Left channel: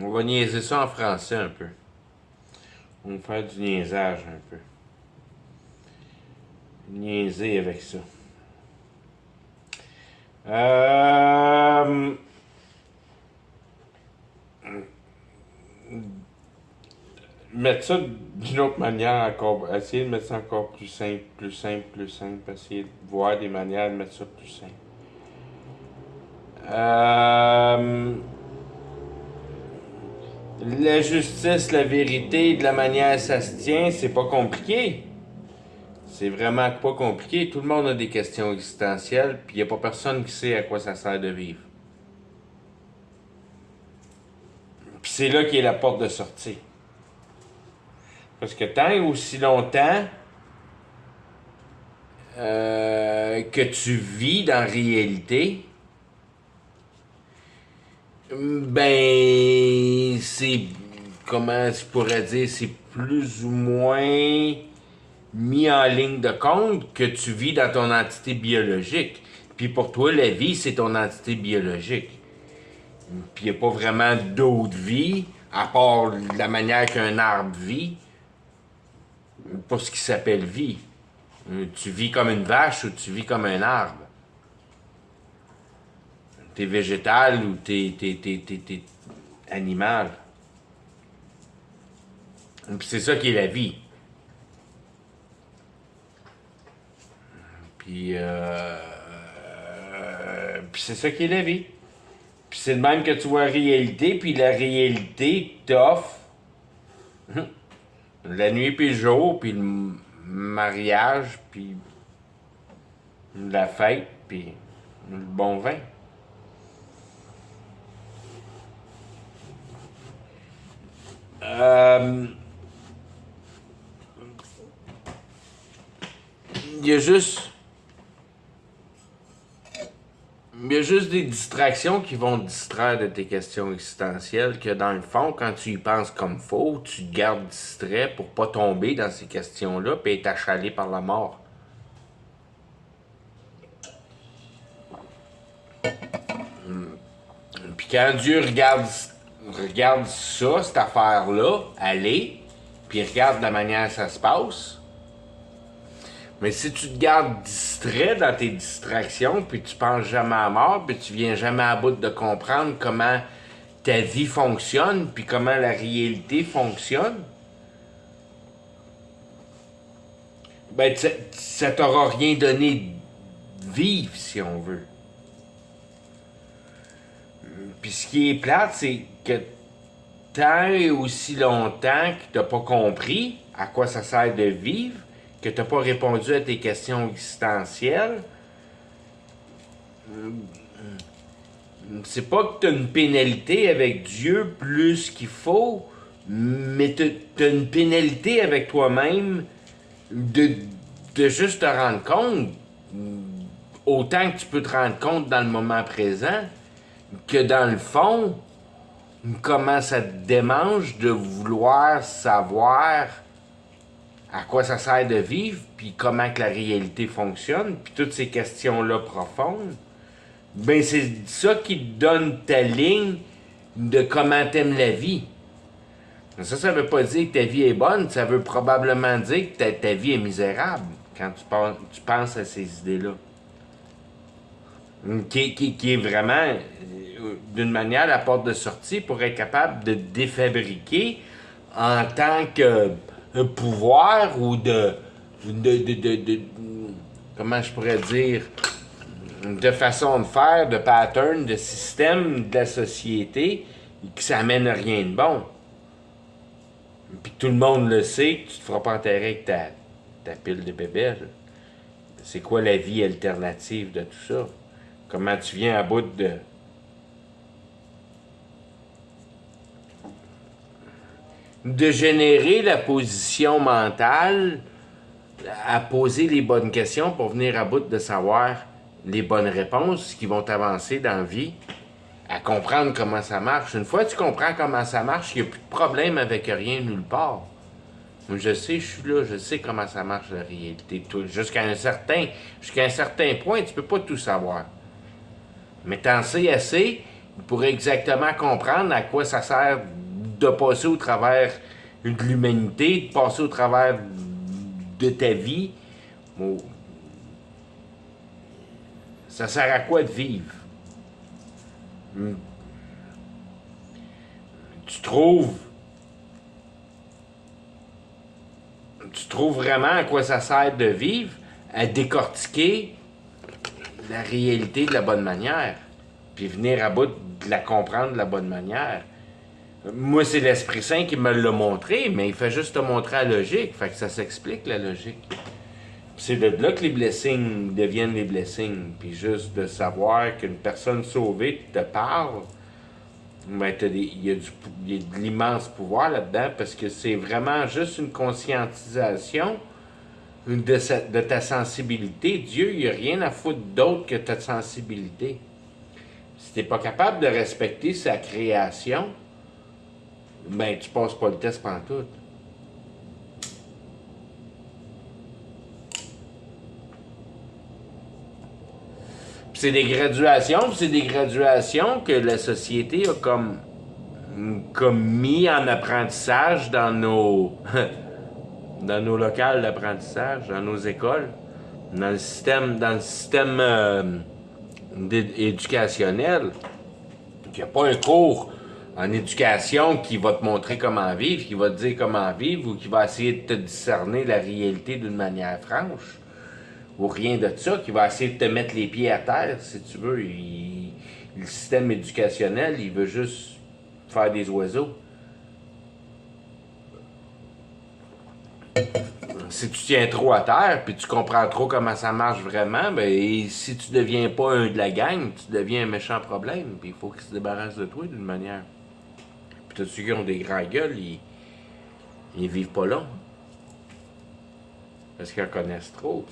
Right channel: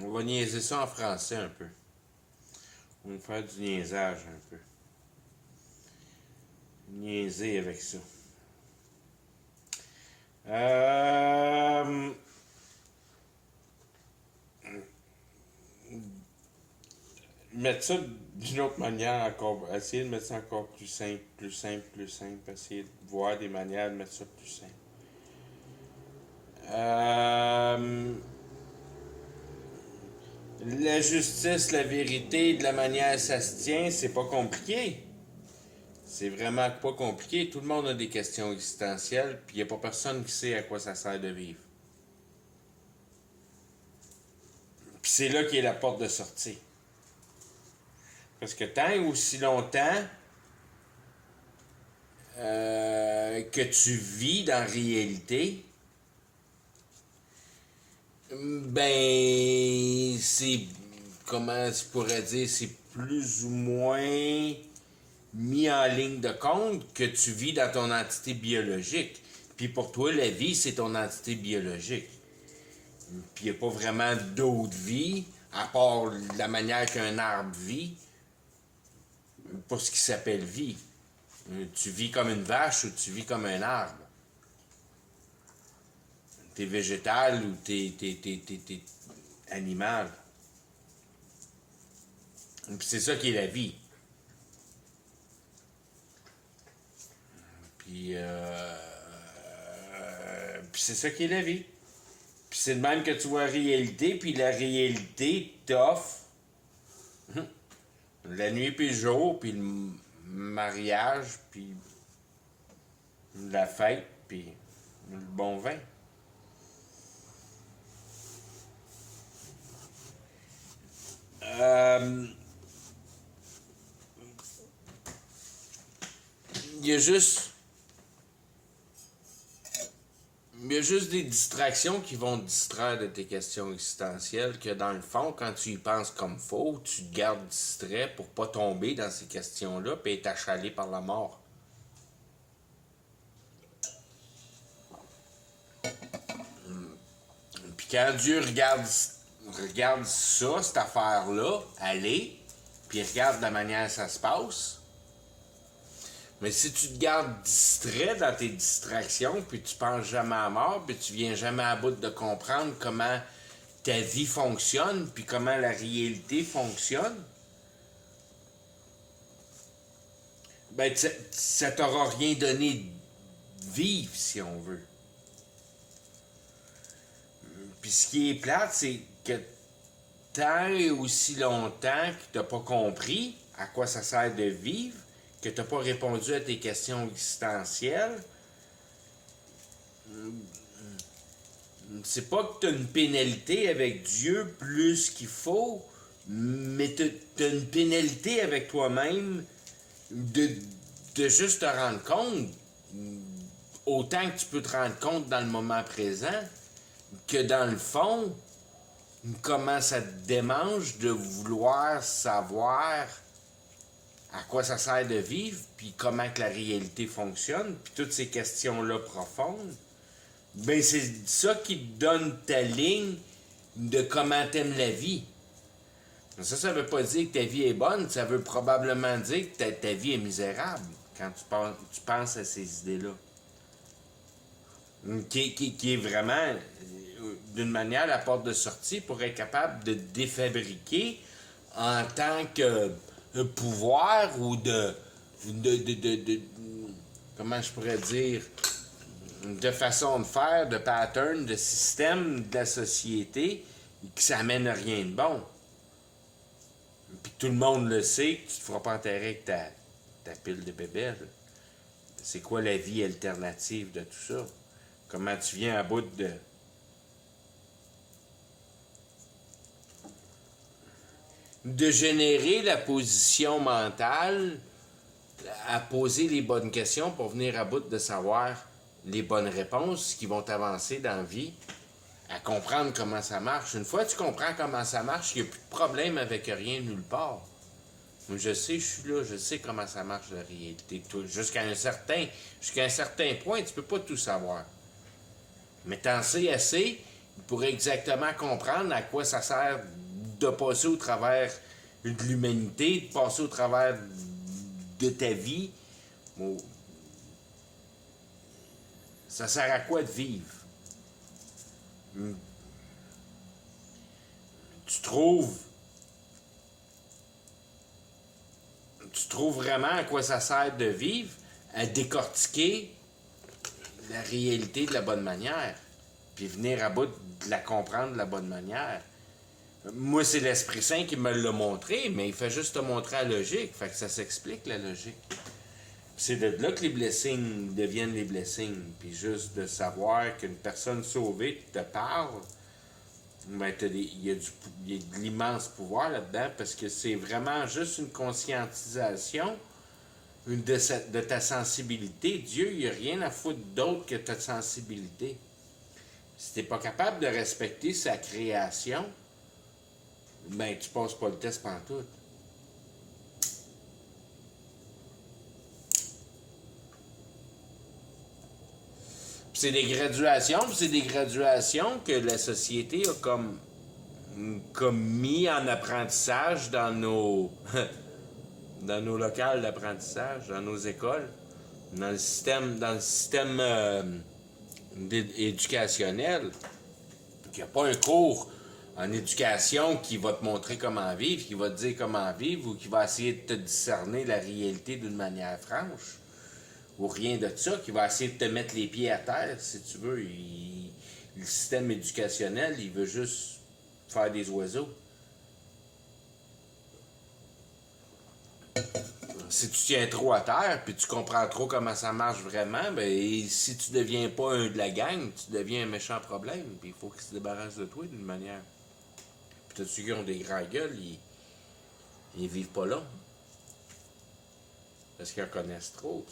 On va niaiser ça en français un peu. On va faire du niaisage un peu. Niaiser avec ça. Mettre ça d'une autre manière encore. Essayer de mettre ça encore plus simple, plus simple, plus simple. Essayer de voir des manières de mettre ça plus simple. La justice, la vérité, de la manière ça se tient, c'est pas compliqué. C'est vraiment pas compliqué. Tout le monde a des questions existentielles, puis il a pas personne qui sait à quoi ça sert de vivre. Puis c'est là qu'est la porte de sortie. Parce que tant et aussi longtemps que tu vis dans la réalité, ben c'est, comment je pourrais dire, c'est plus ou moins mis en ligne de compte que tu vis dans ton entité biologique. Puis pour toi, la vie, c'est ton entité biologique. Puis il n'y a pas vraiment d'autre vie, à part la manière qu'un arbre vit, pour ce qui s'appelle vie. Tu vis comme une vache ou tu vis comme un arbre. T'es végétal ou t'es animal. Puis c'est ça qui est la vie. Puis c'est ça qui est la vie. Puis c'est de même que tu vois la réalité, puis la réalité t'offre la nuit puis le jour, puis le mariage, puis la fête, puis le bon vin. Il y a juste des distractions qui vont te distraire de tes questions existentielles, que dans le fond, quand tu y penses comme faux, tu te gardes distrait pour pas tomber dans ces questions-là puis être achalé par la mort. Puis quand Dieu regarde ça, cette affaire-là, aller, puis regarde la manière que ça se passe, mais si tu te gardes distrait dans tes distractions, puis tu penses jamais à mort, puis tu viens jamais à bout de comprendre comment ta vie fonctionne, puis comment la réalité fonctionne, ben ça t'aura rien donné de vivre, si on veut. Puis ce qui est plate, c'est que tant et aussi longtemps que t'as pas compris à quoi ça sert de vivre, que t'as pas répondu à tes questions existentielles, c'est pas que t'as une pénalité avec Dieu plus qu'il faut, mais t'as une pénalité avec toi-même de juste te rendre compte, autant que tu peux te rendre compte dans le moment présent, que dans le fond, comment ça te démange de vouloir savoir à quoi ça sert de vivre, puis comment que la réalité fonctionne, puis toutes ces questions-là profondes, ben c'est ça qui te donne ta ligne de comment t'aimes la vie. Ça veut pas dire que ta vie est bonne, ça veut probablement dire que ta vie est misérable quand tu penses à ces idées-là. Qui est vraiment, d'une manière, la porte de sortie pour être capable de défabriquer en tant que pouvoir ou de comment je pourrais dire, de façon de faire, de pattern, de système de la société qui s'amène à rien de bon. Puis tout le monde le sait que tu te feras pas enterrer avec ta pile de bébelles. C'est quoi la vie alternative de tout ça? Comment tu viens à bout de générer la position mentale à poser les bonnes questions pour venir à bout de savoir les bonnes réponses qui vont t'avancer dans la vie, à comprendre comment ça marche. Une fois que tu comprends comment ça marche, il n'y a plus de problème avec rien nulle part. Moi, je sais, je suis là, je sais comment ça marche la réalité. Jusqu'à un certain point, tu peux pas tout savoir. Mais t'en sais assez pour exactement comprendre à quoi ça sert de passer au travers de l'humanité, de passer au travers de ta vie. Bon, ça sert à quoi de vivre? Tu trouves tu trouves vraiment à quoi ça sert de vivre? À décortiquer la réalité de la bonne manière, puis venir à bout de la comprendre de la bonne manière. Moi, c'est l'Esprit Saint qui me l'a montré, mais il fait juste te montrer la logique. Fait que ça s'explique, la logique. C'est de là que les blessings deviennent les blessings. Puis juste de savoir qu'une personne sauvée te parle, ben, il y a de l'immense pouvoir là-dedans parce que c'est vraiment juste une conscientisation de ta sensibilité. Dieu, il n'y a rien à foutre d'autre que ta sensibilité. Si tu n'es pas capable de respecter sa création, ben tu passes pas le test pantoute. Puis c'est des graduations que la société a comme mis en apprentissage dans nos dans nos locales d'apprentissage, dans nos écoles, dans le système éducationnel. Il n'y a pas un cours en éducation qui va te montrer comment vivre, qui va te dire comment vivre ou qui va essayer de te discerner la réalité d'une manière franche. Ou rien de ça, qui va essayer de te mettre les pieds à terre, si tu veux. Le système éducationnel, il veut juste faire des oiseaux. Si tu tiens trop à terre, puis tu comprends trop comment ça marche vraiment, ben si tu deviens pas un de la gang, tu deviens un méchant problème. Puis il faut qu'ils se débarrassent de toi d'une manière. Puis tous ceux qui ont des grands gueules, ils vivent pas long. Parce qu'ils en connaissent trop.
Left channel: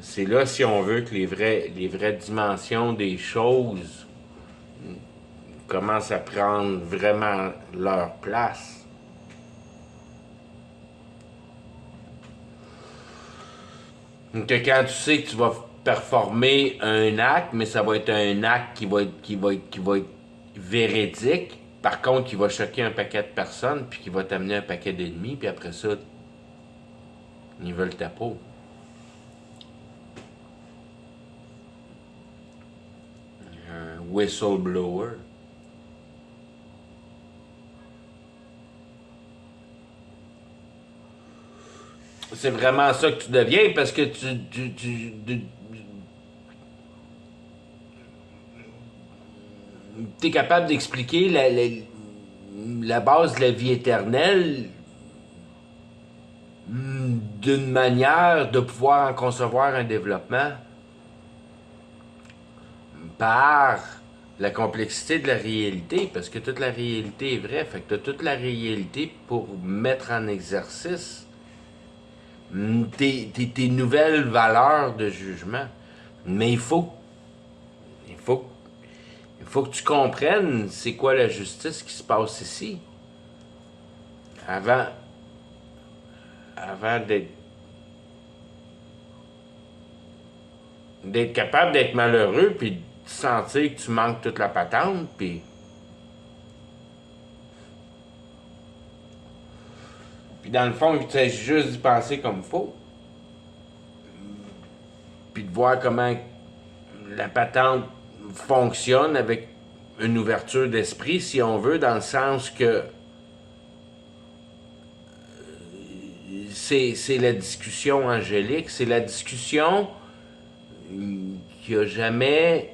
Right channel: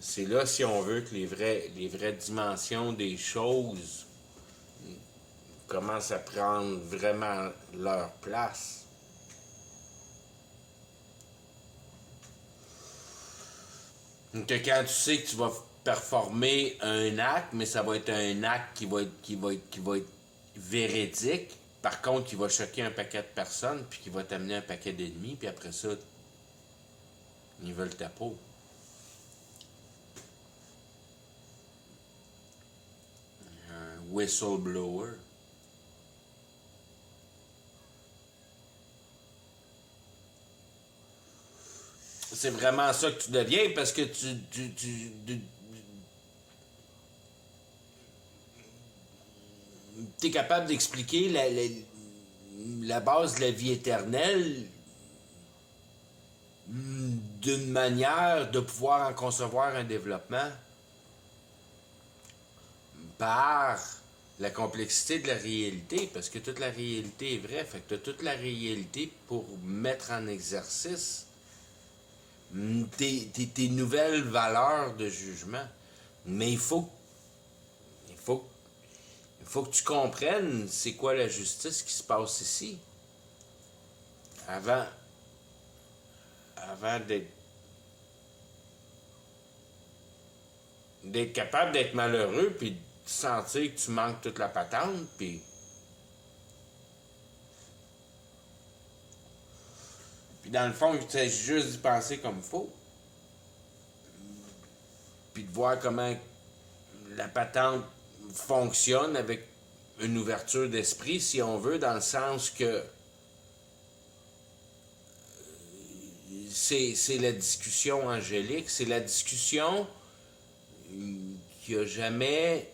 C'est là, si on veut, que les vraies dimensions des choses commencent à prendre vraiment leur place. Donc, quand tu sais que tu vas performer un acte, mais ça va être un acte qui va être véridique, par contre, qui va choquer un paquet de personnes, puis qui va t'amener un paquet d'ennemis, puis après ça, ils veulent ta peau. Un whistleblower. C'est vraiment ça que tu deviens parce que tu es capable d'expliquer la base de la vie éternelle d'une manière de pouvoir en concevoir un développement par la complexité de la réalité, parce que toute la réalité est vraie, fait que tu as toute la réalité pour mettre en exercice tes nouvelles valeurs de jugement. Mais il faut que tu comprennes c'est quoi la justice qui se passe ici. Avant d'être capable d'être malheureux, puis de sentir que tu manques toute la patente, puis dans le fond, il s'agit juste d'y penser comme il faut. Puis de voir comment la patente fonctionne avec une ouverture d'esprit, si on veut, dans le sens que c'est la discussion angélique, c'est la discussion qui a jamais,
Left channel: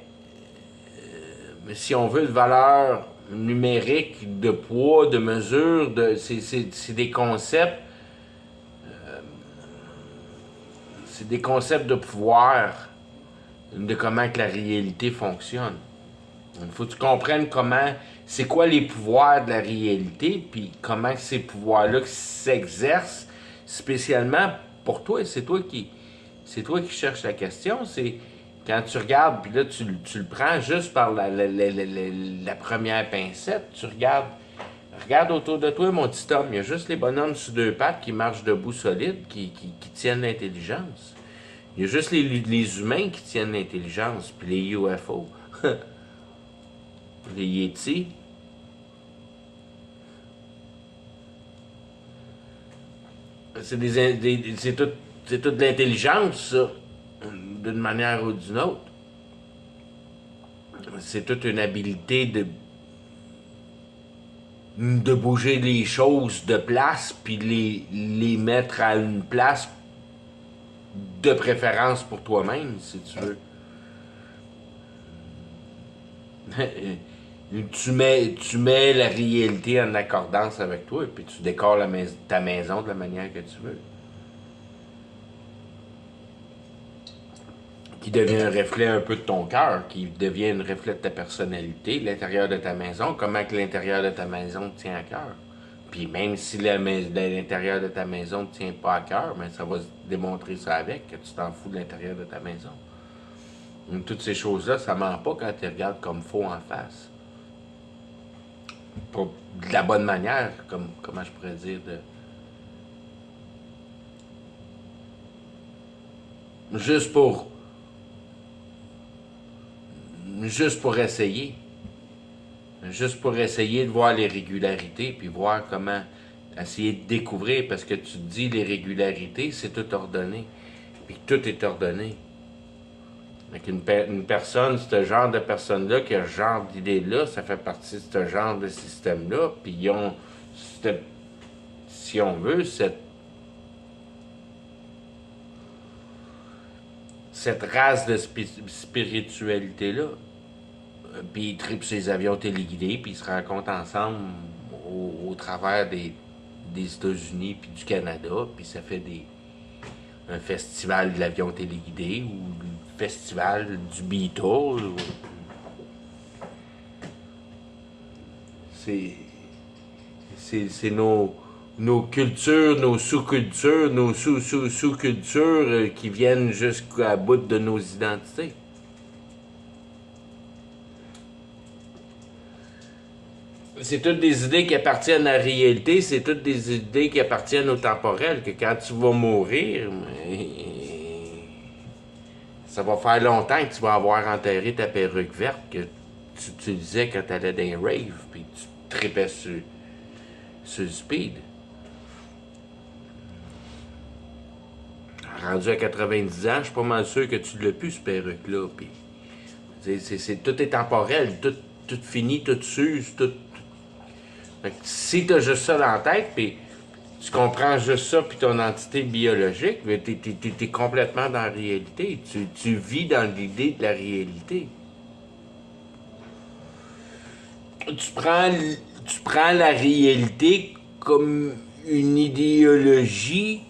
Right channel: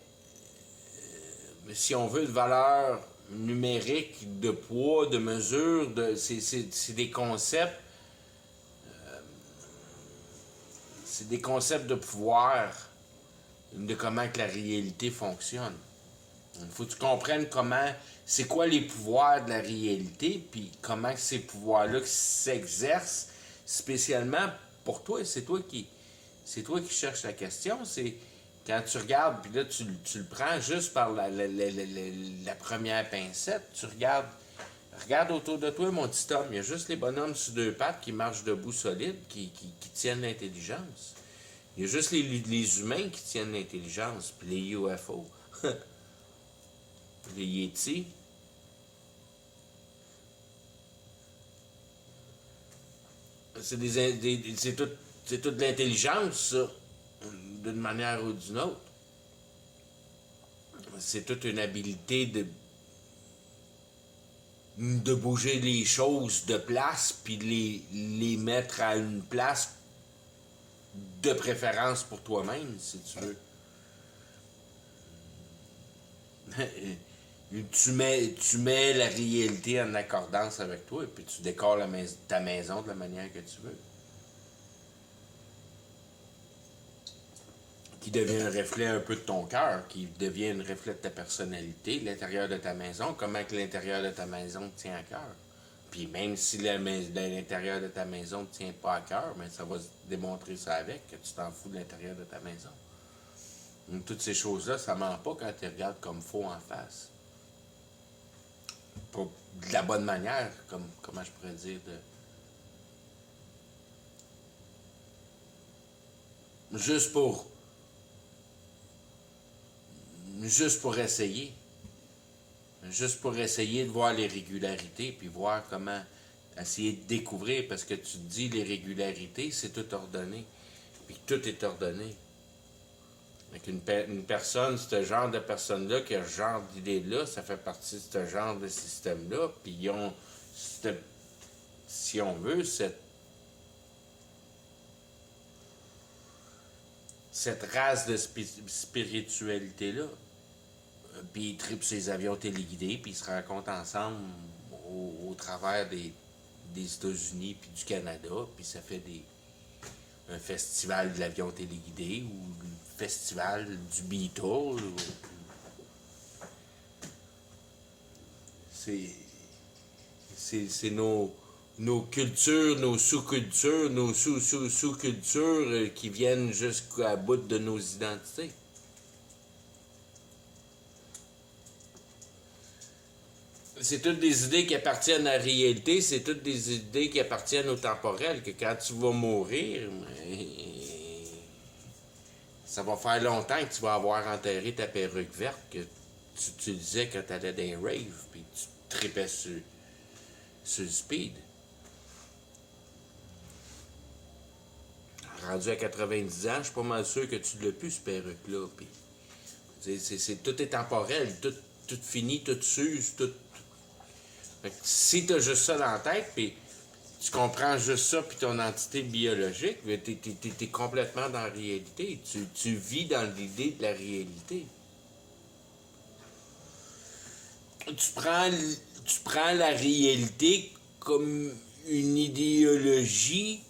si on veut, de valeur numérique, de poids, de mesure, c'est des concepts, c'est des concepts de pouvoir, de comment que la réalité fonctionne. Il faut que tu comprennes c'est quoi les pouvoirs de la réalité, puis comment ces pouvoirs-là s'exercent spécialement pour toi. C'est toi qui cherches la question. C'est quand tu regardes, puis là, tu le prends juste par la première pincette. Tu regarde autour de toi, mon petit homme. Il y a juste les bonhommes sur deux pattes qui marchent debout solides, qui tiennent l'intelligence. Il y a juste les humains qui tiennent l'intelligence, puis les UFO. Les Yétis. C'est tout de l'intelligence, ça, d'une manière ou d'une autre. C'est toute une habileté de bouger les choses de place, puis les mettre à une place de préférence pour toi-même, si tu veux. Tu mets la réalité en accordance avec toi, puis tu décores ta maison de la manière que tu veux. Qui devient un reflet un peu de ton cœur, qui devient un reflet de ta personnalité, l'intérieur de ta maison, comment que l'intérieur de ta maison te tient à cœur. Puis même si l'intérieur de ta maison ne te tient pas à cœur, mais ça va démontrer ça avec, que tu t'en fous de l'intérieur de ta maison. Donc, toutes ces choses-là, ça ment pas quand tu regardes comme faux en face. Pas de la bonne manière, comment je pourrais dire, Juste pour essayer. Juste pour essayer de voir les régularités, puis voir comment essayer de découvrir, parce que tu te dis les régularités, c'est tout ordonné. Puis tout est ordonné. Donc une personne, ce genre de personne-là, qui a ce genre d'idée-là, ça fait partie de ce genre de système-là, puis ils ont, si on veut, cette race de spiritualité-là. Puis ils trippent ses avions téléguidés, puis ils se rencontrent ensemble au travers des États-Unis puis du Canada, puis ça fait un festival de l'avion téléguidé ou le festival du Beatle. C'est nos cultures, nos sous-cultures, nos sous-sous-sous-cultures qui viennent jusqu'à bout de nos identités. C'est toutes des idées qui appartiennent à la réalité, c'est toutes des idées qui appartiennent au temporel, que quand tu vas mourir, ça va faire longtemps que tu vas avoir enterré ta perruque verte que tu utilisais quand tu allais dans les raves, puis tu tripais sur le speed. Rendu à 90 ans, je suis pas mal sûr que tu l'as plus, ce perruque-là. Puis, tout est temporel, tout finit, tout s'use, tout. Fait que si t'as juste ça dans la tête, puis tu comprends juste ça, puis ton entité biologique, t'es complètement dans la réalité. Tu vis dans l'idée de la réalité. Tu prends la réalité comme une idéologie,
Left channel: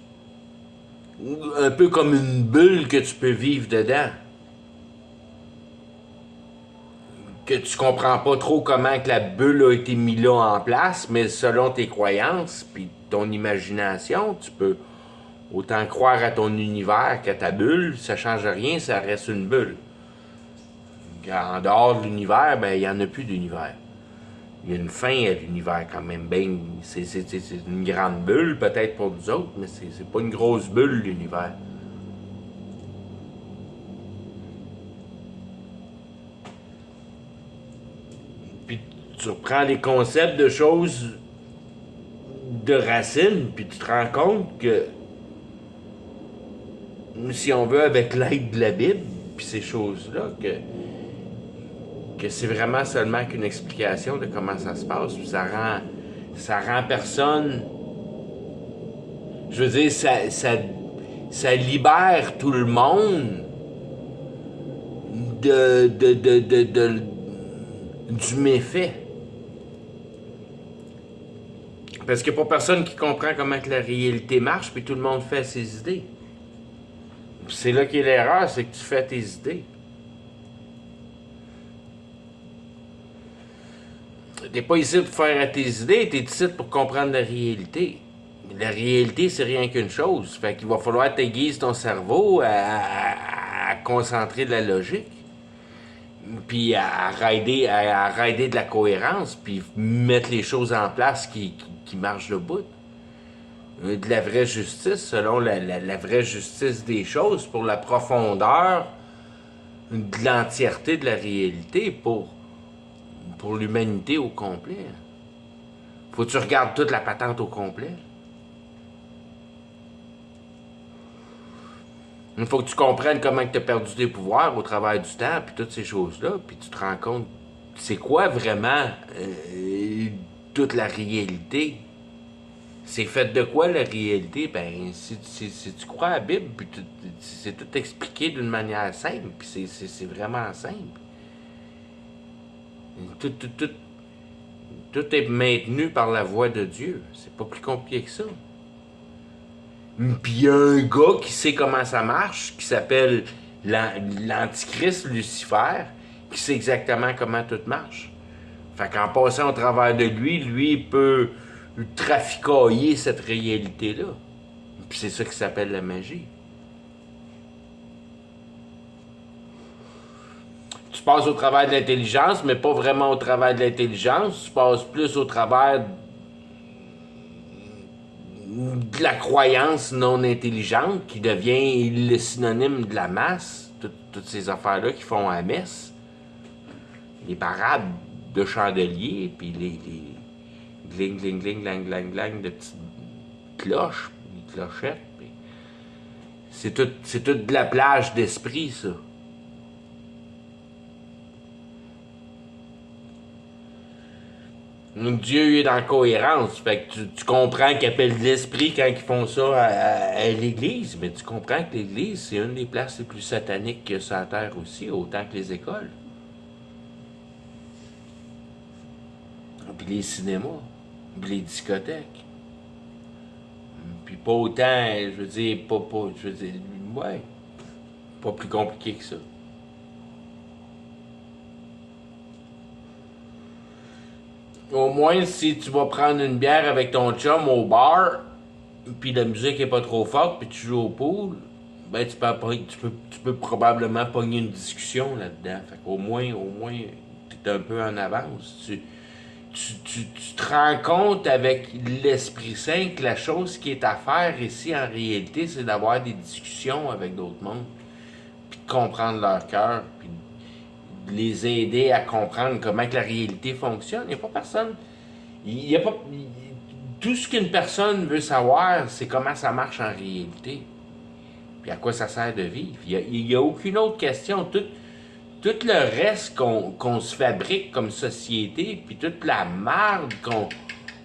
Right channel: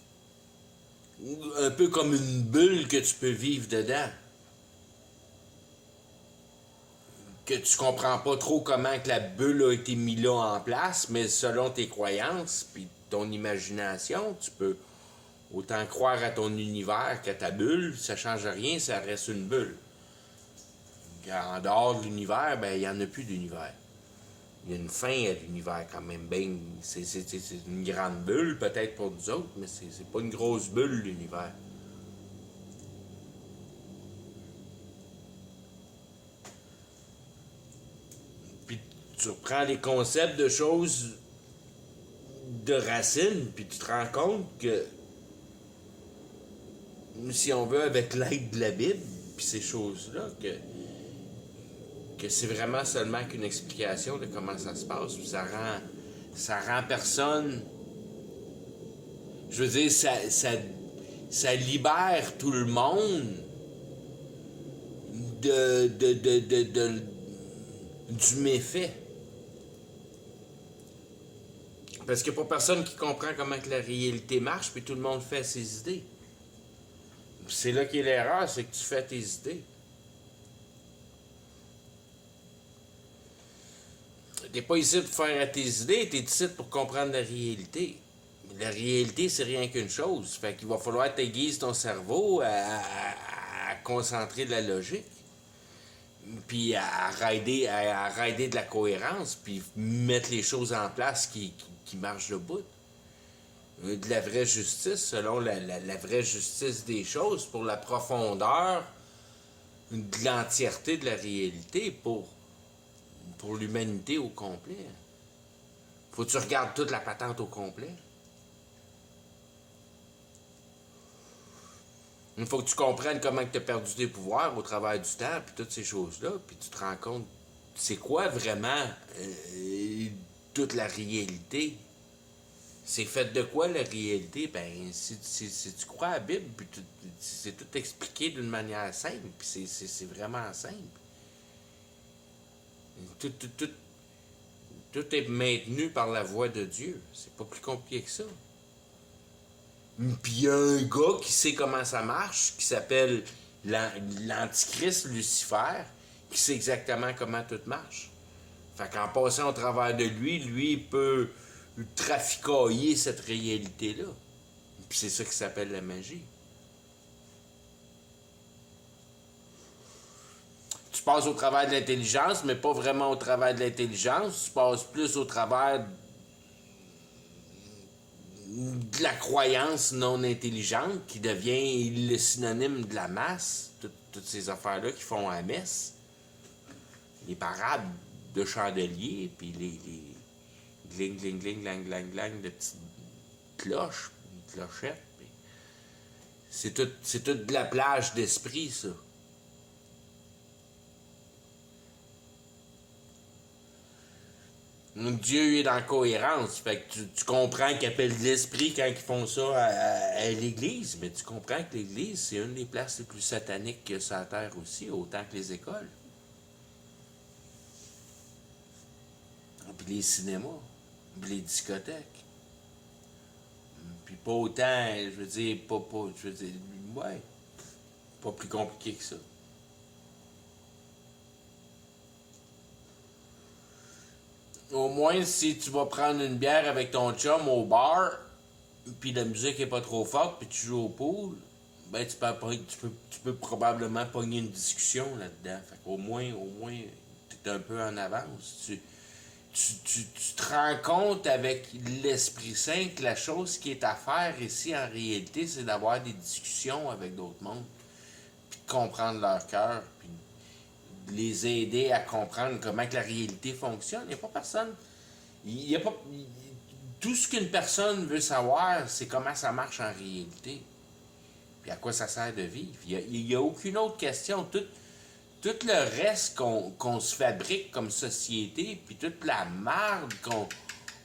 un peu comme une bulle que tu peux vivre dedans. Que tu comprends pas trop comment que la bulle a été mise là en place, mais selon tes croyances puis ton imagination, tu peux autant croire à ton univers qu'à ta bulle, ça change rien, ça reste une bulle. En dehors de l'univers, ben il n'y en a plus d'univers. Il y a une fin à l'univers quand même. Ben, c'est une grande bulle peut-être pour nous autres, mais c'est pas une grosse bulle l'univers. Puis tu reprends les concepts de choses de racines, puis tu te rends compte que si on veut, avec l'aide de la Bible, puis ces choses-là, que c'est vraiment seulement qu'une explication de comment ça se passe, puis ça rend personne. Je veux dire, ça libère tout le monde du méfait. Parce qu'il n'y a pas personne qui comprend comment que la réalité marche, puis tout le monde fait ses idées. Puis c'est là qu'est l'erreur, c'est que tu fais tes idées. T'es pas ici pour faire à tes idées, t'es ici pour comprendre la réalité. La réalité, c'est rien qu'une chose. Fait qu'il va falloir t'aiguiser ton cerveau à concentrer de la logique. Puis à rider de la cohérence, puis mettre les choses en place qui marchent le bout. de la vraie justice, selon la vraie justice des choses, pour la profondeur de l'entièreté de la réalité, pour l'humanité au complet. Faut que tu regardes toute la patente au complet. Il faut que tu comprennes comment tu as perdu tes pouvoirs au travers du temps, puis toutes ces choses-là, puis tu te rends compte, c'est quoi vraiment toute la réalité? C'est fait de quoi la réalité? Ben, si tu crois à la Bible, puis c'est tout expliqué d'une manière simple, puis c'est vraiment simple. Tout est maintenu par la voix de Dieu. C'est pas plus compliqué que ça. Puis il y a un gars qui sait comment ça marche, qui s'appelle l'Antichrist Lucifer, qui sait exactement comment tout marche. Fait qu'en passant au travers de lui, il peut traficailler cette réalité-là. Puis c'est ça qui s'appelle la magie. Tu passes au travers de l'intelligence, mais pas vraiment au travers de l'intelligence. Tu passes plus au travers de la croyance non intelligente qui devient le synonyme de la masse. Toutes ces affaires-là qui font à messe. Les parades de chandeliers, puis les gling, gling, gling, glang, glang, glang de petites cloches, des clochettes. C'est tout de la plage d'esprit, ça. Dieu est dans la cohérence. Fait que tu comprends qu'ils appellent l'esprit quand ils font ça à l'église. Mais tu comprends que l'église, c'est une des places les plus sataniques qu'il y a sur la terre aussi, autant que les écoles. Puis les cinémas. Puis les discothèques. Puis pas autant, je veux dire, ouais. Pas plus compliqué que ça. Au moins, si tu vas prendre une bière avec ton chum au bar, puis la musique est pas trop forte, puis tu joues au pool, ben tu peux probablement pogner une discussion là-dedans. Fait qu'au moins, t'es un peu en avance. Tu te rends compte avec l'Esprit Saint que la chose qui est à faire ici, en réalité, c'est d'avoir des discussions avec d'autres mondes, puis de comprendre leur cœur, puis de les aider à comprendre comment que la réalité fonctionne. Il n'y a pas personne. Il y a pas, tout ce qu'une personne veut savoir, c'est comment ça marche en réalité. Puis à quoi ça sert de vivre. Il n'y a aucune autre question. Tout le reste qu'on se fabrique comme société, puis toute la merde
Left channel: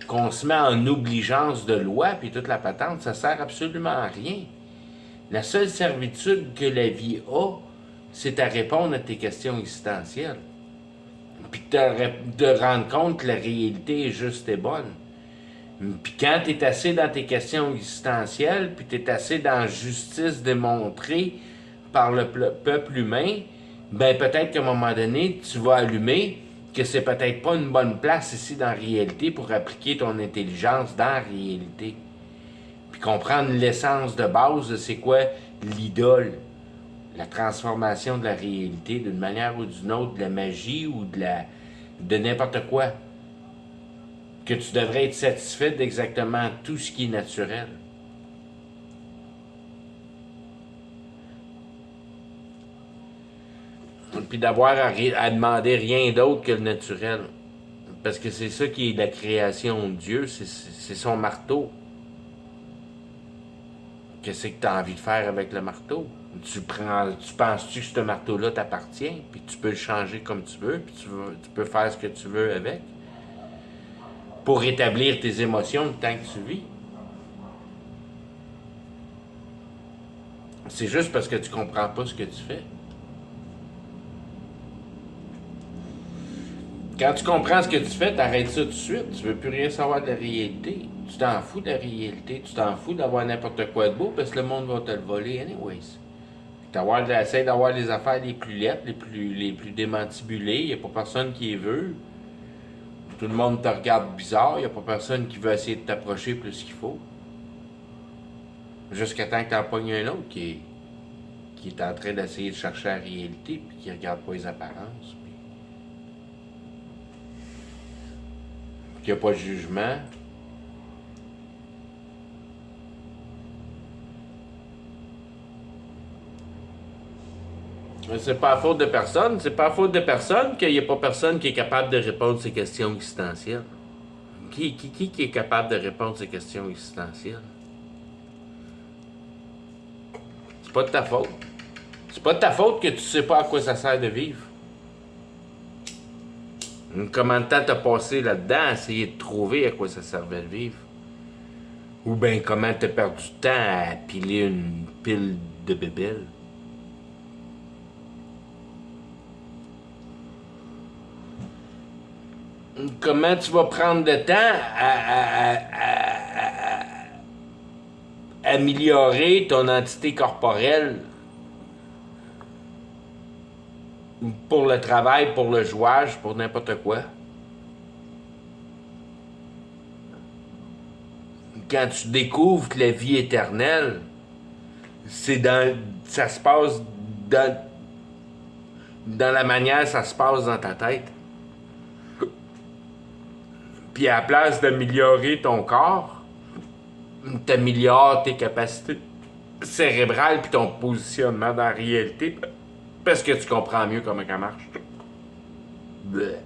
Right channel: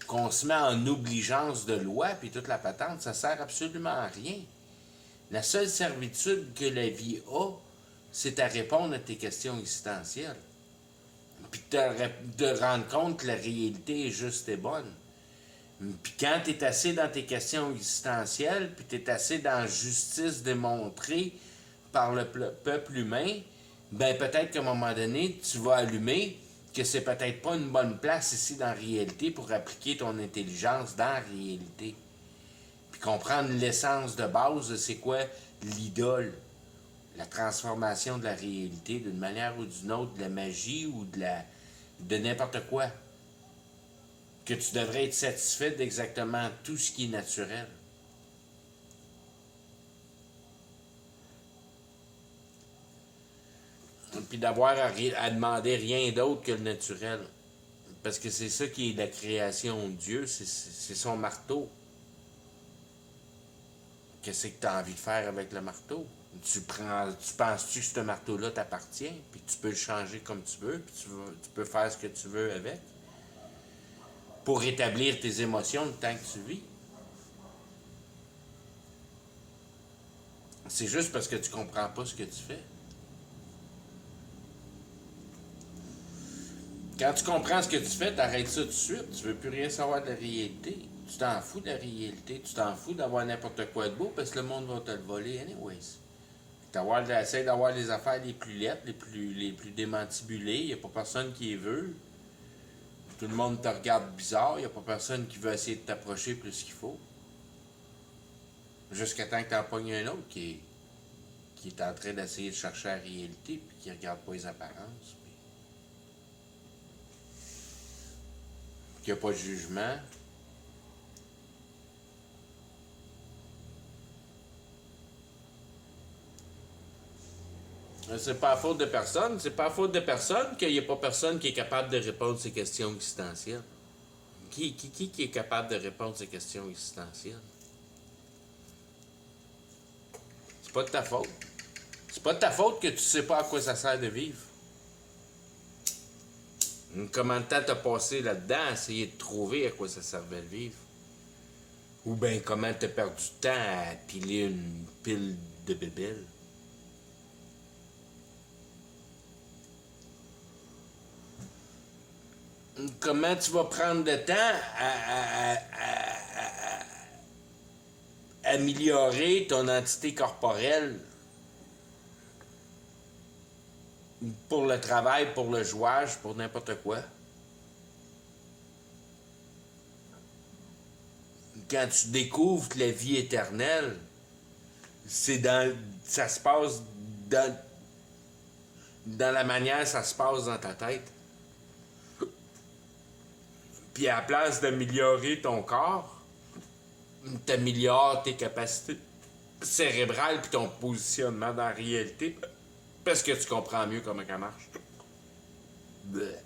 qu'on se met en obligeance de loi, puis toute la patente, ça sert absolument à rien. La seule servitude que la vie a, c'est à répondre à tes questions existentielles. Puis de rendre compte que la réalité est juste et bonne. Puis quand tu es assez dans tes questions existentielles, puis tu es assez dans la justice démontrée par le peuple humain, ben peut-être qu'à un moment donné, tu vas allumer que c'est peut-être pas une bonne place ici dans la réalité pour appliquer ton intelligence dans la réalité. Puis comprendre l'essence de base de c'est quoi l'idole, la transformation de la réalité d'une manière ou d'une autre, de la magie ou de n'importe quoi. Que tu devrais être satisfait d'exactement tout ce qui est naturel. Puis d'avoir à demander rien d'autre que le naturel. Parce que c'est ça qui est la création de Dieu, c'est son marteau. Qu'est-ce que tu as envie de faire avec le marteau? Tu penses-tu que ce marteau-là t'appartient, puis tu peux le changer comme tu veux, puis tu peux faire ce que tu veux avec, pour rétablir tes émotions le temps que tu vis. C'est juste parce que tu comprends pas ce que tu fais. Quand tu comprends ce que tu fais, t'arrêtes ça tout de suite. Tu veux plus rien savoir de la réalité. Tu t'en fous de la réalité. Tu t'en fous d'avoir n'importe quoi de beau parce que le monde va te le voler anyways. Essaye d'avoir les affaires les plus lettres, les plus démantibulées. Il n'y a pas personne qui les veut. Tout le monde te regarde bizarre. Il n'y a pas personne qui veut essayer de t'approcher plus qu'il faut. Jusqu'à temps que t'en pognes un autre qui est en train d'essayer de chercher la réalité puis qui regarde pas les apparences. Qu'il n'y a pas de jugement. Mais c'est pas à faute de personne. C'est pas à faute de personne qu'il n'y a pas personne qui est capable de répondre à ces questions existentielles. Qui est capable de répondre à ces questions existentielles? C'est pas de ta faute. C'est pas de ta faute que tu sais pas à quoi ça sert de vivre. Comment de temps t'as passé là-dedans à essayer de trouver à quoi ça servait de vivre? Ou bien comment t'as perdu du temps à piler une pile de bébelles? Comment tu vas prendre le temps à améliorer ton entité corporelle pour le travail, pour le jouage, pour n'importe quoi? Quand tu découvres que la vie éternelle, ça se passe dans la manière ça se passe dans ta tête. Puis à la place d'améliorer ton corps, t'améliores tes capacités cérébrales puis ton positionnement dans la réalité parce que tu comprends mieux comment ça marche. Bleh.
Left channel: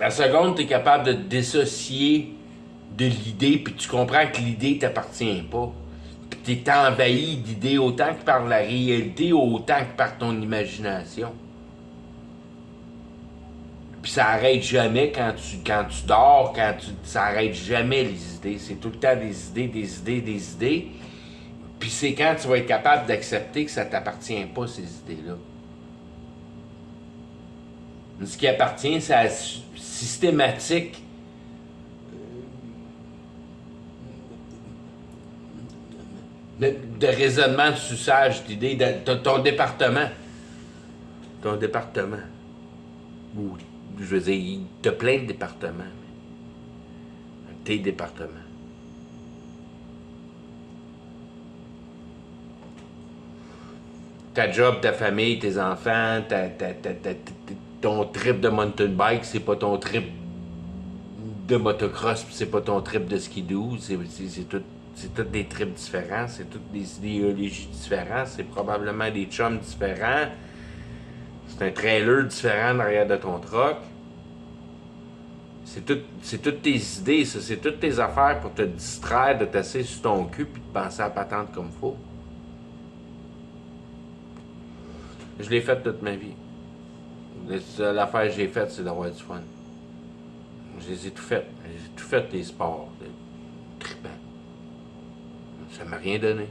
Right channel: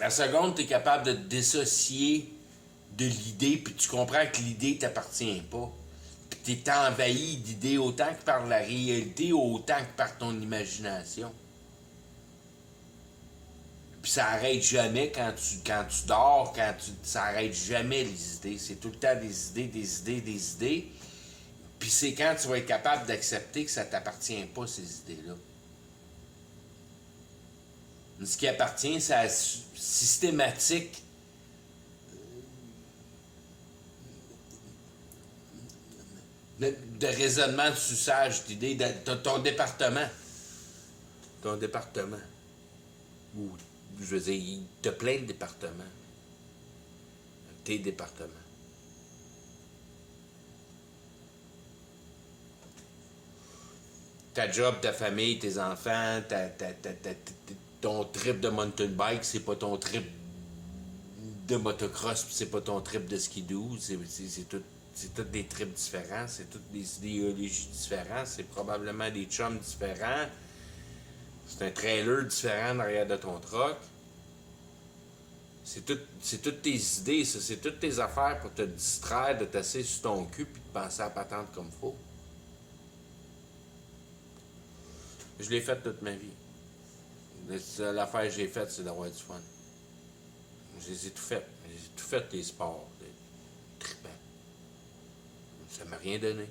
La seconde, tu es capable de te dissocier de l'idée, puis tu comprends que l'idée t'appartient pas. Puis tu es envahi d'idées autant que par la réalité, autant que par ton imagination. Puis ça arrête jamais quand tu dors, ça arrête jamais les idées. C'est tout le temps des idées, des idées, des idées. Puis c'est quand tu vas être capable d'accepter que ça t'appartient pas, ces idées-là. Ce qui appartient, c'est à la systématique de raisonnement, de suçage d'idées, de ton département. Ton département. Ou, je veux dire, t'as plein de départements. Tes départements. Ta job, ta famille, tes enfants, ton trip de mountain bike, c'est pas ton trip de motocross, c'est pas ton trip de skidoo, c'est tous des trips différents, c'est toutes des idéologies différentes, c'est probablement des chums différents, c'est un trailer différent derrière de ton truck. C'est toutes tes idées, ça, c'est toutes tes affaires pour te distraire, de t'asseoir sur ton cul puis de penser à patente comme faut. Je l'ai fait toute ma vie. La seule affaire que j'ai faite, c'est d'avoir du fun. Je les ai tout fait. J'ai tout fait les sports. Trippant. Ça m'a rien donné.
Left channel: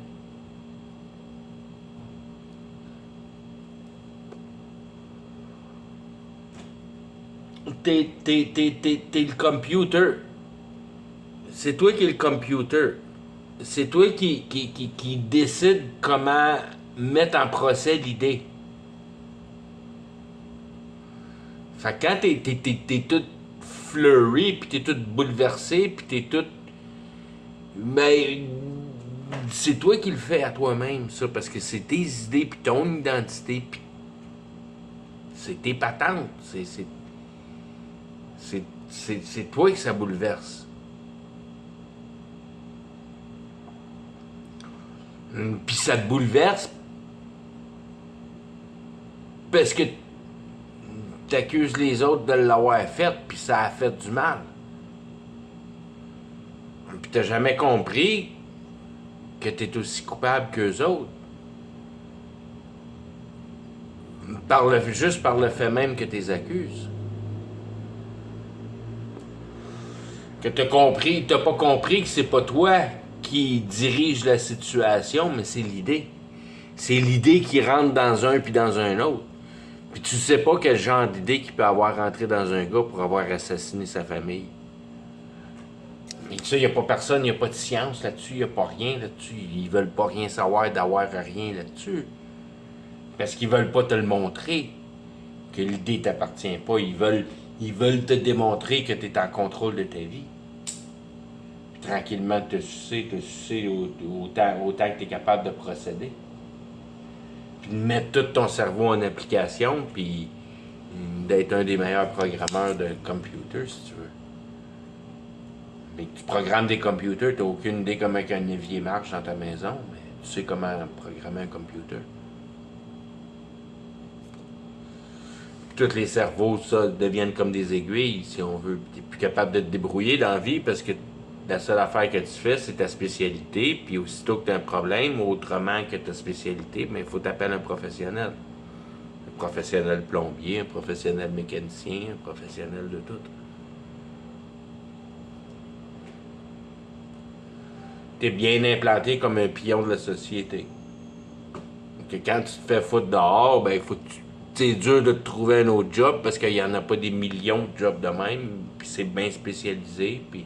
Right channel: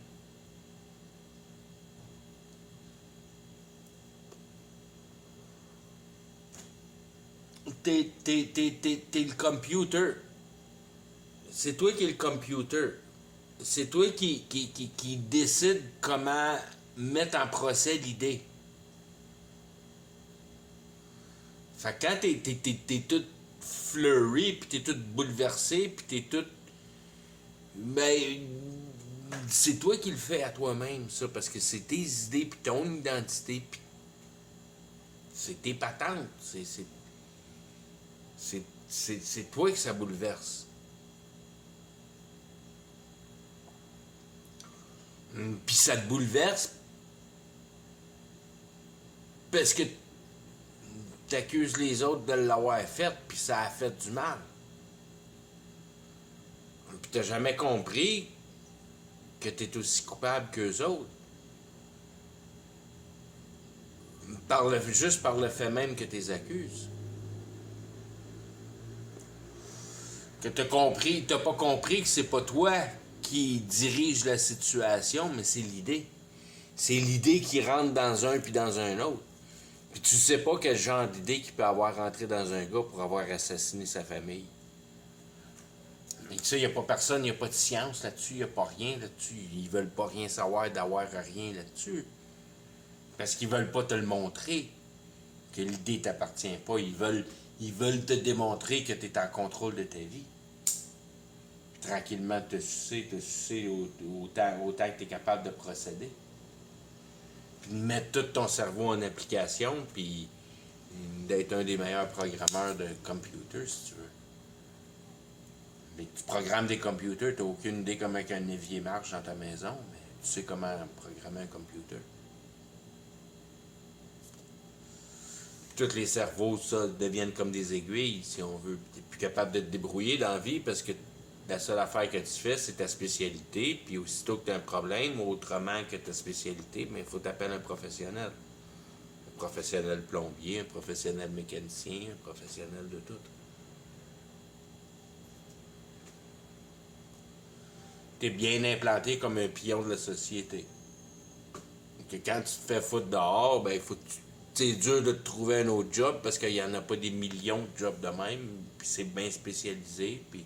T'es le computer. C'est toi qui es le computer. C'est toi qui décide comment mettre en procès l'idée. Fait que quand t'es tout flurry, pis t'es tout bouleversé, pis t'es tout... Mais c'est toi qui le fais à toi-même, ça, parce que c'est tes idées, pis ton identité, pis c'est tes patentes. C'est toi que ça bouleverse. Puis ça te bouleverse parce que t'accuses les autres de l'avoir fait, puis ça a fait du mal. Puis t'as jamais compris que t'es aussi coupable qu'eux autres. Juste par le fait même que t'es accuses. Que t'as pas compris que c'est pas toi qui dirige la situation, mais c'est l'idée. C'est l'idée qui rentre dans un puis dans un autre. Puis tu sais pas quel genre d'idée qu'il peut avoir rentré dans un gars pour avoir assassiné sa famille. Mais tu sais, il n'y a pas personne, il n'y a pas de science là-dessus, il n'y a pas rien là-dessus. Ils veulent pas rien savoir d'avoir rien là-dessus. Parce qu'ils veulent pas te le montrer, que l'idée t'appartient pas. Ils veulent te démontrer que tu es en contrôle de ta vie. Puis tranquillement te sucer autant que tu es capable de procéder. Puis de mettre tout ton cerveau en application, puis d'être un des meilleurs programmeurs de computer, si tu veux. Mais tu programmes des computers, tu n'as aucune idée comment un évier marche dans ta maison, mais tu sais comment programmer un computer. Tous les cerveaux, ça, deviennent comme des aiguilles, si on veut. Tu n'es plus capable de te débrouiller dans la vie parce que la seule affaire que tu fais, c'est ta spécialité. Puis aussitôt que tu as un problème, autrement que ta spécialité, mais il faut t'appeler un professionnel. Un professionnel plombier, un professionnel mécanicien, un professionnel de tout. Tu es bien implanté comme un pion de la société. Que quand tu te fais foutre dehors, ben il faut que tu c'est dur de te trouver un autre job parce qu'il n'y en a pas des millions de jobs de même, puis c'est bien spécialisé, puis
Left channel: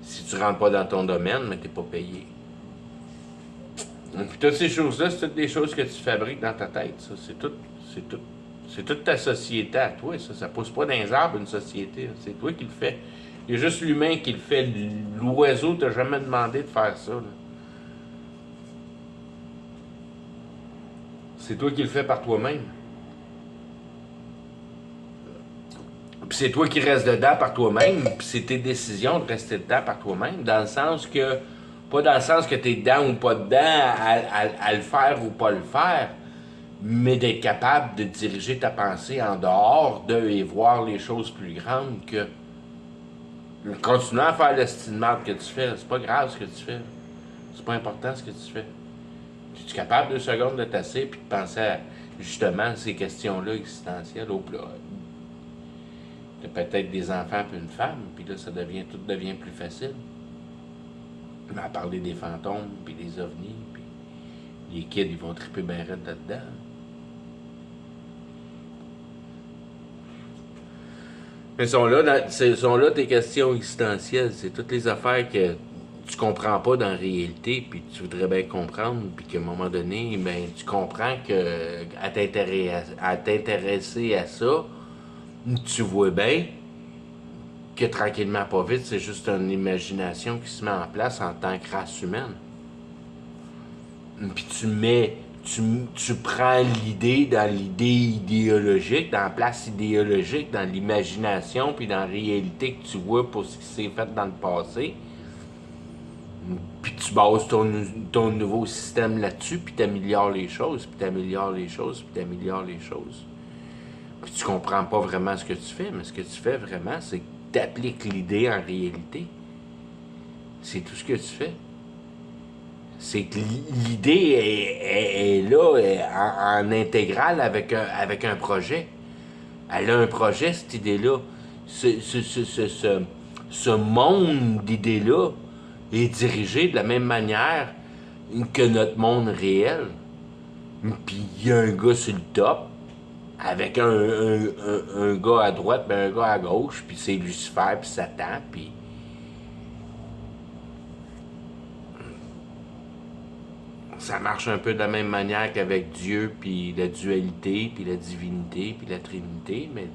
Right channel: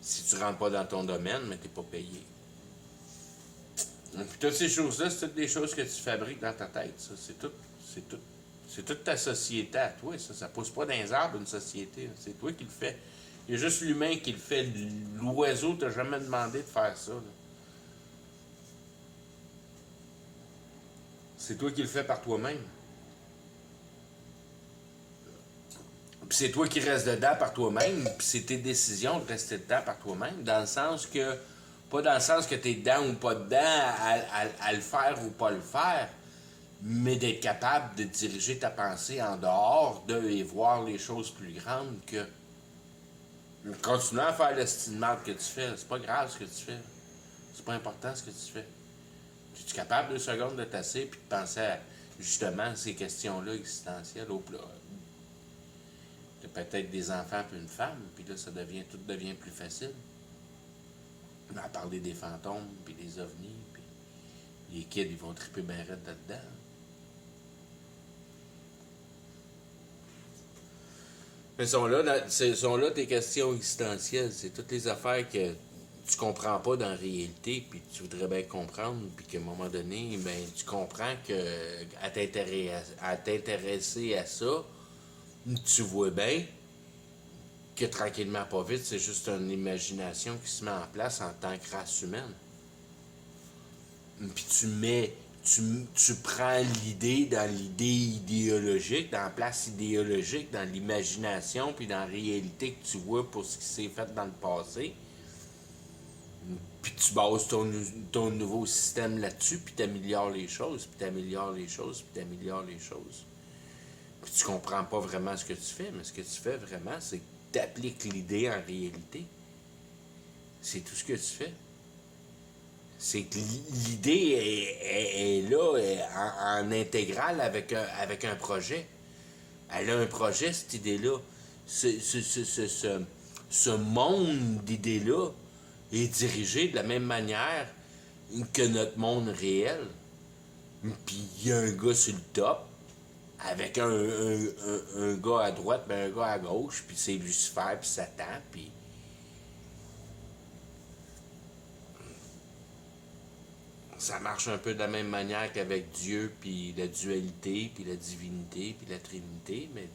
si tu rentres pas dans ton domaine, mais t'es pas payé. Puis toutes ces choses-là, c'est toutes des choses que tu fabriques dans ta tête, ça. C'est toute ta société à toi, ça. Ça pousse pas dans les arbres, une société. C'est toi qui le fais. Il y a juste l'humain qui le fait. L'oiseau t'a jamais demandé de faire ça, là. C'est toi qui le fais par toi-même. Puis c'est toi qui restes dedans par toi-même, puis c'est tes décisions de rester dedans par toi-même, dans le sens que, pas dans le sens que t'es dedans ou pas dedans, à le faire ou pas le faire, mais d'être capable de diriger ta pensée en dehors d'eux et voir les choses plus grandes que continuer à faire l'estimate que tu fais. C'est pas grave ce que tu fais. C'est pas important ce que tu fais. Es-tu capable 2 secondes de tasser puis de penser à justement ces questions-là existentielles au plat? T'as peut-être des enfants puis une femme, puis là, tout devient plus facile. Mais à parler des fantômes, puis des ovnis, puis les kids, ils vont triper bien raide là-dedans. Mais sont là tes questions existentielles. C'est toutes les affaires que tu comprends pas dans la réalité, puis tu voudrais bien comprendre, puis qu'à un moment donné, ben, tu comprends que à t'intéresser à ça, tu vois bien que tranquillement, pas vite, c'est juste une imagination qui se met en place en tant que race humaine. Puis tu prends l'idée dans l'idée idéologique, dans la place idéologique, dans l'imagination, puis dans la réalité que tu vois pour ce qui s'est fait dans le passé. Puis tu bases ton nouveau système là-dessus, puis t'améliores les choses, puis t'améliores les choses, puis t'améliores les choses. Puis tu comprends pas vraiment ce que tu fais, mais ce que tu fais vraiment, c'est que tu appliques l'idée en réalité. C'est tout ce que tu fais. C'est que l'idée est là en intégrale avec un projet. Elle a un projet, cette idée-là. Ce monde d'idées-là est dirigé de la même manière que notre monde réel. Puis il y a un gars sur le top, avec un gars à droite, puis un gars à gauche, puis c'est Lucifer, puis Satan, puis... Ça marche un peu de la même manière qu'avec Dieu, puis la dualité, puis la divinité, puis la trinité, mais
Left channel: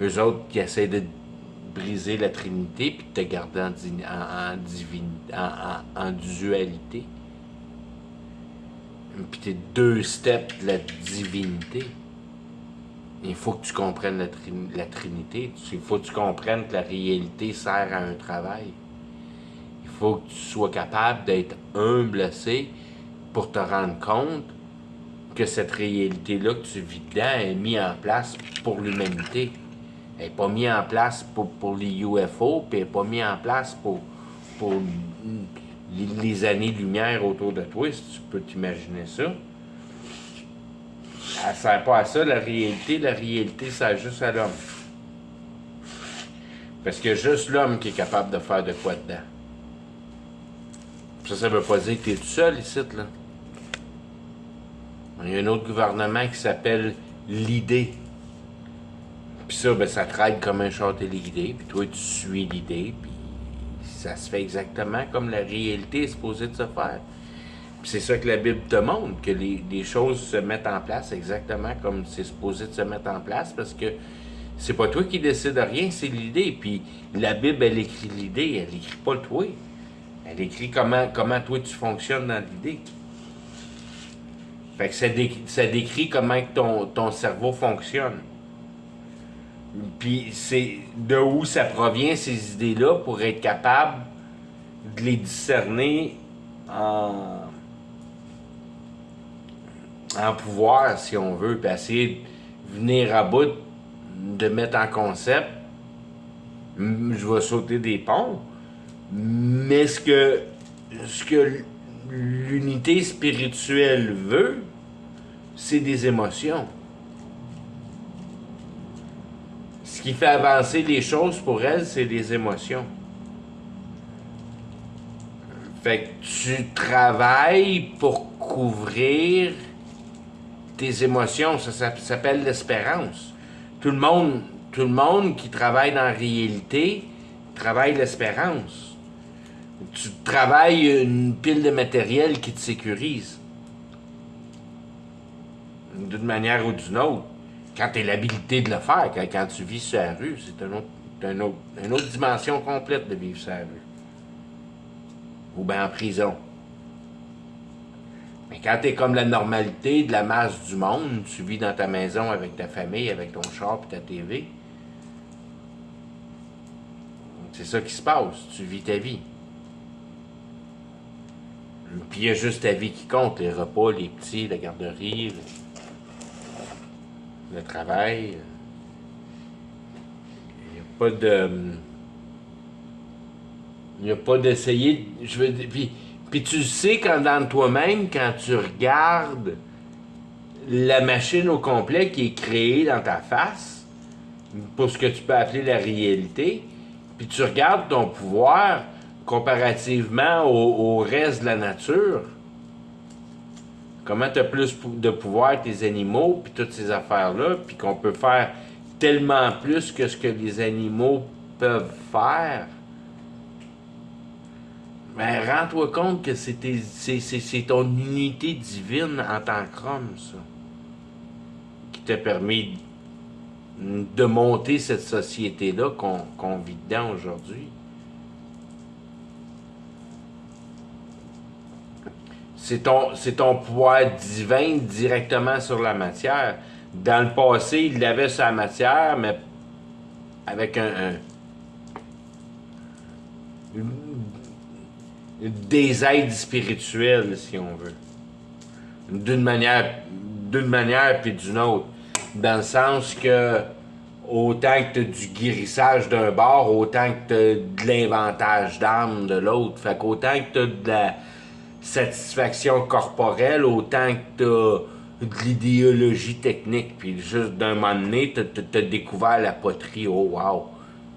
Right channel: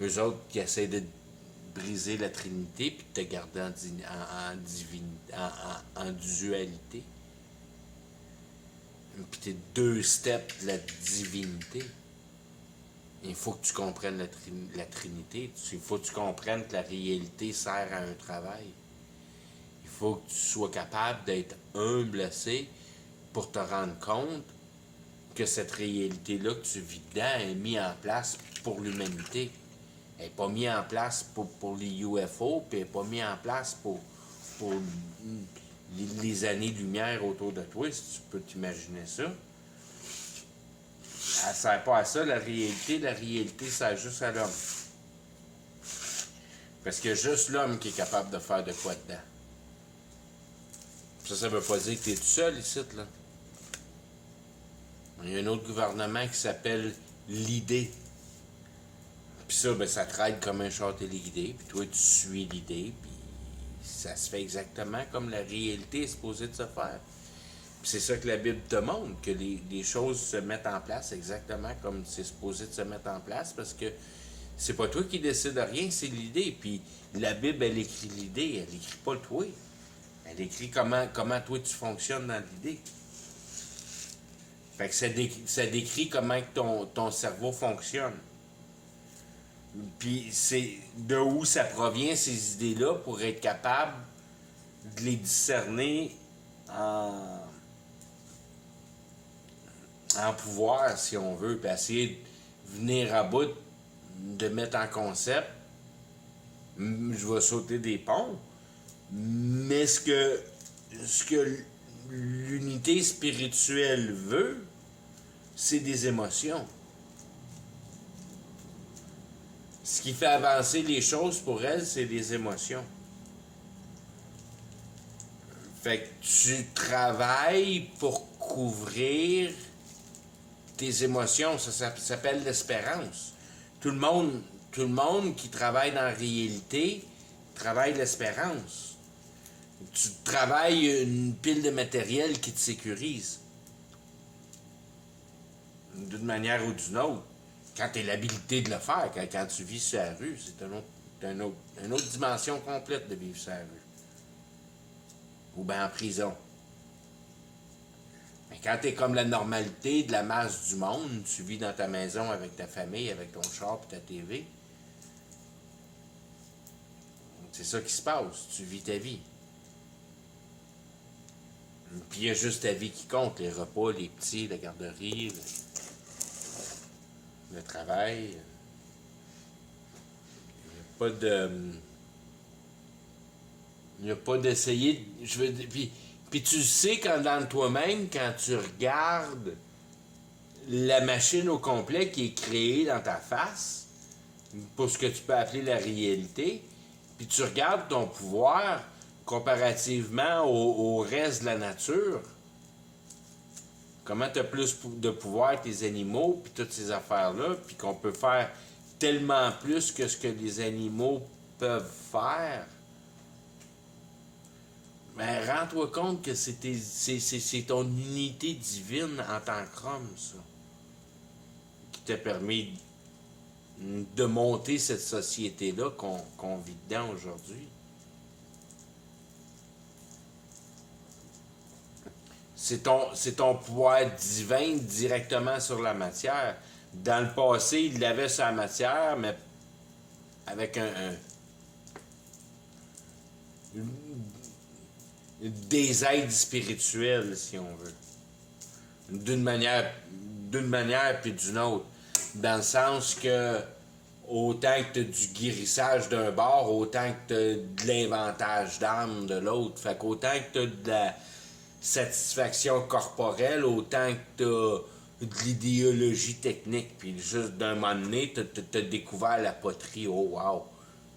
eux autres qui essaient de briser la trinité, puis de te garder en dualité. Puis t'es 2 steps de la divinité. Il faut que tu comprennes la Trinité. Il faut que tu comprennes que la réalité sert à un travail. Il faut que tu sois capable d'être humble assez pour te rendre compte que cette réalité-là que tu vis dedans est mise en place pour l'humanité. Elle n'est pas mise en place pour les UFO, puis elle n'est pas mise en place pour les années-lumière autour de toi, si tu peux t'imaginer ça. Elle ne sert pas à ça, la réalité sert juste à l'homme. Parce qu'il y a juste l'homme qui est capable de faire de quoi dedans. Ça veut pas dire que tu es tout seul ici, là. Il y a un autre gouvernement qui s'appelle l'idée. Puis ça, ben, ça traite comme un char téléguidé, puis toi, tu suis l'idée, puis ça se fait exactement comme la réalité est supposée de se faire. Puis c'est ça que la Bible te montre, que les choses se mettent en place exactement comme c'est supposé de se mettre en place, parce que c'est pas toi qui décide de rien, c'est l'idée. Puis la Bible, elle écrit l'idée, elle écrit pas le toi. Elle écrit comment toi tu fonctionnes dans l'idée. Fait que ça décrit comment ton cerveau fonctionne. Puis c'est de où ça provient, ces idées-là, pour être capable de les discerner en, en pouvoir, si on veut, puis essayer de venir à bout, de mettre en concept. Je vais sauter des ponts, mais ce que l'unité spirituelle veut, c'est des émotions. Ce qui fait avancer les choses pour elle, c'est les émotions. Fait que tu travailles pour couvrir tes émotions. Ça s'appelle l'espérance. Tout le monde, tout le monde qui travaille dans la réalité travaille l'espérance. Tu travailles une pile de matériel qui te sécurise. D'une manière ou d'une autre. Quand tu as l'habilité de le faire, quand tu vis sur la rue, c'est une autre dimension complète de vivre sur la rue. Ou bien en prison. Mais quand tu es comme la normalité de la masse du monde, tu vis dans ta maison avec ta famille, avec ton char et ta TV. C'est ça qui se passe. Tu vis ta vie. Puis il y a juste ta vie qui compte. Les repas, les petits, la garderie, le travail. Il n'y a pas de... Il n'y a pas d'essayer... Je veux dire, puis tu sais quand dans toi-même, quand tu regardes la machine au complet qui est créée dans ta face, pour ce que tu peux appeler la réalité, puis tu regardes ton pouvoir comparativement au reste de la nature, comment tu as plus de pouvoir que tes animaux, puis toutes ces affaires-là, puis qu'on peut faire tellement plus que ce que les animaux peuvent faire, ben rends-toi compte que c'est ton unité divine en tant qu'homme, ça, qui t'a permis de monter cette société-là qu'on vit dedans aujourd'hui. C'est ton pouvoir divin directement sur la matière. Dans le passé, il l'avait sur la matière, mais avec des aides spirituelles, si on veut. D'une manière puis d'une autre. Dans le sens que autant que tu as du guérissage d'un bord, autant que tu as de l'inventage d'âme de l'autre. Fait qu'autant que tu as de la satisfaction corporelle, autant que tu as de l'idéologie technique. Puis juste d'un moment donné, tu as découvert la poterie. Oh wow!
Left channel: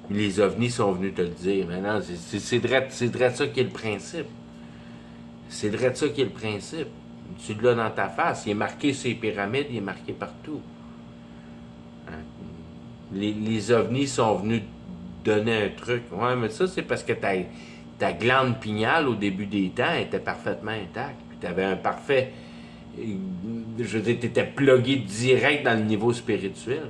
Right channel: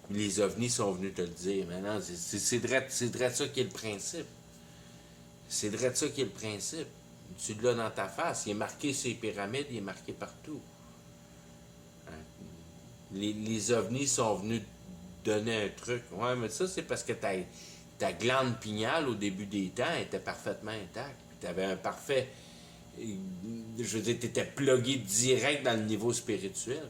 Les ovnis sont venus te le dire. Maintenant, c'est vrai ça qui est le principe. C'est vrai ça qui est le principe. Tu l'as dans ta face. Il est marqué sur les pyramides, il est marqué partout. Les ovnis sont venus donner un truc. Ouais, mais ça, c'est parce que ta glande pinéale, au début des temps, était parfaitement intacte. Puis tu avais un parfait... Je veux dire, tu étais plugué direct dans le niveau spirituel.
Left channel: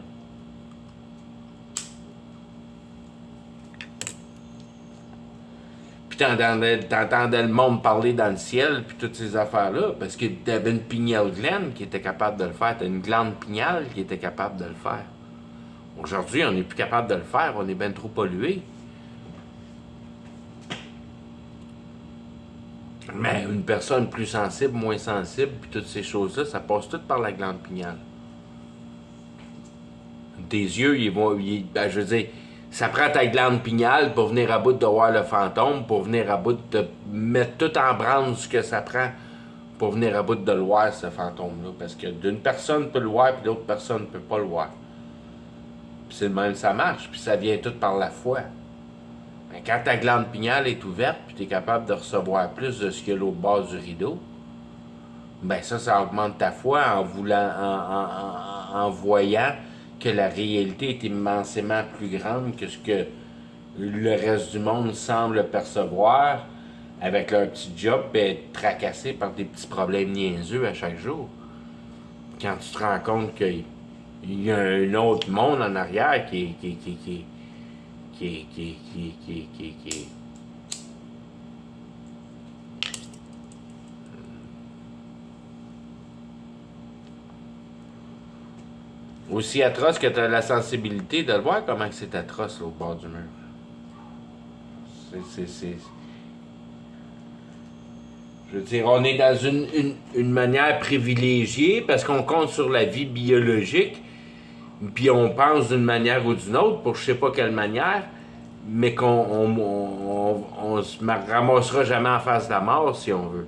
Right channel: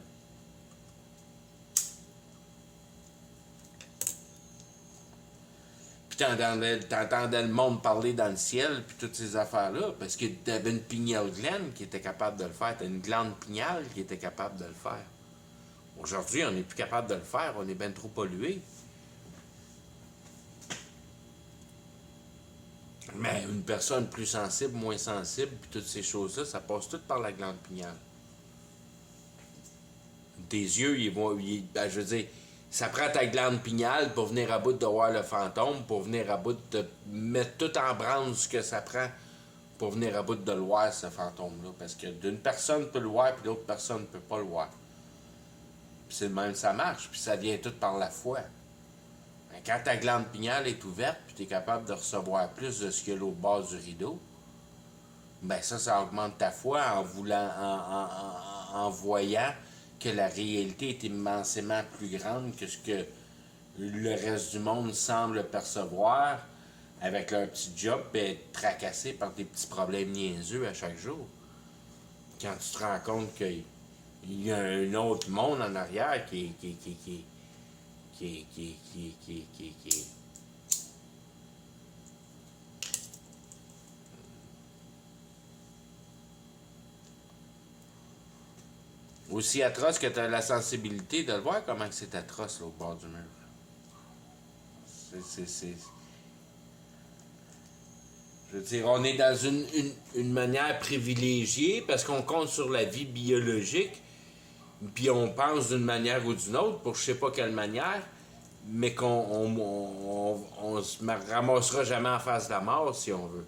Puis t'entendais le monde parler dans le ciel, puis toutes ces affaires-là, parce que t'avais une pineal glande qui était capable de le faire. T'as une glande pinéale qui était capable de le faire. Aujourd'hui, on n'est plus capable de le faire, on est bien trop pollué. Mais une personne plus sensible, moins sensible, puis toutes ces choses-là, ça passe tout par la glande pinéale. Tes yeux, ben, je veux dire, ça prend ta glande pinéale pour venir à bout de voir le fantôme, pour venir à bout de mettre tout en branle ce que ça prend pour venir à bout de le voir, ce fantôme-là. Parce que d'une personne peut le voir, puis l'autre personne ne peut pas le voir. Puis c'est le même, ça marche, puis ça vient tout par la foi. Mais quand ta glande pinéale est ouverte, puis tu es capable de recevoir plus de ce qu'il y a l'autre bord du rideau, ben ça augmente ta foi en voyant que la réalité est immensément plus grande que ce que le reste du monde semble percevoir avec leur petit job et être tracassé par des petits problèmes niaiseux à chaque jour. Quand tu te rends compte qu'il y a un autre monde en arrière qui Aussi atroce que tu as la sensibilité de le voir comment c'est atroce là, au bord du mur. C'est. Je veux dire, on est dans une manière privilégiée parce qu'on compte sur la vie biologique, puis on pense d'une manière ou d'une autre, pour je sais pas quelle manière, mais qu'on se ramassera jamais en face de la mort si on veut.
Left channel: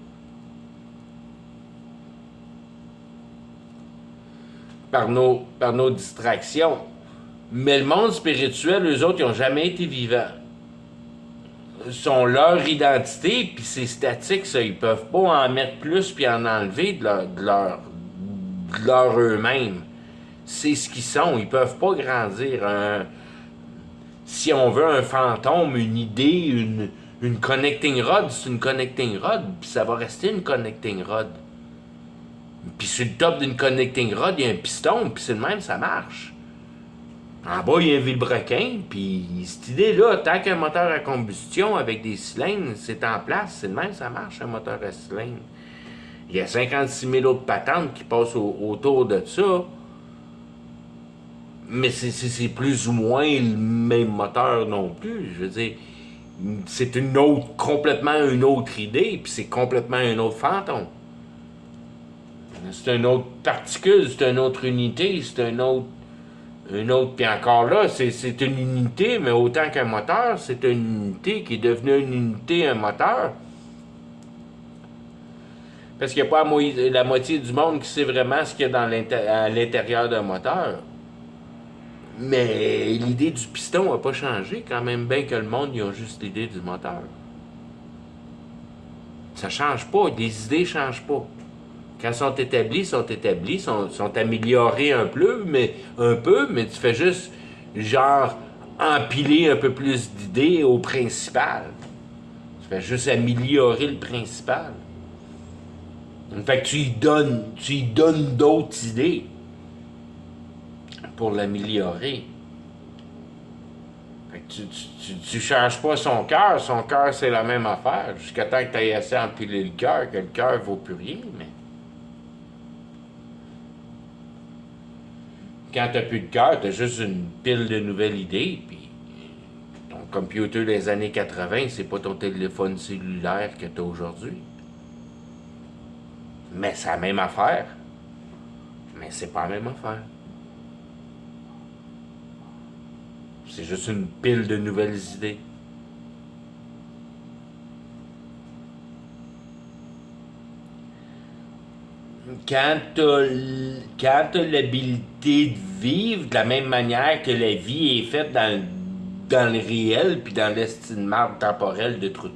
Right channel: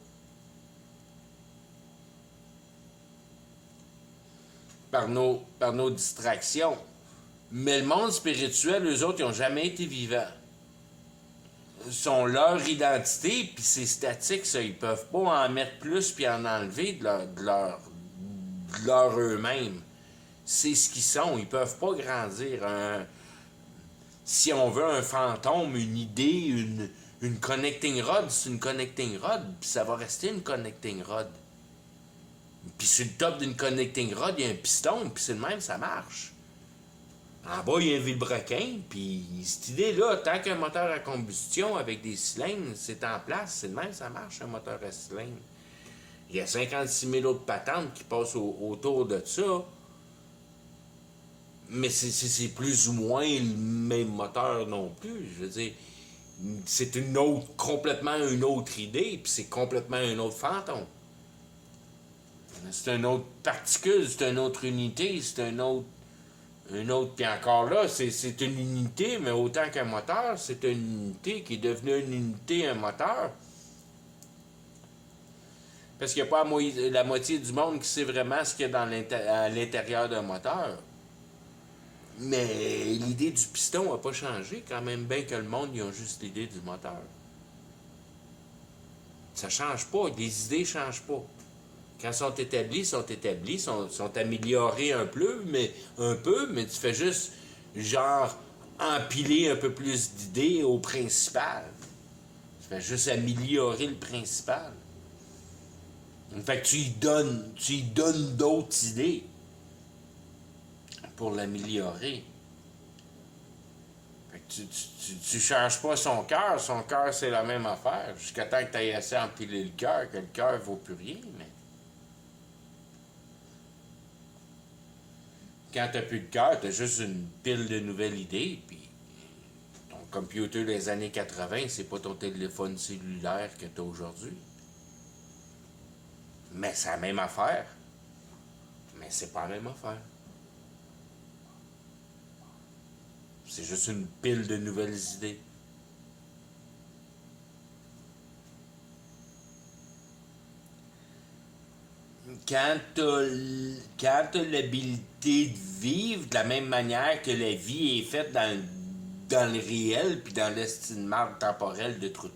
Par nos distractions. Mais le monde spirituel, eux autres, ils n'ont jamais été vivants. Sont leur identité, puis c'est statique, ça. Ils peuvent pas en mettre plus puis en enlever de leur eux-mêmes. C'est ce qu'ils sont. Ils peuvent pas grandir. Si on veut un fantôme, une idée, une connecting rod, c'est une connecting rod, puis ça va rester une connecting rod. Puis sur le top d'une connecting rod, il y a un piston, puis c'est le même, ça marche. En bas, il y a un vilebrequin, puis cette idée-là, tant qu'un moteur à combustion avec des cylindres, c'est en place, c'est le même, ça marche, un moteur à cylindres. Il y a 56 000 autres patentes qui passent autour de ça, mais c'est plus ou moins le même moteur non plus. Je veux dire, c'est complètement une autre idée, puis c'est complètement un autre fantôme. C'est une autre particule, c'est une autre unité, c'est un autre. Puis encore là, c'est une unité, mais autant qu'un moteur, c'est une unité qui est devenue une unité, un moteur. Parce qu'il n'y a pas la moitié du monde qui sait vraiment ce qu'il y a à l'intérieur d'un moteur. Mais l'idée du piston n'a pas changé, quand même bien que le monde, ils ont juste l'idée du moteur. Ça change pas, les idées changent pas. Quand elles sont établies, sont améliorées un peu, mais tu fais juste, genre, empiler un peu plus d'idées au principal. Tu fais juste améliorer le principal. Fait que tu y donnes d'autres idées pour l'améliorer. Fait que tu changes pas son cœur c'est la même affaire, jusqu'à temps que tu aies assez empiler le cœur, que le cœur vaut plus rien, mais... Quand t'as plus de cœur, t'as juste une pile de nouvelles idées, puis ton computer des années 80, c'est pas ton téléphone cellulaire que t'as aujourd'hui. Mais c'est la même affaire. Mais c'est pas la même affaire. C'est juste une pile de nouvelles idées. Quand t'as l'habilité de vivre de la même manière que la vie est faite dans le réel, puis dans l'estime de marde temporelle de trou de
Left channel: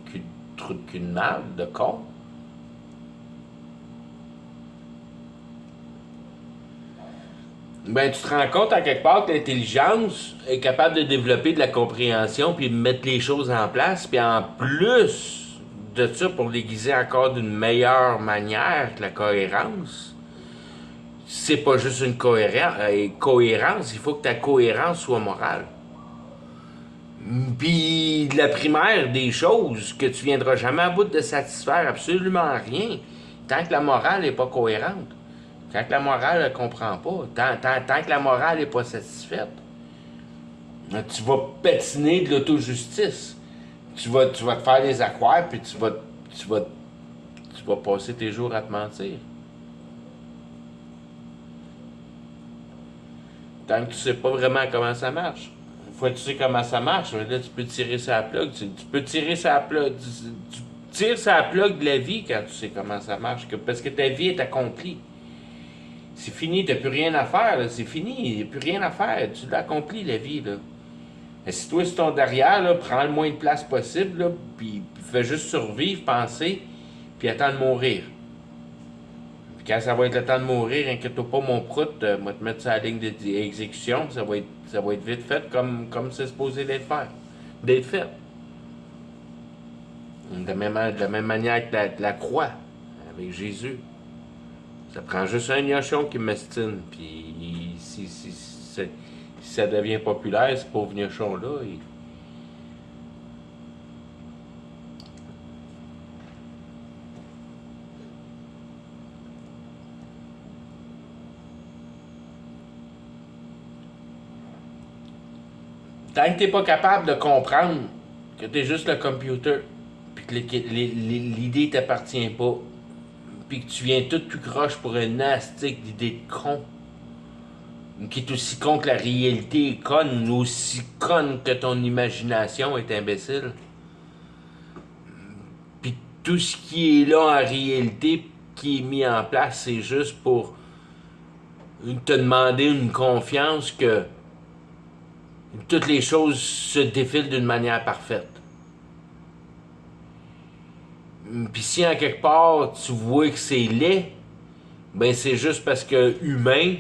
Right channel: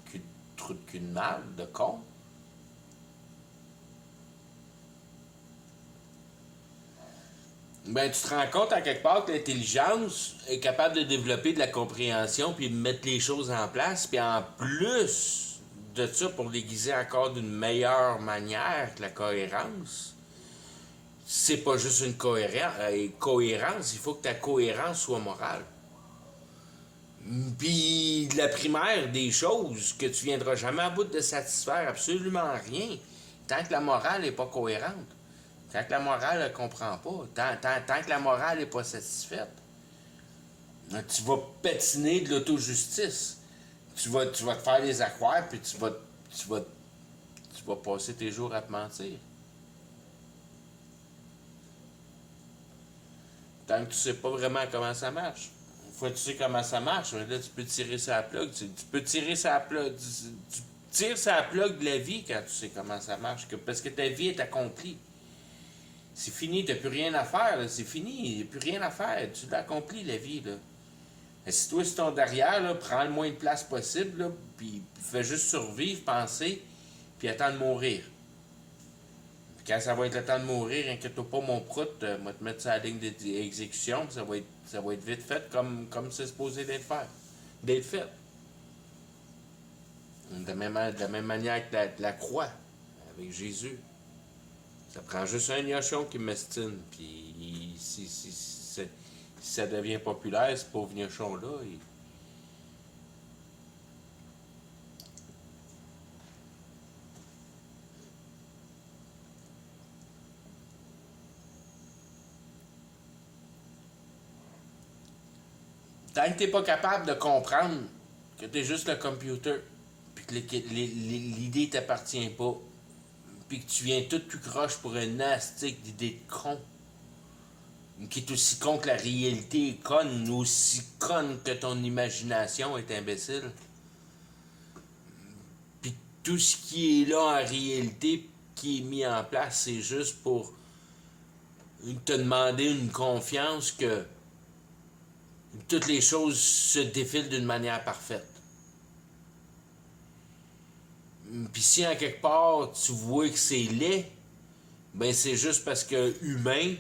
cul de marde, de con, ben tu te rends compte à quelque part que l'intelligence est capable de développer de la compréhension puis de mettre les choses en place, puis en plus de ça, pour l'aiguiser encore d'une meilleure manière que la cohérence, c'est pas juste une cohérence, il faut que ta cohérence soit morale. Puis la primaire des choses que tu viendras jamais à bout de satisfaire absolument rien tant que la morale n'est pas cohérente. Tant que la morale ne comprend pas, tant que la morale n'est pas satisfaite, tu vas patiner de l'auto-justice. Tu vas te faire des accroires, puis tu vas passer tes jours à te mentir. Tant que tu sais pas vraiment comment ça marche. Une fois que tu sais comment ça marche, là, tu peux tirer sa plug. Tu peux tirer sa plug. Tu tires sa plug de la vie quand tu sais comment ça marche. Parce que ta vie est accomplie. C'est fini, t'as plus rien à faire, là. C'est fini, il n'y a plus rien à faire. Tu l'as accompli, la vie, là. Assis-toi sur ton derrière, là, prends le moins de place possible, là, puis fais juste survivre, penser, puis attends de mourir. Puis quand ça va être le temps de mourir, inquiète-toi pas, mon prout, moi te mettre sur la ligne d'exécution, ça va être vite fait comme c'est supposé d'être fait. De la même manière que la croix, avec Jésus. Ça prend juste un gnochon qui m'estime, puis si ça devient populaire, ce pauvre gnochon-là, Tant que t'es pas capable de comprendre que t'es juste le computer, puis que l'idée t'appartient pas, puis que tu viens tout croche pour une astique d'idée de con, qui est aussi con que la réalité est conne, aussi conne que ton imagination est imbécile. Puis tout ce qui est là en réalité, qui est mis en place, c'est juste pour te demander une confiance que toutes les choses se défilent d'une manière parfaite. Puis si en quelque part tu vois que c'est laid, ben c'est juste parce que humain,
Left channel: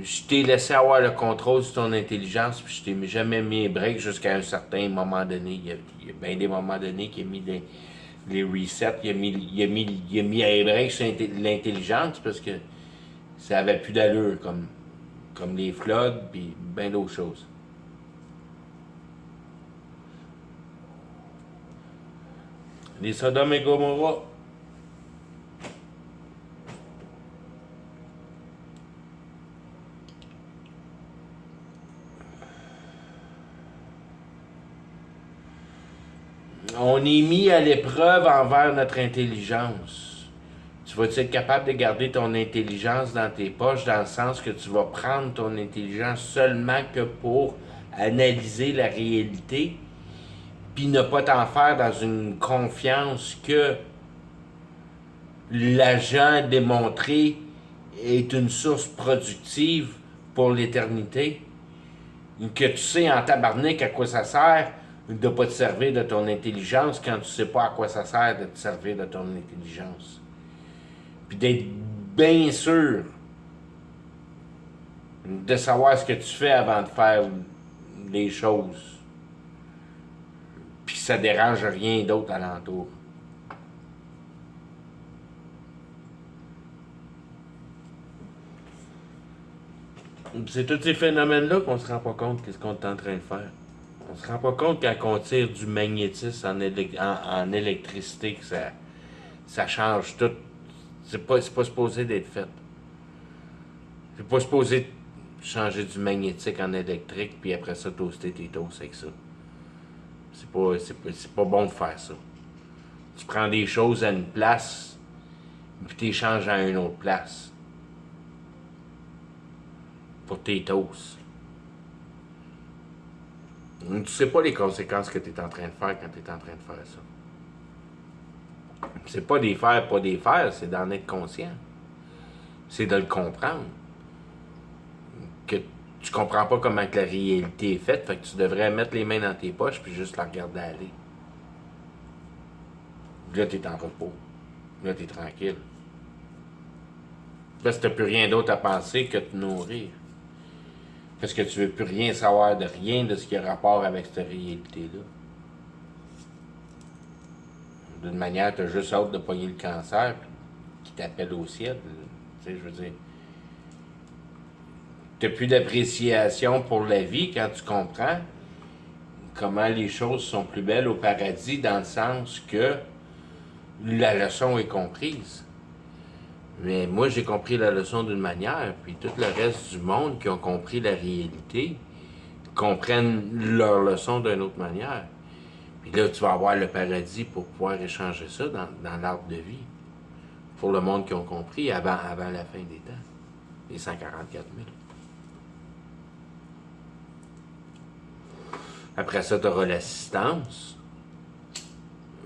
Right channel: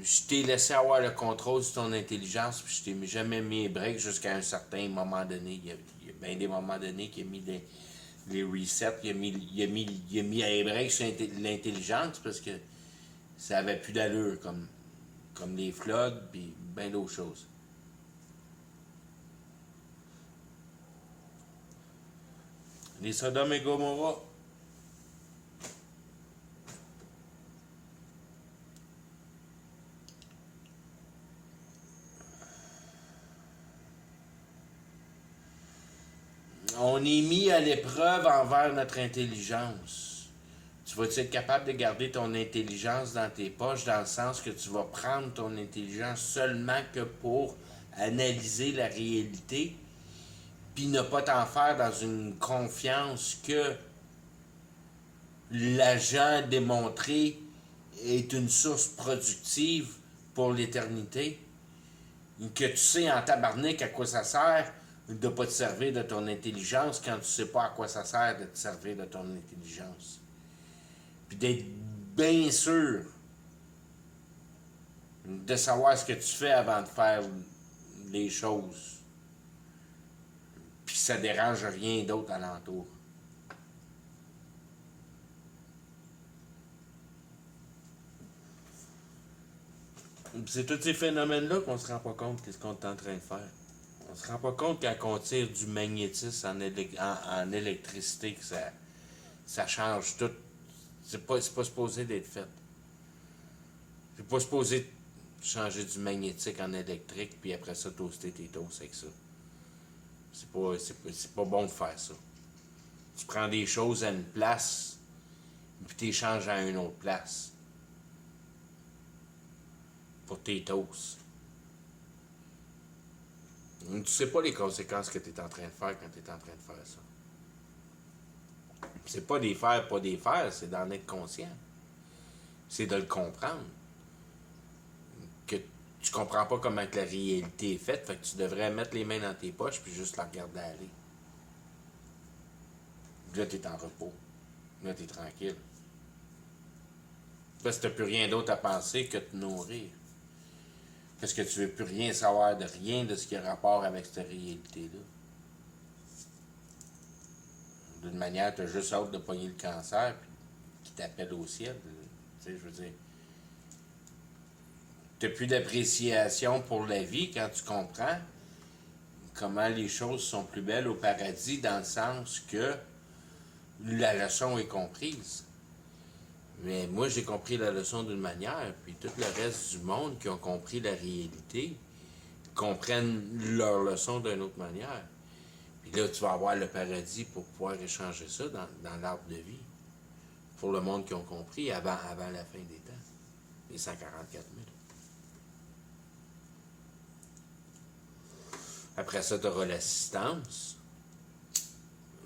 je t'ai laissé avoir le contrôle sur ton intelligence, puis je t'ai jamais mis un break jusqu'à un certain moment donné. Il y a bien des moments donnés qu'il a mis les resets, il a mis un break sur l'intelligence parce que ça avait plus d'allure, comme les floods, puis bien d'autres choses. Les Sodome et Gomorrah. On est mis à l'épreuve envers notre intelligence. Tu vas être capable de garder ton intelligence dans tes poches, dans le sens que tu vas prendre ton intelligence seulement que pour analyser la réalité, puis ne pas t'en faire dans une confiance que l'agent démontré est une source productive pour l'éternité, que tu sais en tabarnak à quoi ça sert de ne pas te servir de ton intelligence quand tu sais pas à quoi ça sert de te servir de ton intelligence. Puis d'être bien sûr de savoir ce que tu fais avant de faire les choses. Puis ça dérange rien d'autre alentour. C'est tous ces phénomènes-là qu'on se rend pas compte qu'est-ce qu'on est en train de faire. On se rend pas compte quand on tire du magnétisme en électricité que ça change tout. C'est pas supposé d'être fait. C'est pas supposé changer du magnétique en électrique puis après ça toaster tes toasts avec ça. C'est pas bon de faire ça. Tu prends des choses à une place puis tu les changes à une autre place. Pour tes toasts. Tu sais pas les conséquences que tu es en train de faire quand tu es en train de faire ça. C'est pas des faire, pas des faire, c'est d'en être conscient. C'est de le comprendre. Que tu comprends pas comment que la réalité est faite, fait que tu devrais mettre les mains dans tes poches puis juste la regarder aller. Là, t'es en repos. Là, t'es tranquille. Parce que t'as plus rien d'autre à penser que de te nourrir. Parce que tu veux plus rien savoir de rien de ce qui a rapport avec cette réalité-là. D'une manière, tu as juste hâte de pogner le cancer qui t'appelle au ciel. Tu sais, je veux dire. Tu n'as plus d'appréciation pour la vie quand tu comprends comment les choses sont plus belles au paradis, dans le sens que la leçon est comprise. Mais moi, j'ai compris la leçon d'une manière, puis tout le reste du monde qui ont compris la réalité comprennent leur leçon d'une autre manière. Puis là, tu vas avoir le paradis pour pouvoir échanger ça dans l'arbre de vie. Pour le monde qui ont compris avant la fin des temps. Les 144 000. Après ça, tu auras l'assistance.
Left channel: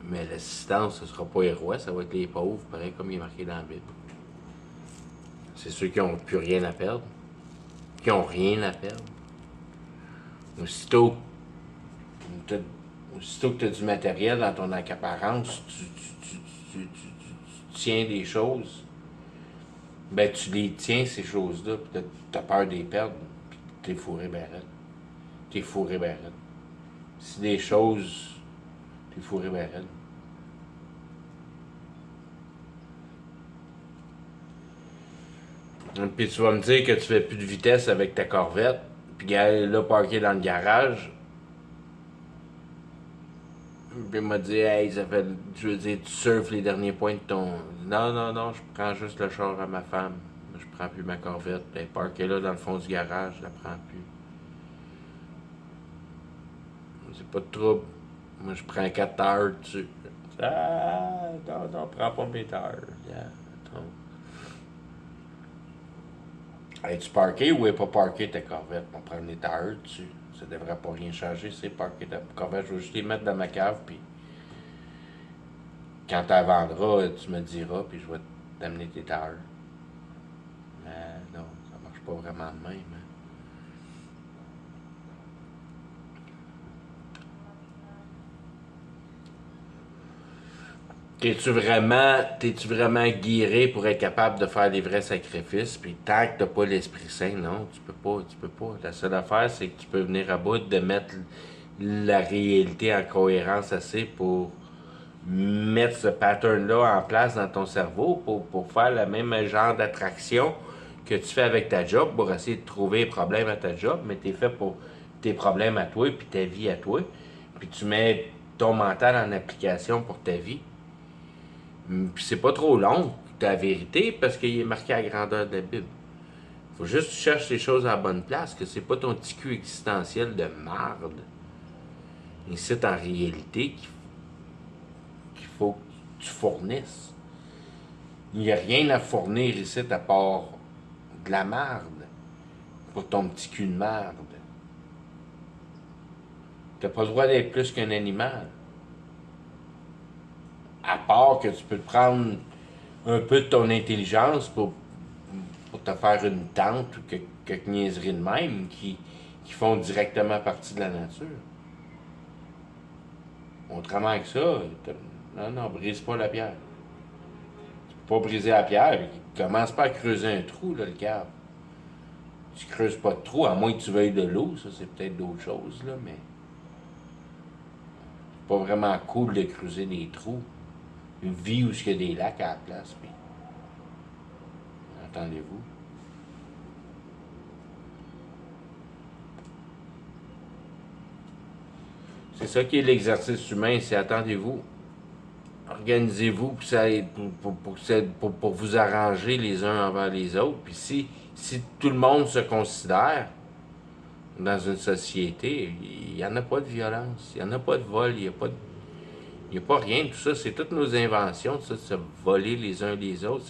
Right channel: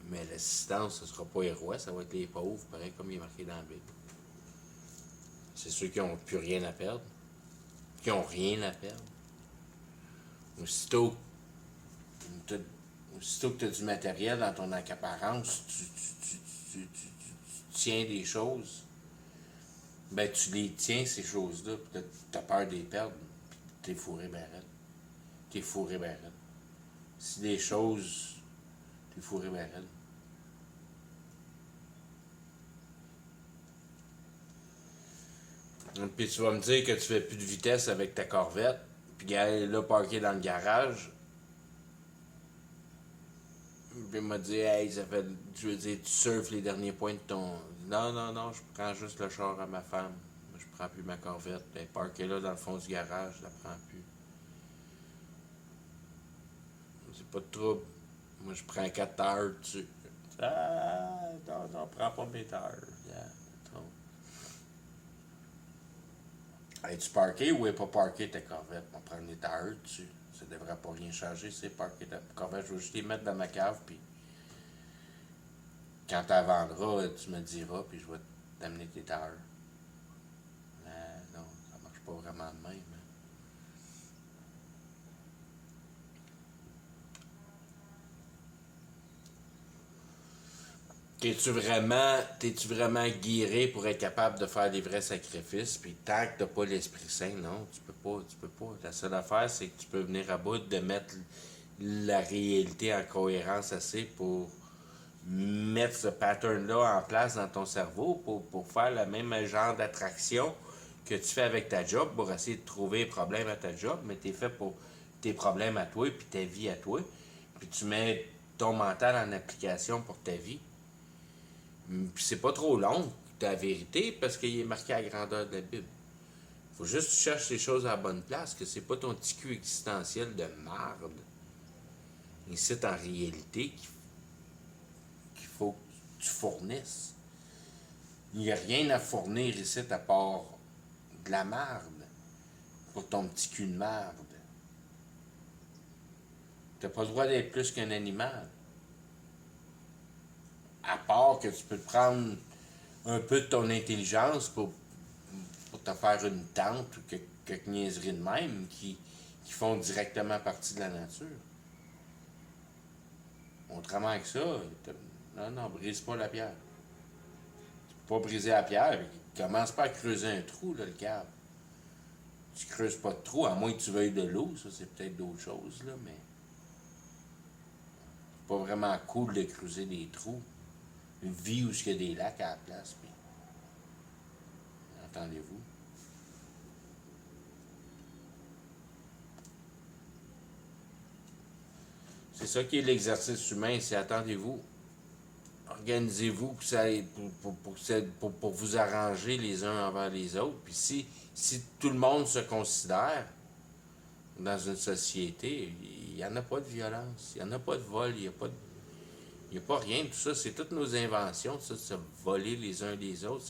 Mais l'assistance, ce ne sera pas les rois, ça va être les pauvres, pareil comme il est marqué dans la Bible. C'est ceux qui n'ont plus rien à perdre. Qui n'ont rien à perdre. Aussitôt que tu as du matériel dans ton accaparance, tu tiens des choses, ben tu les tiens, ces choses-là, puis tu as peur de les perdre, puis t'es fourré ben raide. T'es fourré ben raide. Si des choses, t'es fourré ben raide. Puis tu vas me dire que tu fais plus de vitesse avec ta Corvette, puis elle est là parkée dans le garage. Puis il m'a dit, hey, ça fait, je veux dire, tu surfes les derniers points de ton. Non, je prends juste le char à ma femme. Je prends plus ma Corvette. Elle est parkée là dans le fond du garage, je la prends plus. C'est pas de trouble. Moi, je prends 4 heures dessus. Ah, non, prends pas mes heures. Yeah. Es-tu parké ou est pas parké ta corvette? On prend des heures dessus. Ça devrait pas rien changer, c'est parké ta corvette. Je vais juste les mettre dans ma cave, puis quand tu la vendras, tu me diras, puis je vais t'amener tes heures. Mais non, ça marche pas vraiment de même. Hein. T'es-tu vraiment guiré pour être capable de faire des vrais sacrifices? Puis tant que t'as pas l'Esprit Saint, non, tu peux pas. La seule affaire, c'est que tu peux venir à bout de mettre la réalité en cohérence assez pour mettre ce pattern-là en place dans ton cerveau pour faire le même genre d'attraction que tu fais avec ta job pour essayer de trouver les problèmes à ta job, mais t'es fait pour tes problèmes à toi puis ta vie à toi. Puis tu mets ton mental en application pour ta vie. Puis c'est pas trop long, ta vérité, parce qu'il est marqué à la grandeur de la Bible. Faut juste que tu cherches les choses à la bonne place, que c'est pas ton petit cul existentiel de marde. Et c'est en réalité qu'il faut que tu fournisses. Il n'y a rien à fournir ici à part de la marde pour ton petit cul de marde. T'as pas le droit d'être plus qu'un animal. À part que tu peux te prendre un peu de ton intelligence pour te faire une tente ou quelques niaiseries de même qui font directement partie de la nature. Autrement que ça, non, brise pas la pierre. Tu peux pas briser la pierre, commence pas à creuser un trou, là, le câble. Tu creuses pas de trou, à moins que tu veuilles de l'eau, ça c'est peut-être d'autres choses, là, mais c'est pas vraiment cool de creuser des trous. Une vie où il y a des lacs à la place, puis entendez-vous. C'est ça qui est l'exercice humain, c'est attendez-vous. Organisez-vous pour vous arranger les uns envers les autres. Puis si tout le monde se considère dans une société, il n'y en a pas de violence, il n'y en a pas de vol, il n'y a pas rien. Tout ça, c'est toutes nos inventions, tout ça, de se voler les uns les autres.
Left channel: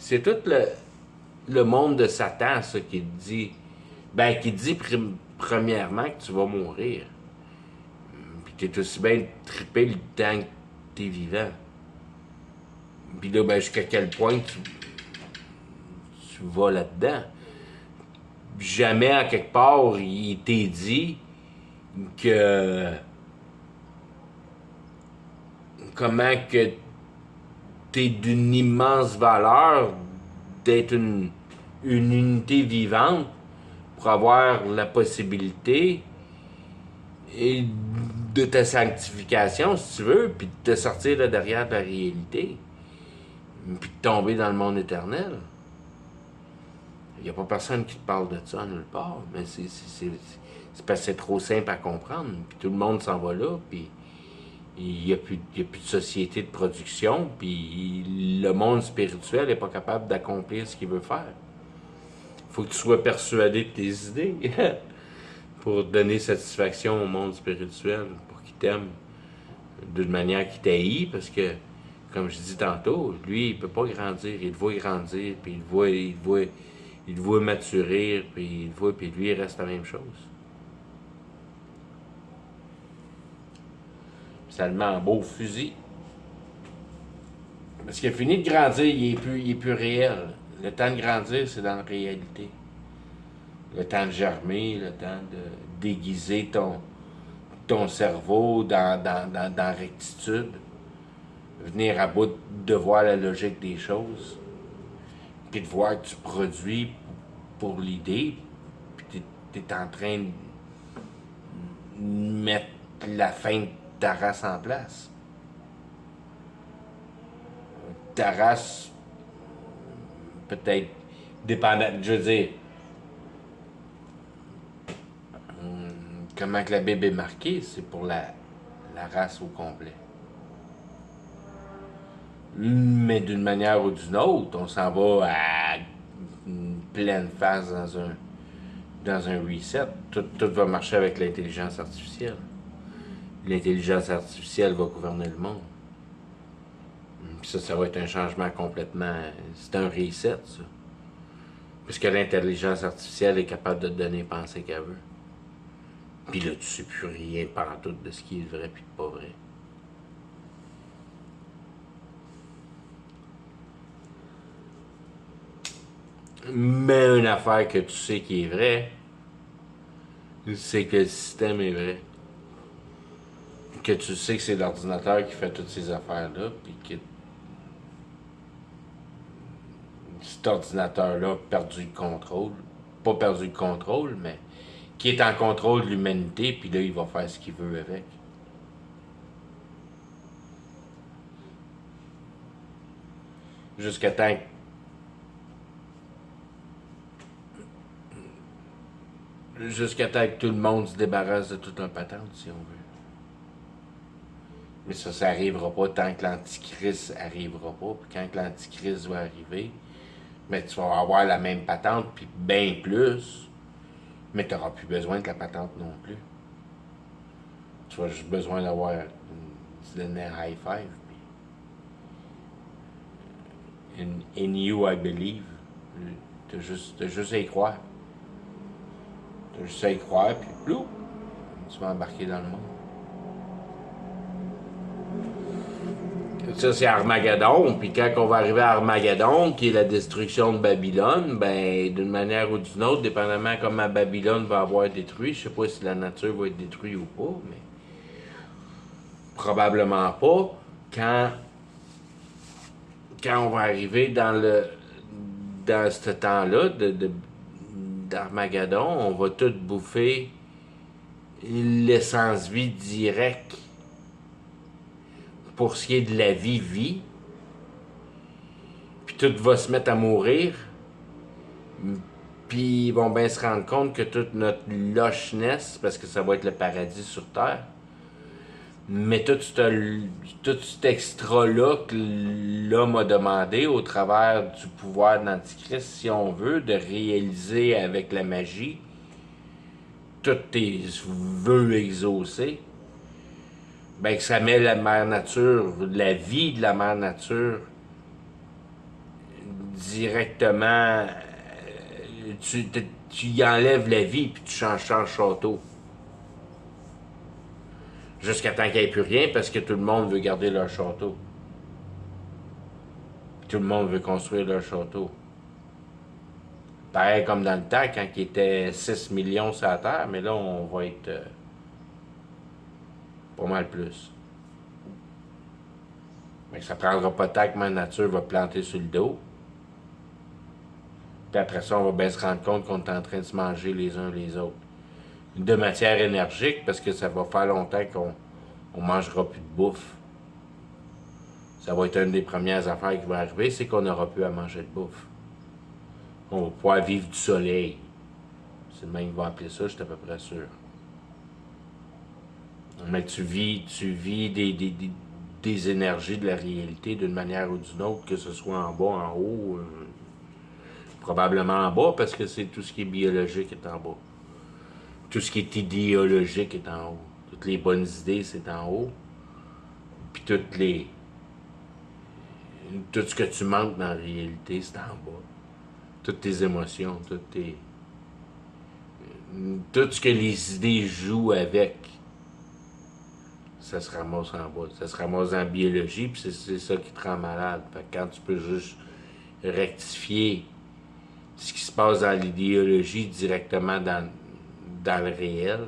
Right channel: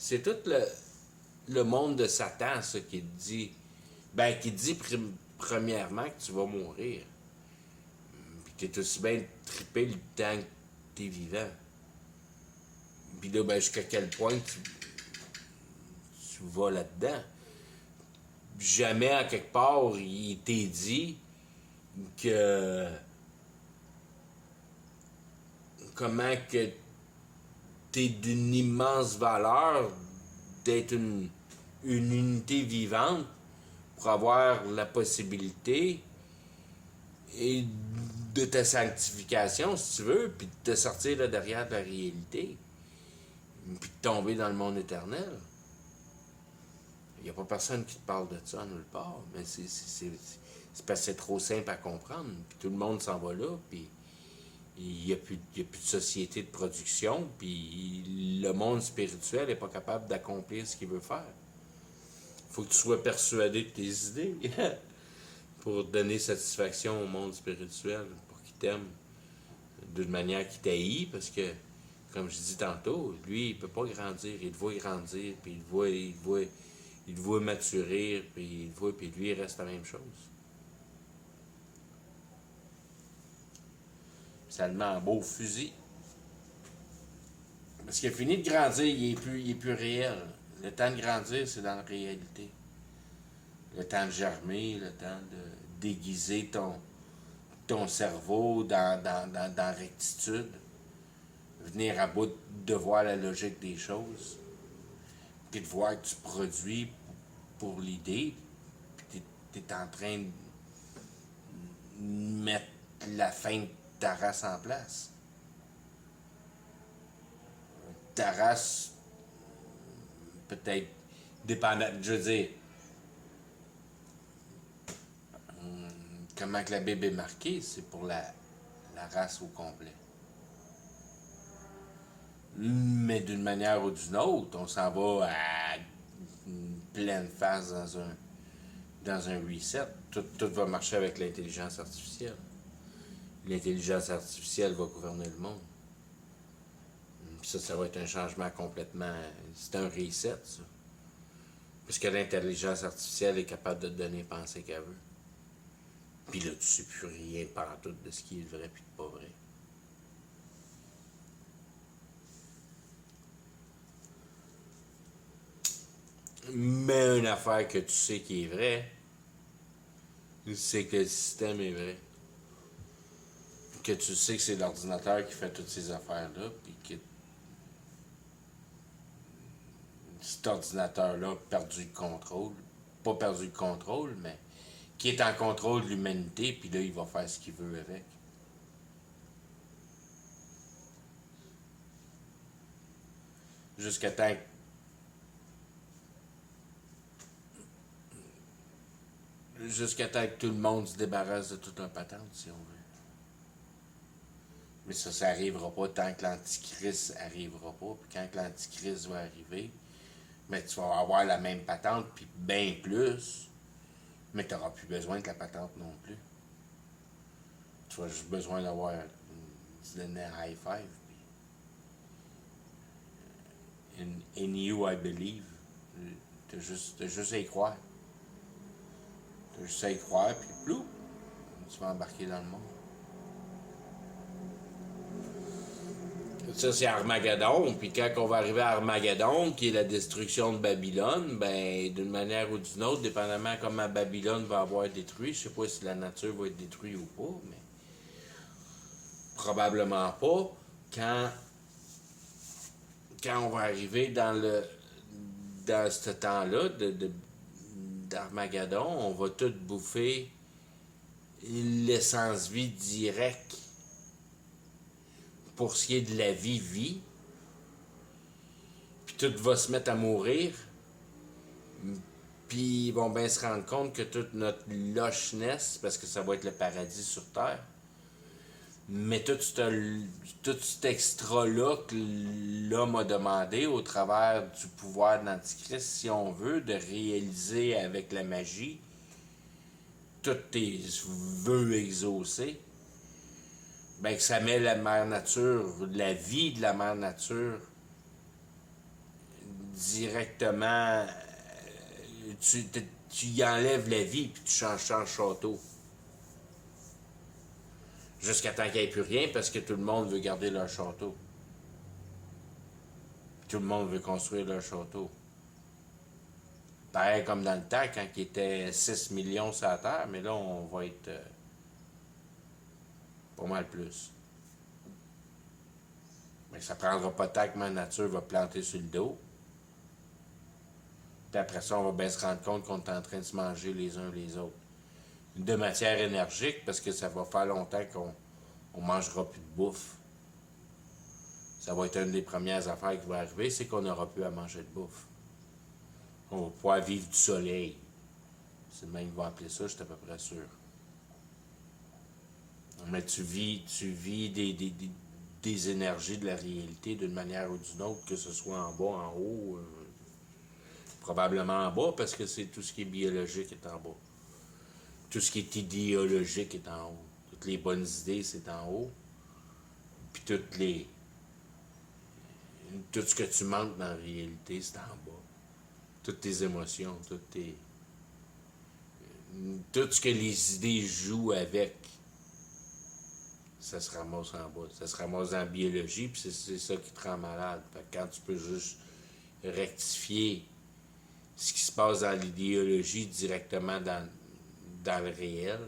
C'est tout le monde de Satan, ça, qui dit. Ben, qui dit premièrement que tu vas mourir. Puis t'es aussi bien trippé le temps que t'es vivant. Puis là, ben, jusqu'à quel point tu vas là-dedans. Jamais, à quelque part, il t'est dit que. Comment que t'es d'une immense valeur d'être une unité vivante pour avoir la possibilité et de ta sanctification, si tu veux, puis de te sortir là derrière la réalité, puis de tomber dans le monde éternel. Il n'y a pas personne qui te parle de ça nulle part, mais c'est parce que c'est trop simple à comprendre, puis tout le monde s'en va là, puis il n'y a plus de société de production, puis le monde spirituel n'est pas capable d'accomplir ce qu'il veut faire. Il faut que tu sois persuadé de tes idées pour donner satisfaction au monde spirituel, pour qu'il t'aime d'une manière qu'il t'haït, parce que, comme je dis tantôt, lui, il peut pas grandir. Il te voit grandir, puis il te voit maturer, puis il te voit, puis lui, il reste la même chose. Ça le met en beau fusil. Parce qu'il a fini de grandir, il est plus réel. Le temps de grandir, c'est dans la réalité. Le temps de germer, le temps de déguiser ton cerveau dans rectitude. Venir à bout de voir la logique des choses. Puis de voir que tu produis pour l'idée. Puis tu es en train de mettre la fin de ta race en place. Ta race, peut-être dépendant, je veux dire, comment que la Bible est marquée, c'est pour la race au complet. Mais d'une manière ou d'une autre, on s'en va à une pleine face dans un reset, tout va marcher avec l'intelligence artificielle. L'intelligence artificielle va gouverner le monde. Puis ça va être un changement complètement... C'est un reset, ça. Parce que l'intelligence artificielle est capable de te donner penser qu'elle veut. Puis là, tu sais plus rien pantoute de ce qui est vrai puis de pas vrai. Mais une affaire que tu sais qui est vraie, c'est que le système est vrai. Que tu sais que c'est l'ordinateur qui fait toutes ces affaires-là, puis que cet ordinateur-là a perdu le contrôle. Pas perdu le contrôle, mais qui est en contrôle de l'humanité, puis là, il va faire ce qu'il veut avec. Jusqu'à temps que tout le monde se débarrasse de toute la patente, si on veut. Mais ça n'arrivera pas tant que l'antichrist arrivera pas. Puis quand l'antichrist va arriver, mais tu vas avoir la même patente, puis bien plus, mais tu n'auras plus besoin de la patente non plus. Tu as juste besoin d'avoir se donner un high five. In you, I believe. T'as juste à y croire. T'as juste à y croire, puis plou, tu vas embarquer dans le monde. Ça, c'est Armageddon. Puis quand on va arriver à Armageddon, qui est la destruction de Babylone, ben, d'une manière ou d'une autre, dépendamment comment Babylone va avoir détruit, je sais pas si la nature va être détruite ou pas, mais probablement pas. Quand on va arriver dans ce temps-là d'Armageddon, on va tout bouffer l'essence vie directe pour ce qui est de la vie, puis tout va se mettre à mourir, puis ils vont bien se rendre compte que toute notre locheness, parce que ça va être le paradis sur Terre, mais tout cet extra-là que l'homme a demandé au travers du pouvoir de l'Antichrist, si on veut, de réaliser avec la magie tous tes vœux exaucés, ben que ça met la mère nature, la vie de la mère nature, directement. Tu y enlèves la vie puis tu changes château. Jusqu'à temps qu'il n'y ait plus rien parce que tout le monde veut garder leur château. Puis tout le monde veut construire leur château. Pareil comme dans le temps quand il était 6 millions sur la Terre, mais là on va être pas mal plus. Mais ça prendra pas tant que ma nature va planter sur le dos. Puis après ça, on va bien se rendre compte qu'on est en train de se manger les uns les autres. De matière énergique, parce que ça va faire longtemps qu'on ne mangera plus de bouffe. Ça va être une des premières affaires qui va arriver, c'est qu'on n'aura plus à manger de bouffe. On va pouvoir vivre du soleil. C'est le même qu'ils vont appeler ça, je suis à peu près sûr. Mais tu vis des énergies de la réalité d'une manière ou d'une autre, que ce soit en bas, en haut. Probablement en bas, parce que c'est tout ce qui est biologique est en bas. Tout ce qui est idéologique est en haut. Toutes les bonnes idées, c'est en haut. Puis tout ce que tu manques dans la réalité, c'est en bas. Toutes tes émotions, tout ce que les idées jouent avec, ça se ramasse en bas. Ça se ramasse en biologie, puis c'est ça qui te rend malade. Fait que quand tu peux juste rectifier ce qui se passe dans l'idéologie directement dans le réel,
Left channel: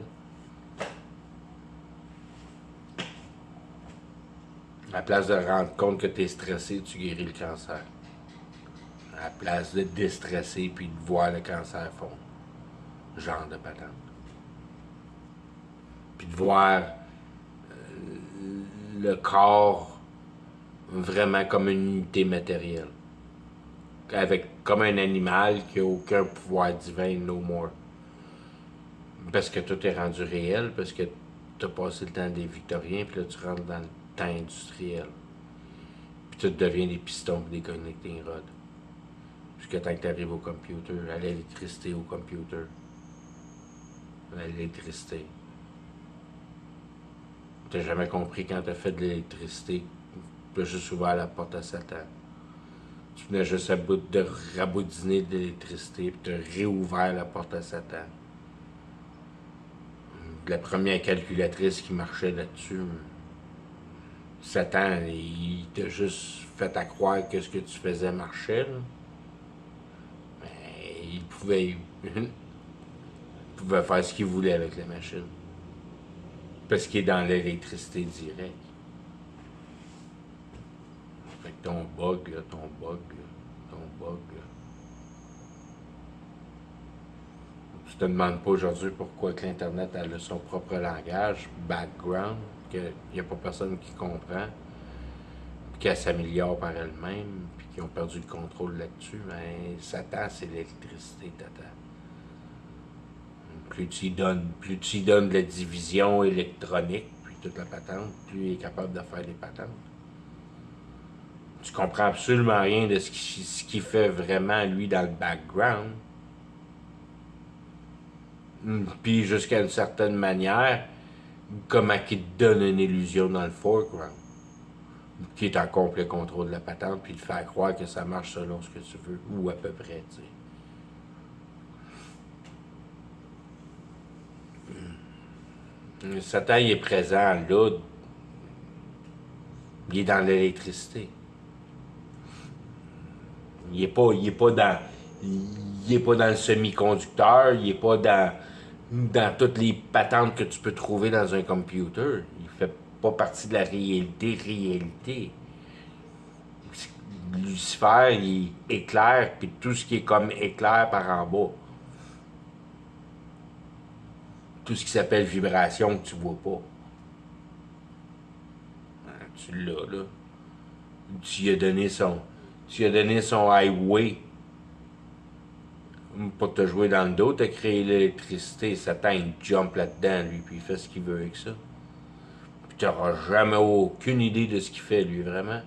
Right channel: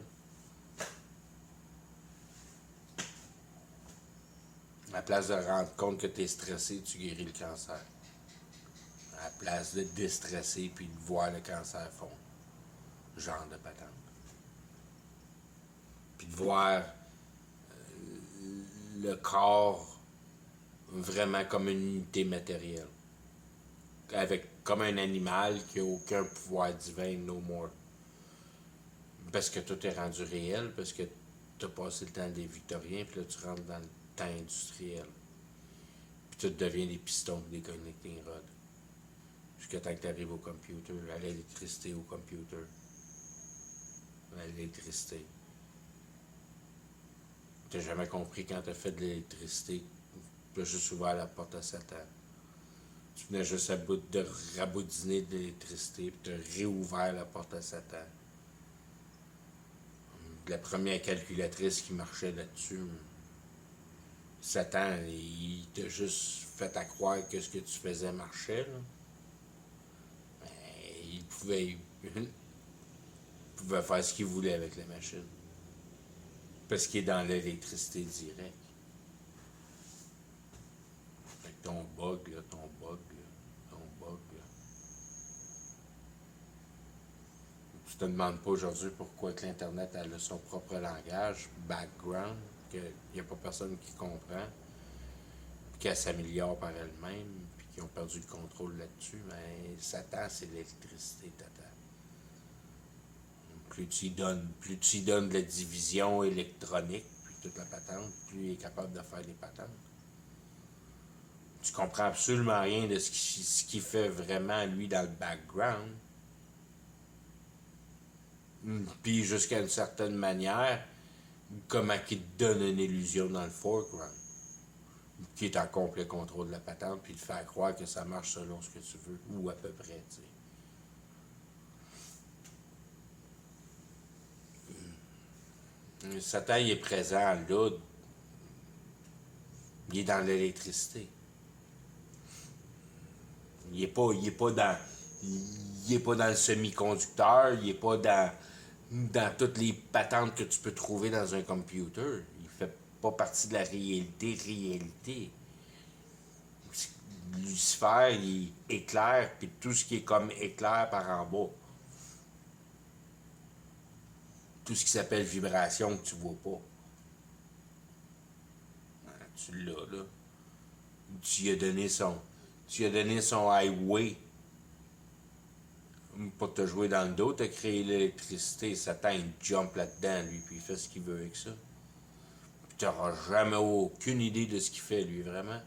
à la place de rendre compte que tu es stressé, tu guéris le cancer. À la place de te déstresser puis de voir le cancer fondre. Genre de patente. Puis de voir le corps vraiment comme une unité matérielle. Comme un animal qui n'a aucun pouvoir divin, no more. Parce que tout est rendu réel, parce que tu as passé le temps des Victoriens, puis là tu rentres dans le temps industriel. Puis tout devient des pistons et des connecting rods. Jusqu'à temps que tu arrives au computer, à l'électricité au computer. l'électricité. T'as jamais compris quand t'as fait de l'électricité. T'as juste ouvert la porte à Satan. Tu venais juste à bout de raboudiner de l'électricité, puis t'as réouvert la porte à Satan. La première calculatrice qui marchait là-dessus, Satan, il t'a juste fait à croire que ce que tu faisais marchait. Là. Mais il pouvait faire ce qu'il voulait avec la machine. Parce qu'il est dans l'électricité directe. Fait que ton bug, là, ton bug, là, ton bug, là. Tu te demandes pas aujourd'hui pourquoi que l'Internet a son propre langage, background, qu'il n'y a pas personne qui comprend, puis qu'elle s'améliore par elle-même, puis qu'ils ont perdu le contrôle là-dessus. Mais Satan, c'est l'électricité, tata. Plus tu y donnes de la division électronique, puis toute la patente, plus il est capable de faire des patentes. Tu comprends absolument rien de ce qu'il fait vraiment, lui, dans le background. Puis jusqu'à une certaine manière, comment qu'il te donne une illusion dans le foreground, qui est en complet contrôle de la patente, puis te faire croire que ça marche selon ce que tu veux, ou à peu près, tu sais. Satan, il est présent là, il est dans l'électricité. Il est pas dans le semi-conducteur, il est pas dans toutes les patentes que tu peux trouver dans un computer. Il fait pas partie de la réalité. Lucifer, il éclaire, puis tout ce qui est comme éclair par en bas. Tout ce qui s'appelle vibration que tu vois pas. Tu l'as, là. Tu lui as donné son highway pour te jouer dans le dos, t'as créé l'électricité. Satan, il jump là-dedans, lui, puis il fait ce qu'il veut avec ça. Puis t'auras jamais aucune idée de ce qu'il fait, lui, vraiment.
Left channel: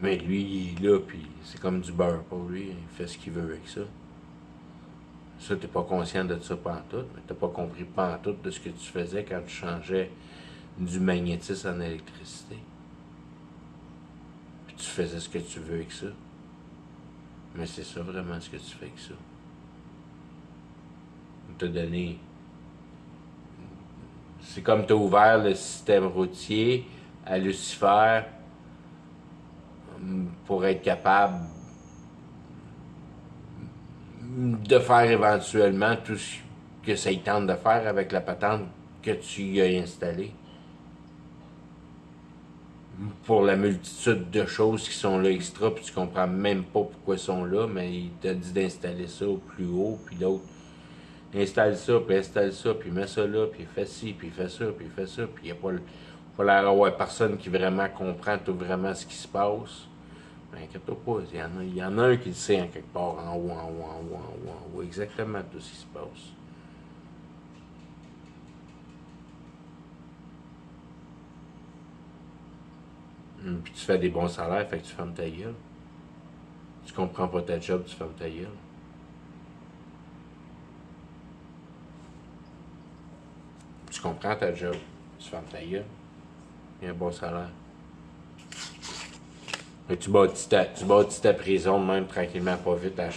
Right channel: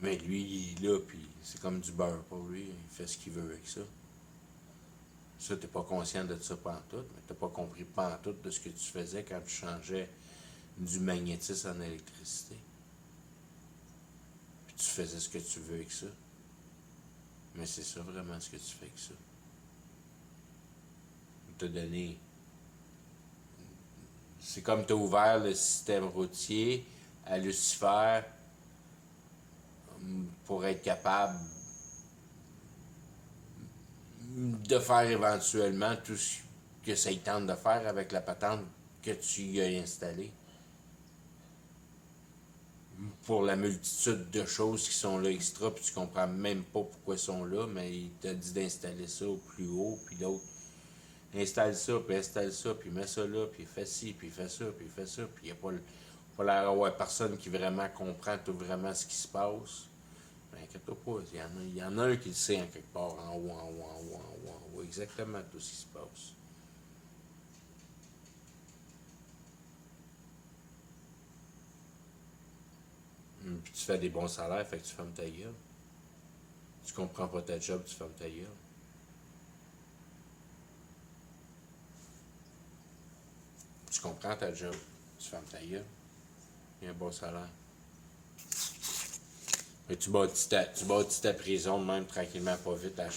Mais lui, il est là, puis c'est comme du beurre pour lui. Il fait ce qu'il veut avec ça. Ça, t'es pas conscient de ça pantoute, mais t'as pas compris pantoute de ce que tu faisais quand tu changeais du magnétisme en électricité. Puis tu faisais ce que tu veux avec ça. Mais c'est ça vraiment ce que tu fais avec ça. On t'a donné. C'est comme t'as ouvert le système routier à Lucifer pour être capable de faire éventuellement tout ce que ça y tente de faire avec la patente que tu y as installée. Pour la multitude de choses qui sont là extra, puis tu comprends même pas pourquoi ils sont là, mais il t'a dit d'installer ça au plus haut, puis l'autre installe ça, puis mets ça là, puis fais ci, puis fais ça, puis fais ça, puis il n'y a pas l'air d'avoir personne qui vraiment comprend tout vraiment ce qui se passe. Mais inquiète-toi pas, il y en a un qui le sait en quelque part, en haut, exactement tout ce qui se passe. Puis tu fais des bons salaires, fait que tu fermes ta gueule. Tu comprends pas ta job, tu fermes ta gueule. Tu comprends ta job, tu fermes ta gueule. Il y a un bon salaire. Mais tu bâtis ta prison même tranquillement, pas vite, à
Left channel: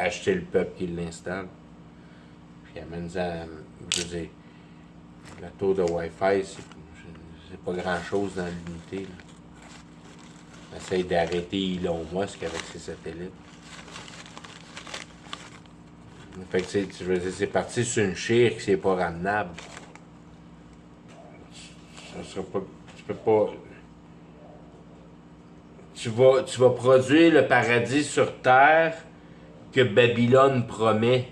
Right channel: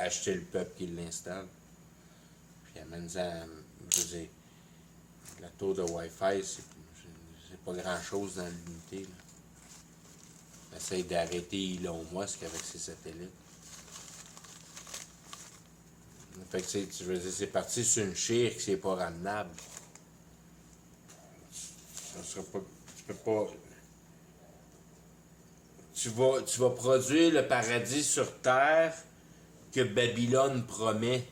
acheter le peuple qui l'installe. Puis amène-en, je veux dire, la tour de Wi-Fi, c'est pas grand-chose dans l'unité. Essaye d'arrêter Elon Musk avec ses satellites. Fait que tu veux dire, c'est parti sur une chire qui c'est pas ramenable. Ça sera pas. Tu peux pas. Tu vas produire le paradis sur terre que Babylone promet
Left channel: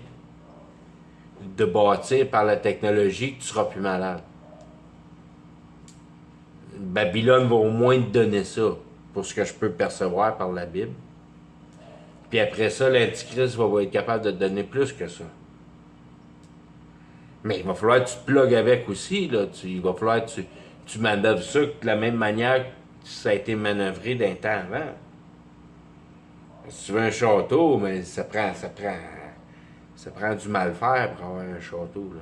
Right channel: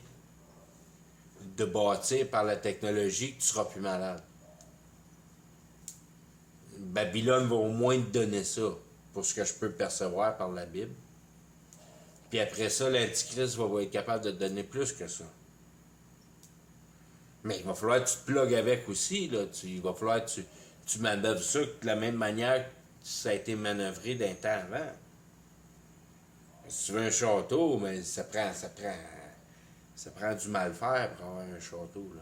de bâtir par la technologie, que tu seras plus malade. Babylone va au moins te donner ça, pour ce que je peux percevoir par la Bible. Puis après ça, l'Antichrist va être capable de te donner plus que ça. Mais il va falloir que tu te plugues avec aussi. Là. Il va falloir que tu manœuvres ça de la même manière que ça a été manœuvré d'un temps avant. Si tu veux un château, mais ça prend Ça prend du mal faire pour avoir un château, là.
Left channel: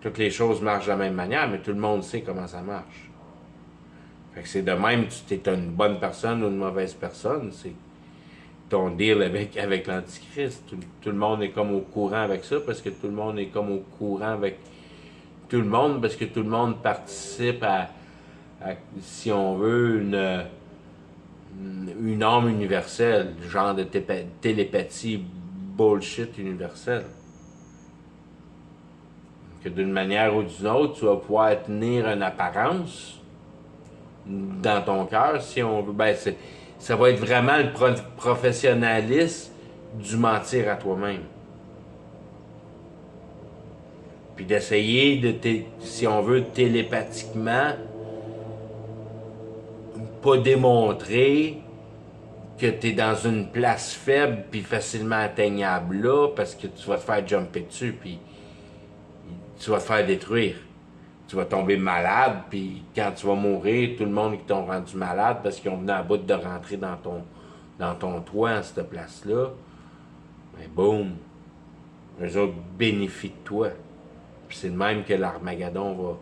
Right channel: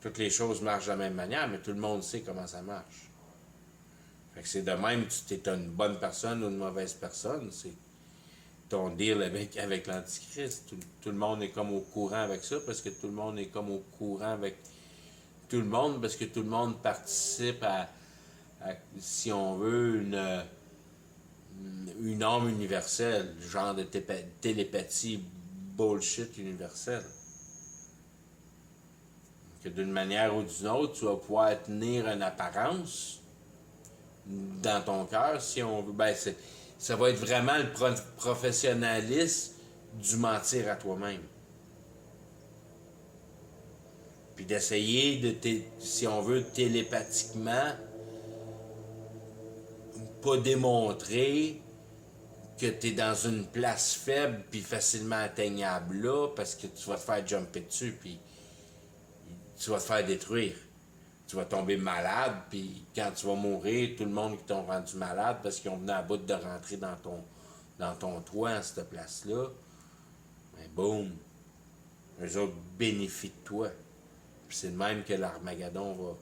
Toutes les choses marchent de la même manière, mais tout le monde sait comment ça marche. Fait que c'est de même, tu es une bonne personne ou une mauvaise personne, c'est ton deal avec l'Antichrist. Tout le monde est comme au courant avec ça, parce que tout le monde est comme au courant avec tout le monde, parce que tout le monde participe à si on veut, une arme universelle, genre de télépathie bullshit universelle. Que d'une manière ou d'une autre, tu vas pouvoir tenir une apparence dans ton cœur, si on veut. Ben, ça va être vraiment le professionnalisme du mentir à toi-même. Puis d'essayer si on veut, télépathiquement, pas démontrer que tu es dans une place faible puis facilement atteignable là, parce que tu vas te faire jumper dessus, puis tu vas te faire détruire. Tu vas tomber malade, puis quand tu vas mourir, tout le monde qui t'ont rendu malade parce qu'ils ont venu à bout de rentrer dans ton toit, à cette place-là, ben boum, eux autres bénéficient de toi. Puis c'est de même que l'Armageddon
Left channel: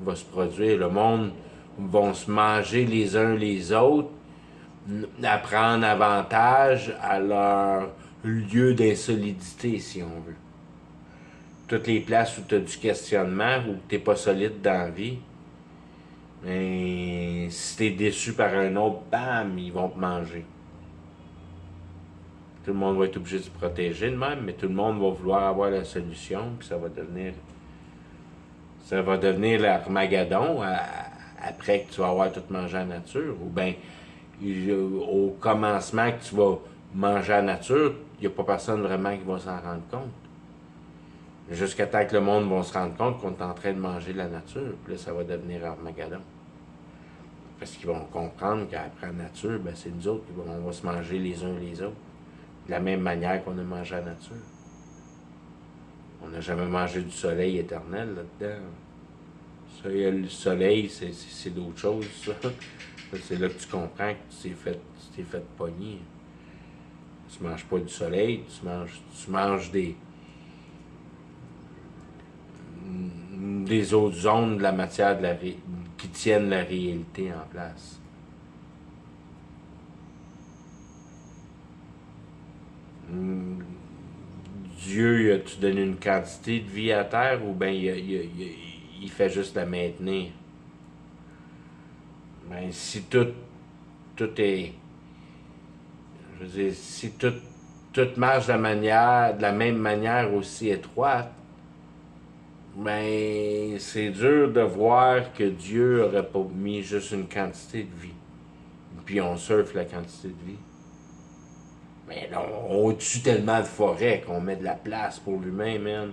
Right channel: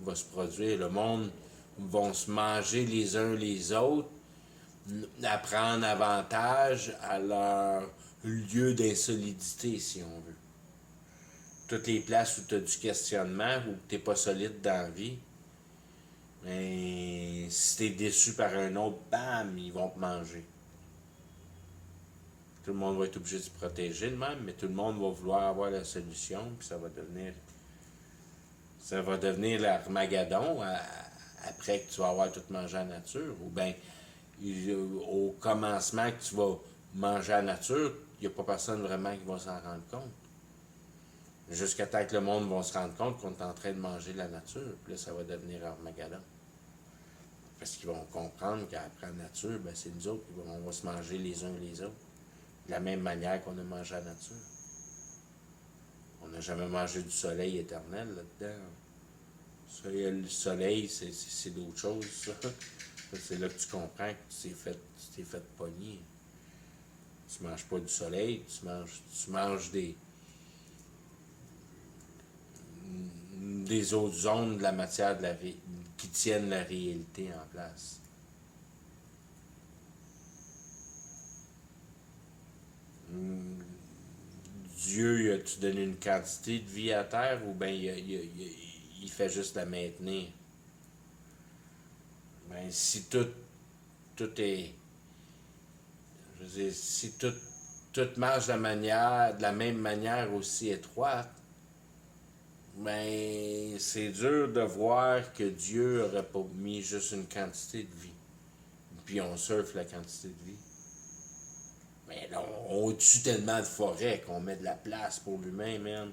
va se produire. Le monde va se manger les uns les autres, à prendre avantage à leur lieu d'insolidité, si on veut. Toutes les places où tu as du questionnement, où tu n'es pas solide dans la vie, mais si tu es déçu par un autre, bam, ils vont te manger. Tout le monde va être obligé de se protéger de même, mais tout le monde va vouloir avoir la solution, puis ça va devenir l'Armageddon après que tu vas avoir tout mangé à la nature. Ou bien, au commencement que tu vas manger à la nature, il n'y a pas personne vraiment qui va s'en rendre compte. Jusqu'à temps que le monde va se rendre compte qu'on est en train de manger la nature. Puis là, ça va devenir Armageddon. Parce qu'ils vont comprendre qu'après la nature, ben, c'est nous autres qui on va se manger les uns les autres. De la même manière qu'on a mangé la nature. On n'a jamais mangé du soleil éternel là-dedans. Le soleil, c'est d'autres choses, ça. C'est là que tu comprends que tu t'es fait pogner. Tu manges pas du soleil, tu manges des autres zones de la matière qui tiennent la réalité en place. Dieu, a-tu donné une quantité de vie à terre ou bien il fait juste la maintenir? Ben, si tout est. Je veux dire, si tout marche de la même manière aussi étroite, ben, c'est dur de voir que Dieu aurait pas mis juste une quantité de vie. Puis on surfe la quantité de vie. Mais non, on tue tellement de forêts qu'on met de la place pour l'humain, man.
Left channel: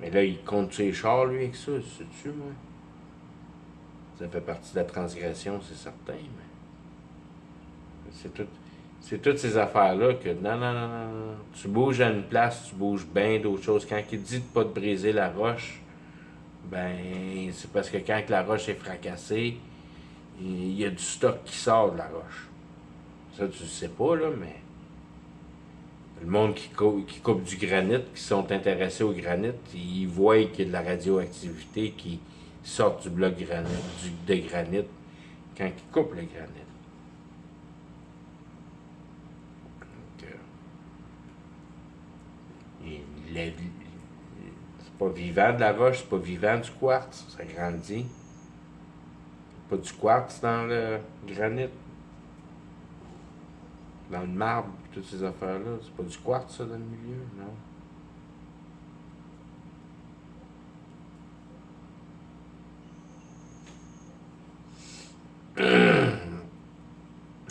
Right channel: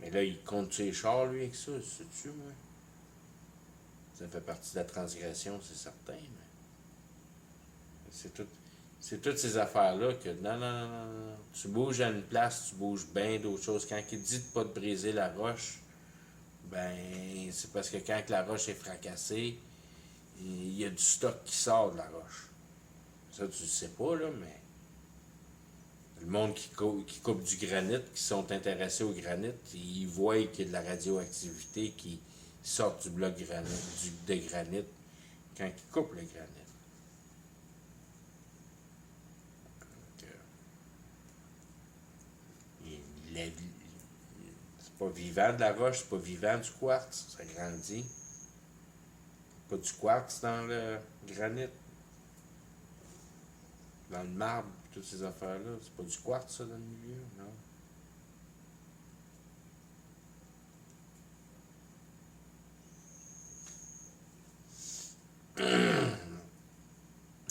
Mais là, il compte ses chars, lui, avec ça, sais-tu, moi? Ça fait partie de la transgression, c'est certain, mais. C'est toutes ces affaires-là que non. Tu bouges à une place, tu bouges bien d'autres choses. Quand il dit de pas te briser la roche, ben c'est parce que quand la roche est fracassée, il y a du stock qui sort de la roche. Ça, tu le sais pas, là, mais. Le monde qui coupe du granit, qui sont intéressés au granit, ils voient qu'il y a de la radioactivité qui sort du bloc de granit quand ils coupent le granit. C'est pas vivant de la roche, c'est pas vivant du quartz, ça grandit. Pas du quartz dans le granit, dans le marbre, toutes ces affaires-là. C'est pas du quartz, ça, dans le milieu, non.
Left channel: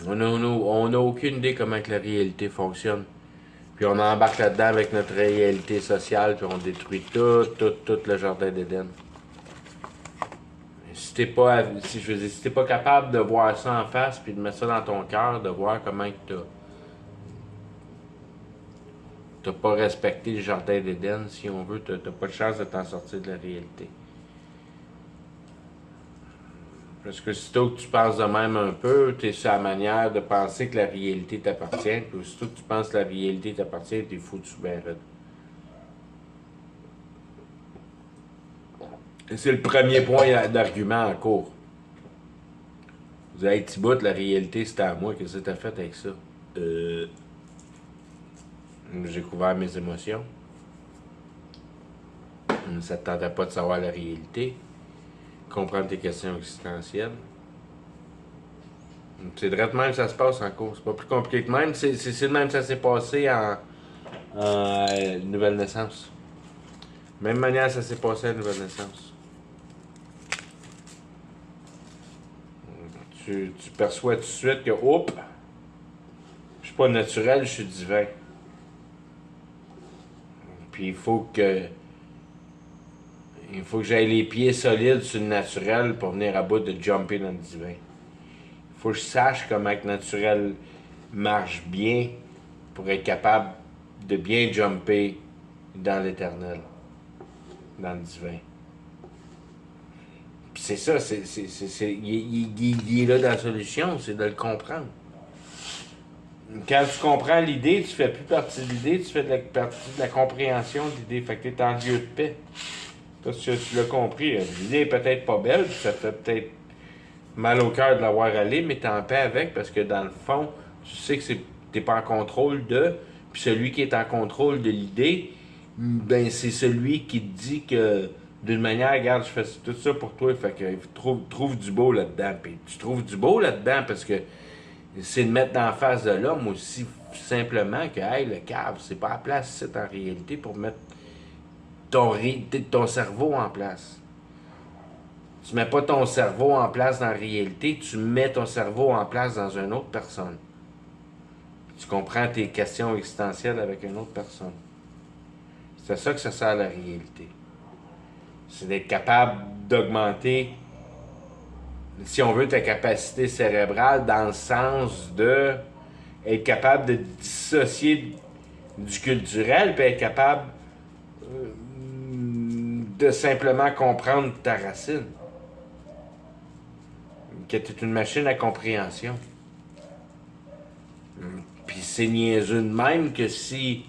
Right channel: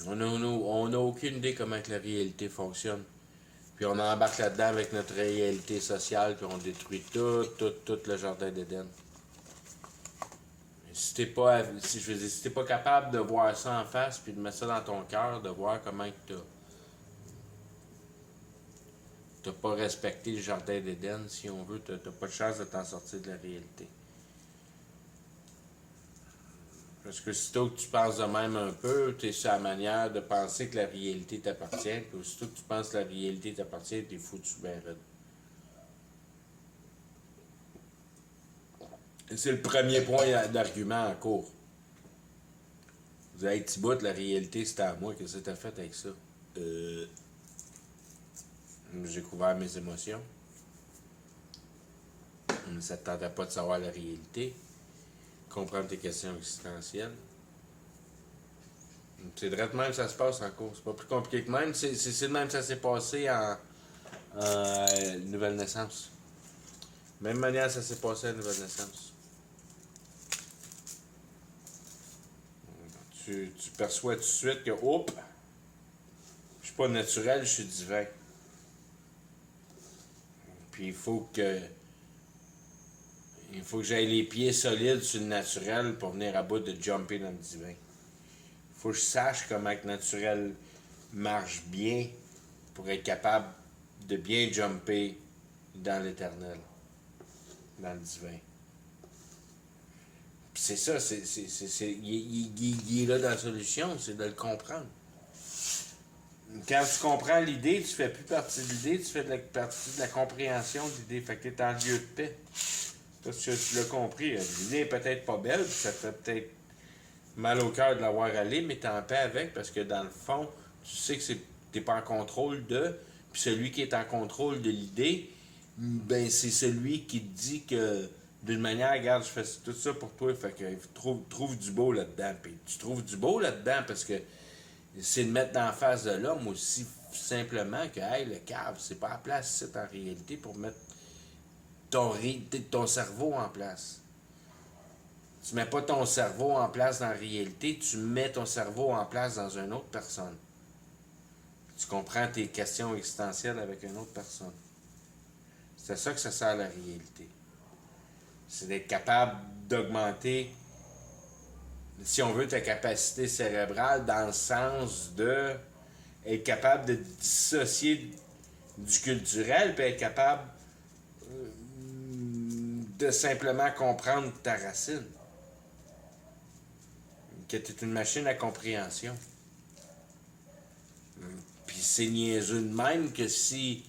On n'a aucune idée comment que la réalité fonctionne. Puis on embarque là-dedans avec notre réalité sociale, puis on détruit tout le jardin d'Éden. Si t'es pas, si t'es pas capable de voir ça en face, puis de mettre ça dans ton cœur, de voir comment t'as pas respecté le jardin d'Éden, si on veut, t'as pas de chance de t'en sortir de la réalité. Parce que sitôt que tu penses de même un peu, tu es sur la manière de penser que la réalité t'appartient. Puis aussitôt que tu penses que la réalité t'appartient, t'es foutu ben raide. Et c'est le premier point d'argument en cours. Vous avez petit bout, la réalité c'était à moi. Qu'est-ce que t'as fait avec ça? J'ai couvert mes émotions. Ça te tentait pas de savoir la réalité. Comprendre tes questions existentielles. C'est de même que ça se passe en cours. C'est pas plus compliqué que même. C'est de même que ça s'est passé en nouvelle naissance. Même manière que ça s'est passé à nouvelle naissance. Tu perçois tout de suite que, oups, je suis pas naturel, je suis divin. Puis il faut que j'aille les pieds solides sur le naturel pour venir à bout de jumper dans le divin. Il faut que je sache comment le naturel marche bien pour être capable de bien jumper dans l'éternel, dans le divin. Puis c'est ça, il est là dans la solution, c'est de le comprendre. Quand tu comprends l'idée, tu fais plus partie de l'idée, tu fais partie de la compréhension de l'idée. Fait que tu es en lieu de paix. Parce que tu l'as compris. L'idée est peut-être pas belle, puis ça fait peut-être mal au cœur de l'avoir allé, mais t'es en paix avec parce que dans le fond, tu sais que t'es pas en contrôle de. Puis celui qui est en contrôle de l'idée, ben c'est celui qui te dit que d'une manière, regarde, je fais tout ça pour toi, fait que trouve du beau là-dedans. Puis tu trouves du beau là-dedans parce que c'est de mettre en face de l'homme aussi simplement que hey, le cave, c'est pas la place c'est en réalité pour mettre ton cerveau en place. Tu mets pas ton cerveau en place dans la réalité, tu mets ton cerveau en place dans une autre personne. Tu comprends tes questions existentielles avec une autre personne. C'est à ça que ça sert la réalité. C'est d'être capable d'augmenter, si on veut, ta capacité cérébrale dans le sens de être capable de dissocier du culturel, puis être capable de simplement comprendre ta racine. Que tu es une machine à compréhension. Puis c'est niaiseux de même que si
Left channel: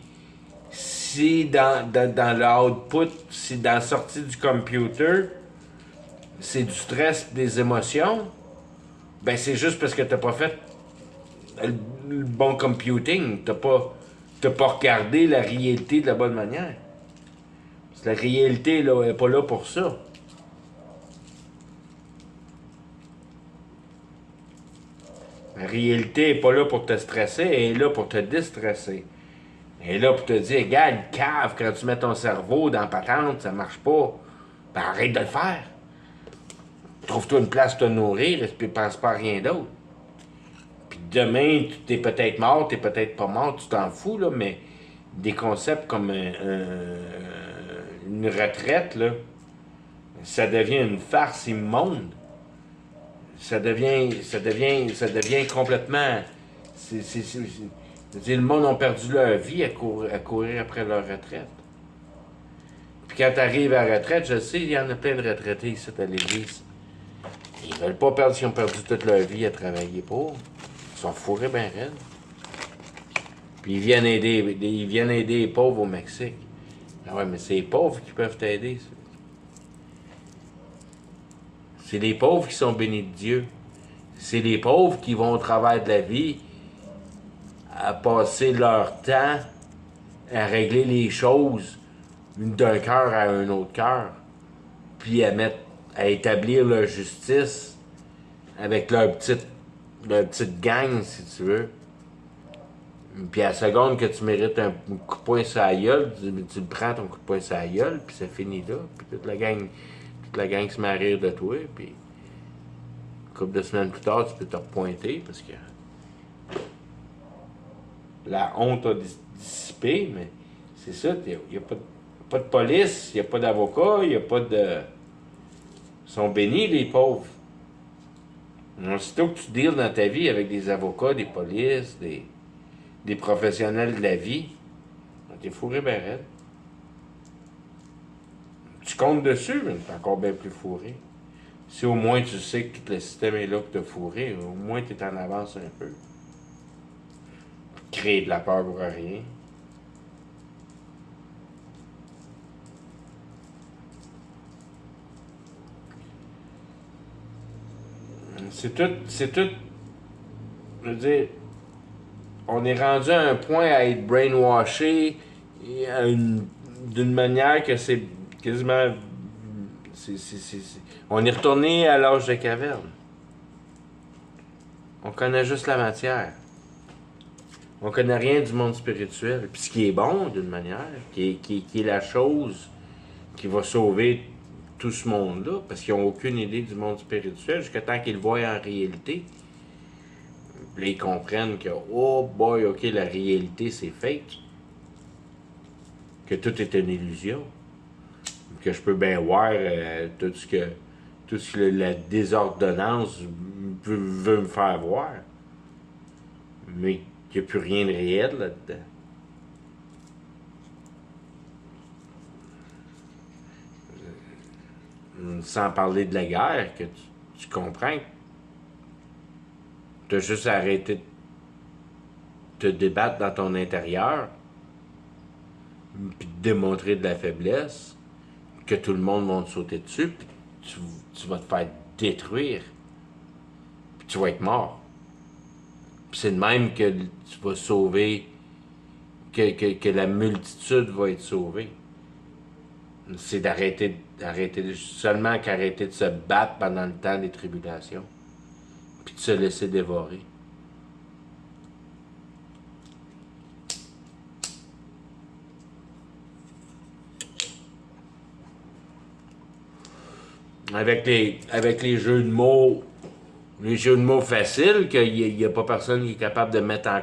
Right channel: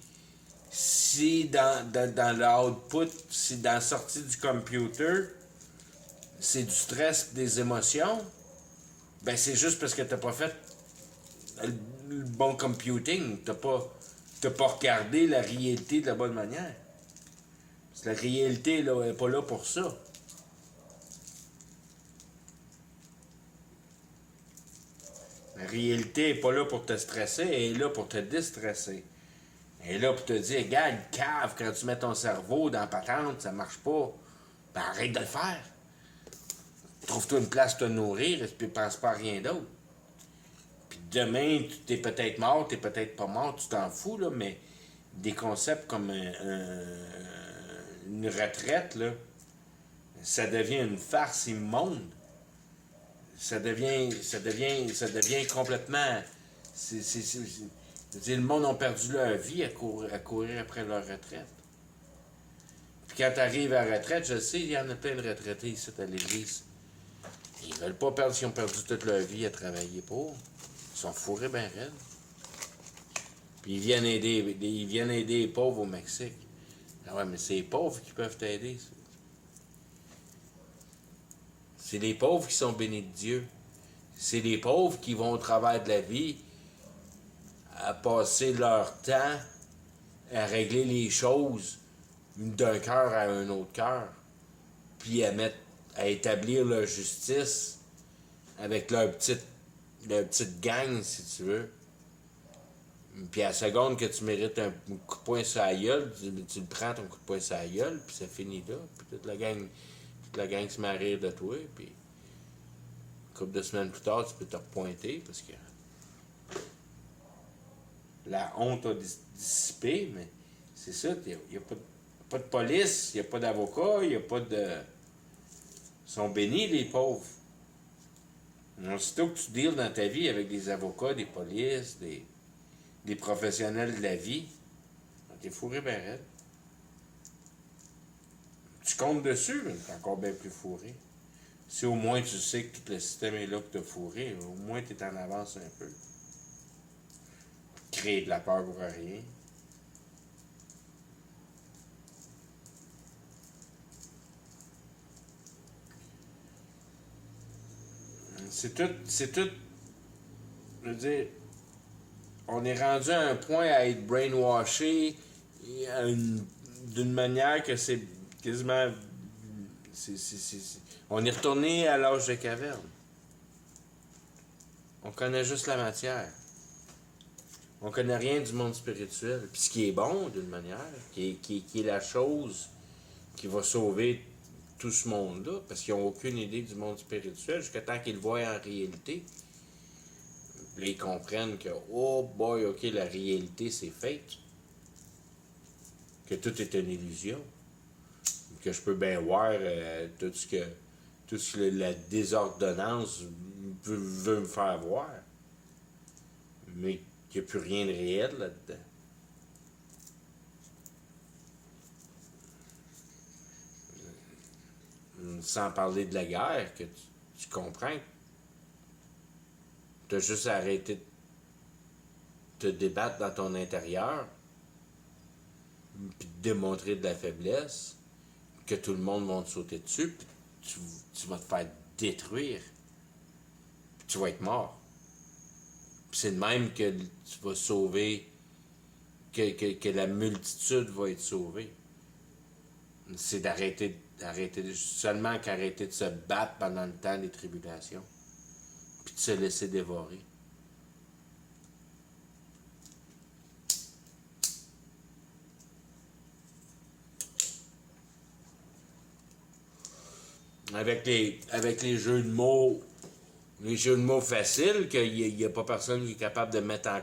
dans le output, si dans la sortie du computer, c'est du stress des émotions, ben c'est juste parce que t'as pas fait le bon computing. T'as pas regardé la réalité de la bonne manière. Parce que la réalité là, est pas là pour ça. La réalité n'est pas là pour te stresser, elle est là pour te déstresser. Elle est là pour te dire, regarde, cave, quand tu mets ton cerveau dans la patente, ça marche pas. Ben arrête de le faire. Trouve-toi une place pour te nourrir et puis pense pas à rien d'autre. Puis demain, tu es peut-être mort, t'es peut-être pas mort, tu t'en fous, là, mais des concepts comme une retraite, là, ça devient une farce immonde. Ça devient complètement. Le monde a perdu leur vie à courir après leur retraite. Puis quand tu arrives à la retraite, je sais, il y en a plein de retraités ici à l'église. Ils veulent pas perdre s'ils ont perdu toute leur vie à travailler pour. Ils sont fourrés bien raides. Puis ils viennent aider les pauvres au Mexique. Ah ouais, mais c'est les pauvres qui peuvent t'aider, ça. C'est les pauvres qui sont bénis de Dieu. C'est les pauvres qui vont au travers de la vie à passer leur temps à régler les choses d'un cœur à un autre cœur, puis à établir leur justice avec leur petite gang, si tu veux. Puis à la seconde que tu mérites un coup de poing sur la gueule, tu le prends ton coup de poing sur la gueule, puis c'est fini là. Puis toute la gang se met à rire de toi, puis une couple de semaines plus tard, tu peux te repointer parce que la honte a dissipé, mais c'est ça, il n'y a pas de police, il n'y a pas d'avocat, il n'y a pas de. Ils sont bénis, les pauvres. Aussitôt que tu deals dans ta vie avec des avocats, des polices, des professionnels de la vie, t'es fourré ben raide. Tu comptes dessus, mais t'es encore bien plus fourré. Si au moins tu sais que tout le système est là pour te fourrer, au moins tu es en avance un peu. Créer de la peur pour rien. C'est tout, je veux dire, on est rendu à un point à être brainwashé d'une manière que c'est quasiment. On est retourné à l'âge de caverne. On connaît juste la matière. On connaît rien du monde spirituel. Puis ce qui est bon, d'une manière, qui est la chose qui va sauver tout ce monde-là, parce qu'ils n'ont aucune idée du monde spirituel, jusqu'à temps qu'ils le voient en réalité. Puis ils comprennent que, oh boy, ok, la réalité c'est fake. Que tout est une illusion. Que je peux bien voir tout ce que la désordonnance veut me faire voir. Mais qu'il n'y a plus rien de réel là-dedans. Sans parler de la guerre, que tu comprends que tu as juste arrêté de te débattre dans ton intérieur, puis de démontrer de la faiblesse, que tout le monde va te sauter dessus, puis tu vas te faire détruire, puis tu vas être mort. Puis c'est de même que tu vas sauver, que la multitude va être sauvée. C'est seulement qu'arrêter de se battre pendant le temps des tribulations, puis de se laisser dévorer. Avec les jeux de mots, les jeux de mots faciles, qu'il n'y a pas personne qui est capable de mettre en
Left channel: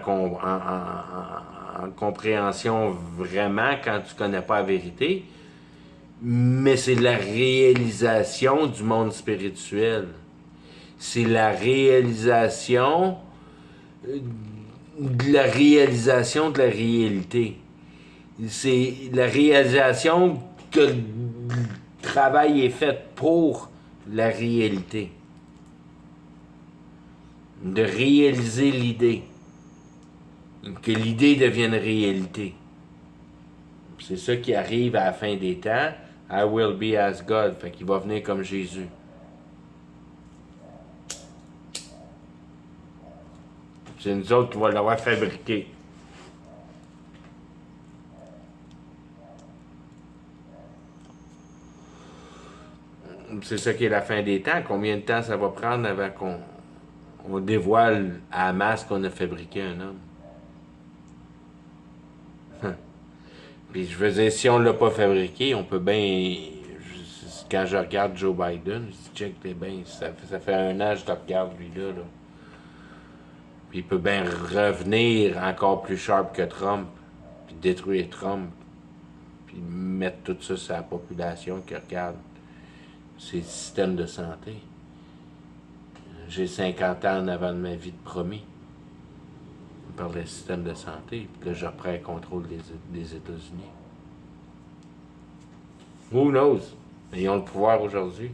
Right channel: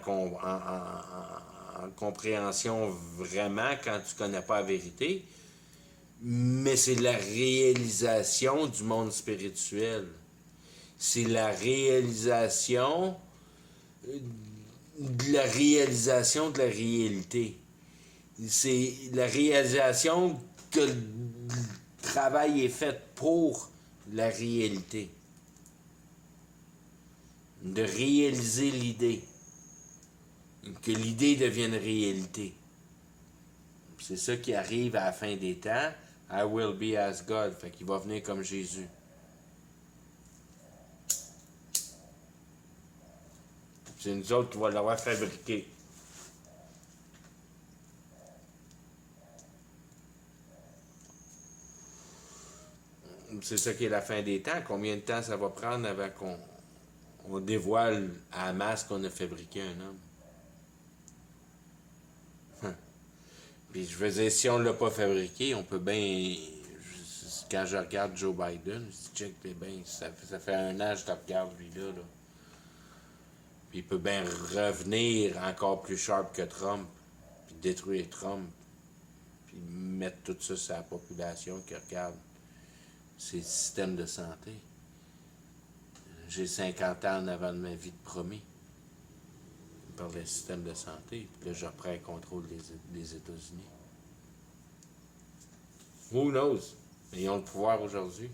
compréhension vraiment quand tu connais pas la vérité, mais c'est la réalisation du monde spirituel. C'est la réalisation de la réalisation de la réalité. C'est la réalisation que le travail est fait pour la réalité. De réaliser l'idée. Que l'idée devienne réalité. C'est ça qui arrive à la fin des temps. I will be as God. Fait qu'il va venir comme Jésus. C'est nous autres qui va l'avoir fabriqué. C'est ça qui est la fin des temps. Combien de temps ça va prendre avant qu'on dévoile à la masse qu'on a fabriqué un homme? Puis je veux dire, si on l'a pas fabriqué, on peut bien. Quand je regarde Joe Biden, je dis, check, t'es bien, ça fait un an que je te regarde lui-là. Là. Puis il peut bien revenir encore plus sharp que Trump, puis détruire Trump, puis mettre tout ça sur la population qui regarde. C'est le système de santé. J'ai 50 ans en avant de ma vie de promis. Par le système de santé. Puis là, je reprends le contrôle des États-Unis. Who knows? Ils ont le pouvoir aujourd'hui.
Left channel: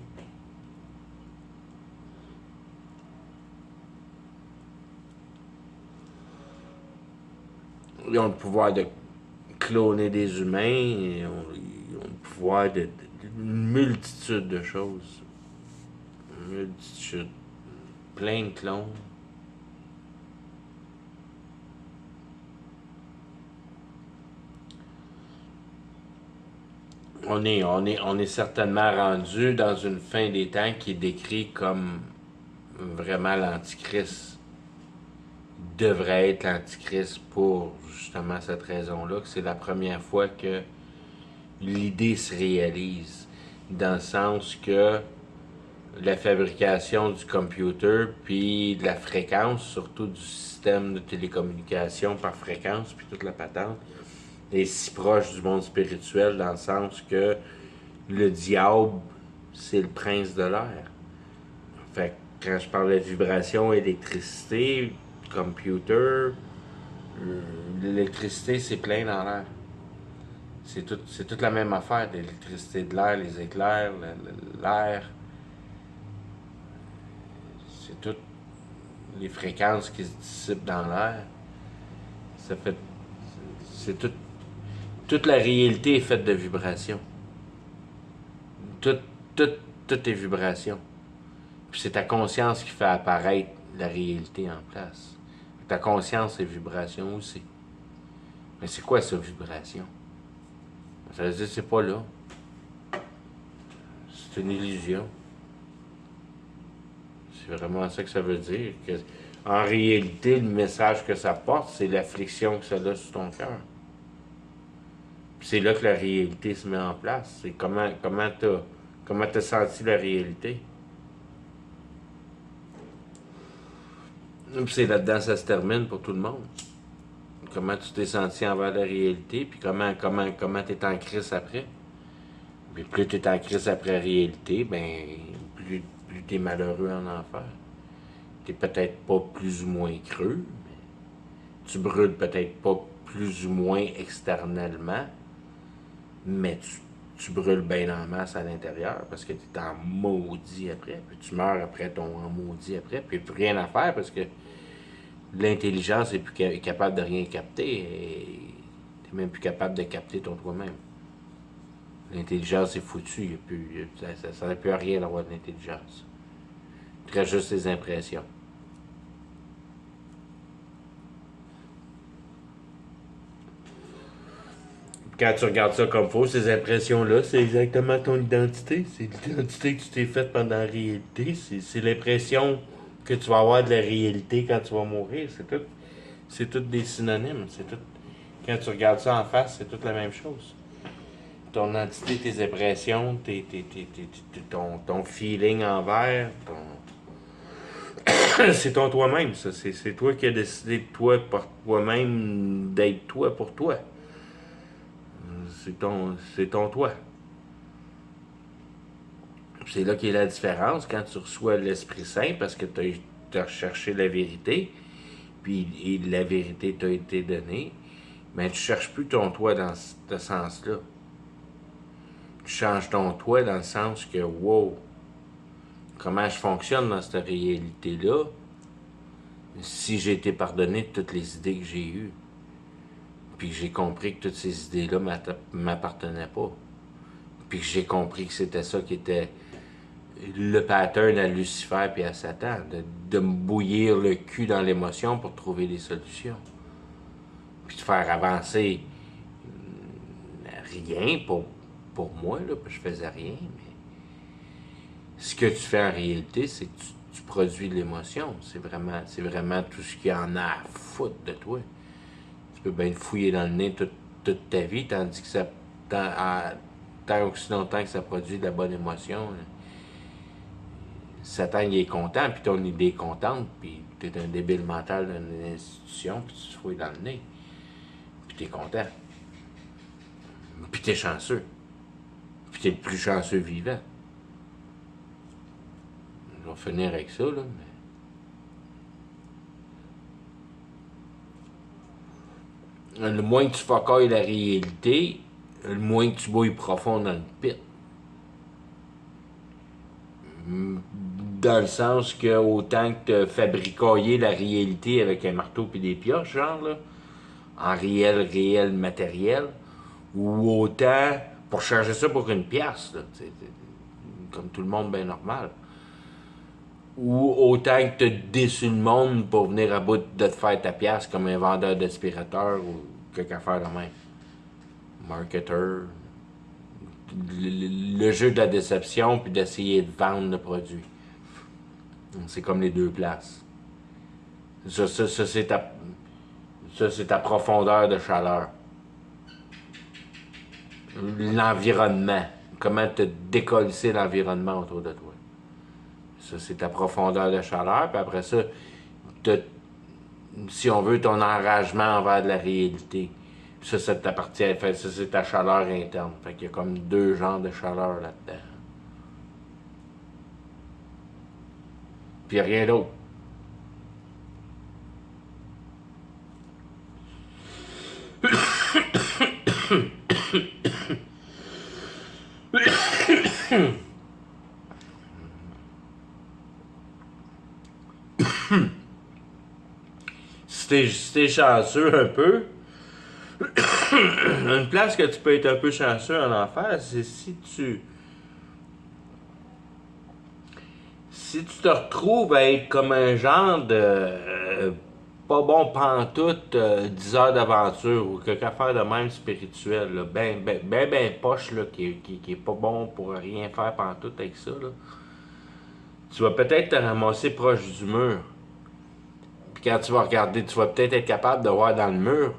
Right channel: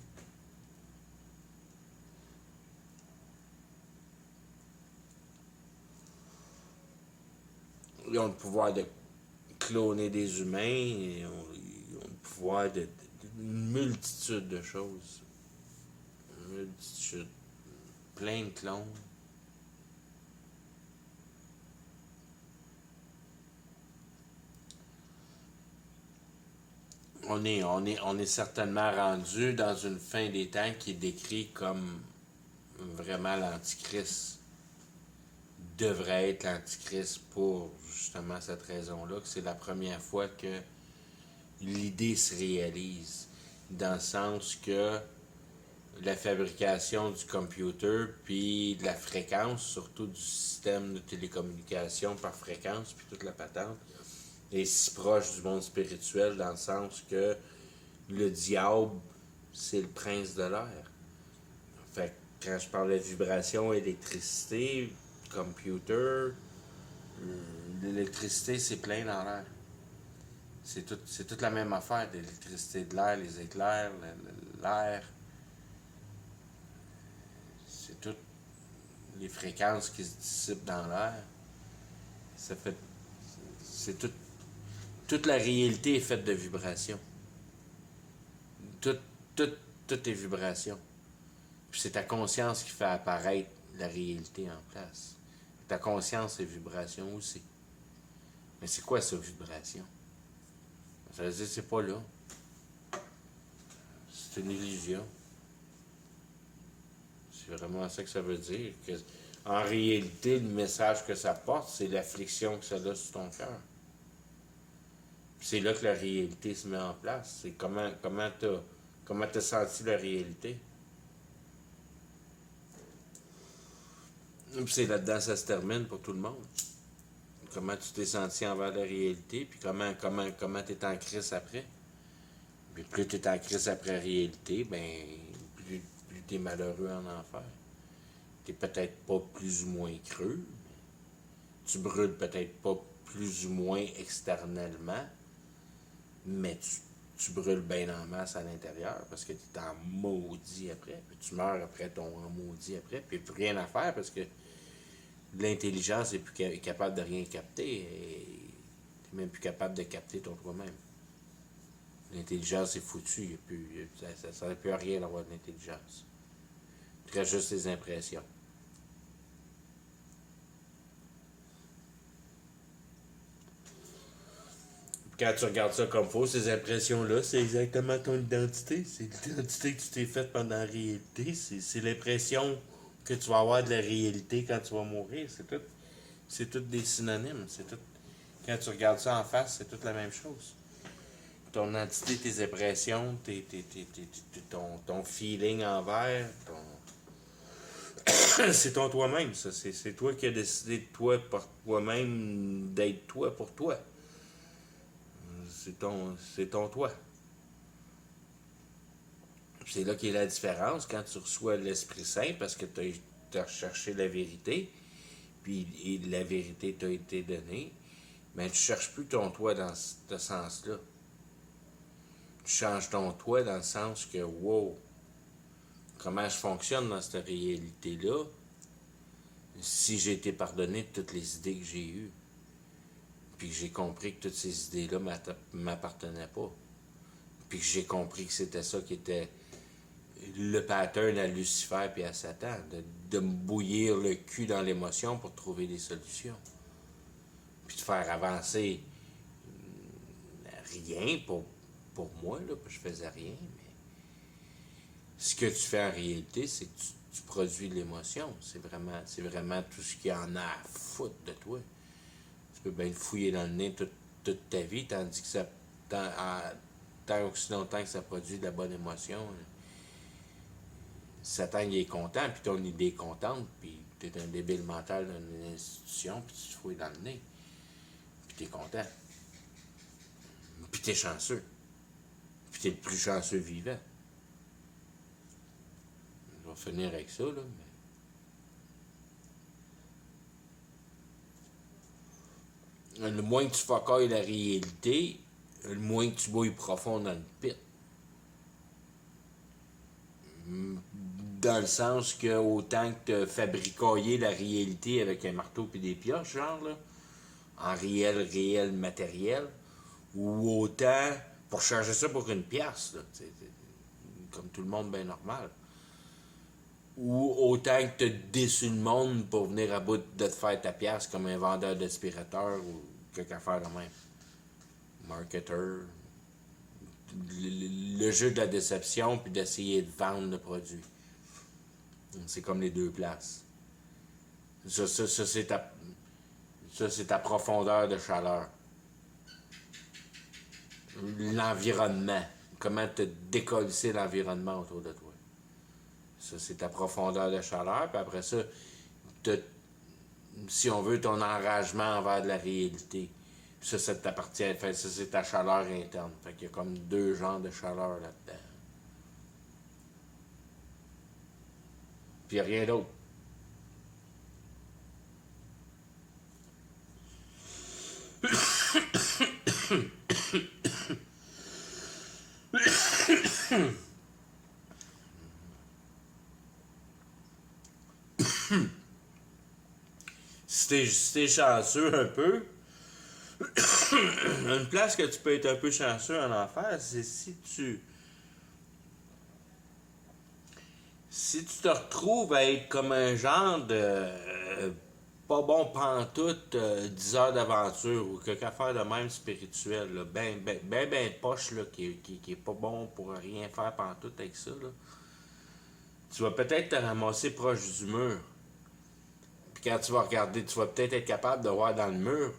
Ils ont le pouvoir de cloner des humains. Ils ont le pouvoir d'une multitude de choses. Une multitude. Plein de clones. On est certainement rendu dans une fin des temps qui est décrite comme vraiment l'Antichrist. Devrait être l'Antichrist pour justement cette raison-là, que c'est la première fois que l'idée se réalise. Dans le sens que la fabrication du computer, puis de la fréquence, surtout du système de télécommunication par fréquence, puis toute la patente, est si proche du monde spirituel dans le sens que le diable, c'est le prince de l'air. Fait que quand je parle de vibration, électricité, computer, l'électricité, c'est plein dans l'air. C'est toute la même affaire, l'électricité de l'air, les éclairs, l'air. C'est toutes les fréquences qui se dissipent dans l'air. Ça fait. C'est tout. Toute la réalité est faite de vibrations. Tout, tout, tout est vibration. Puis c'est ta conscience qui fait apparaître la réalité en place. Ta conscience est vibration aussi. Mais c'est quoi ça, vibration? Ça veut dire que c'est pas là. C'est une illusion. C'est vraiment ça que ça veut dire. Que, en réalité, le message que ça porte, c'est l'affliction que ça a sur ton cœur. C'est là que la réalité se met en place. C'est comment t'as senti la réalité. Puis c'est là-dedans ça se termine pour tout le monde. Comment tu t'es senti envers la réalité, puis comment t'es en crise après. Puis plus t'es en crise après la réalité, ben plus t'es malheureux en enfer. T'es peut-être pas plus ou moins creux, mais tu brûles peut-être pas plus ou moins externellement, mais tu brûles bien en masse à l'intérieur parce que tu es en maudit après, puis tu meurs après ton en maudit après, puis plus rien à faire parce que l'intelligence est plus capable de rien capter et tu même plus capable de capter ton toi-même. L'intelligence est foutue, ça n'a plus à rien d'avoir de l'intelligence. Tu restes juste tes impressions. Quand tu regardes ça comme faux, ces impressions-là, c'est exactement ton identité. C'est l'identité que tu t'es faite pendant la réalité. C'est l'impression que tu vas avoir de la réalité quand tu vas mourir. C'est tout des synonymes. Quand tu regardes ça en face, c'est toute la même chose. Ton identité, tes impressions, ton feeling envers, c'est ton toi-même, ça. C'est toi qui as décidé de toi par toi-même d'être toi pour toi. C'est ton toi. C'est là qu'est la différence quand tu reçois l'Esprit Saint parce que tu as recherché la vérité, puis et la vérité t'a été donnée, mais tu cherches plus ton toi dans ce sens-là. Tu changes ton toi dans le sens que, wow, comment je fonctionne dans cette réalité-là si j'ai été pardonné de toutes les idées que j'ai eues. Puis que j'ai compris que toutes ces idées-là m'appartenaient pas. Puis que j'ai compris que c'était ça qui était le pattern à Lucifer et à Satan, de me bouillir le cul dans l'émotion pour trouver des solutions. Puis de faire avancer rien pour moi, là, je faisais rien, mais ce que tu fais en réalité, c'est que tu produis de l'émotion. C'est vraiment tout ce qu'il y en a à foutre de toi. Tu peux bien te fouiller dans le nez toute ta vie, tandis que ça, tant aussi longtemps que ça produit de la bonne émotion, là, Satan il est content, puis ton idée est contente, puis t'es un débile mental d'une institution, puis tu te fouilles dans le nez. Puis t'es content. Puis t'es chanceux. Puis t'es le plus chanceux vivant. On va finir avec ça, là, mais... Le moins que tu focailles la réalité, le moins que tu bouilles profond dans le pit. Dans le sens que autant que tu fabricaillé la réalité avec un marteau et des pioches, genre, là, en réel matériel, ou autant pour changer ça pour une pièce, là, comme tout le monde bien normal. Ou autant que tu déçu le monde pour venir à bout de te faire ta pièce comme un vendeur d'aspirateur ou quelque affaire de même. Marketeur. Le jeu de la déception puis d'essayer de vendre le produit. C'est comme les deux places. Ça c'est ta profondeur de chaleur. L'environnement. Comment te décoller l'environnement autour de toi. Ça, c'est ta profondeur de chaleur. Puis après ça, si on veut, ton enragement envers de la réalité. Puis ça t'appartient. Ça, c'est ta chaleur interne. Fait qu'il y a comme deux genres de chaleur là-dedans. Puis il n'y a rien d'autre. Si t'es chanceux un peu, une place que tu peux être un peu chanceux en enfer, c'est si tu te retrouves à être comme un genre de pas bon pantoute 10 heures d'aventure ou quelque affaire de même spirituel, là, ben poche là, qui est pas bon pour rien faire pantoute avec ça, là, tu vas peut-être te ramasser proche du mur. Puis quand tu vas regarder, tu vas peut-être être capable de voir dans le mur,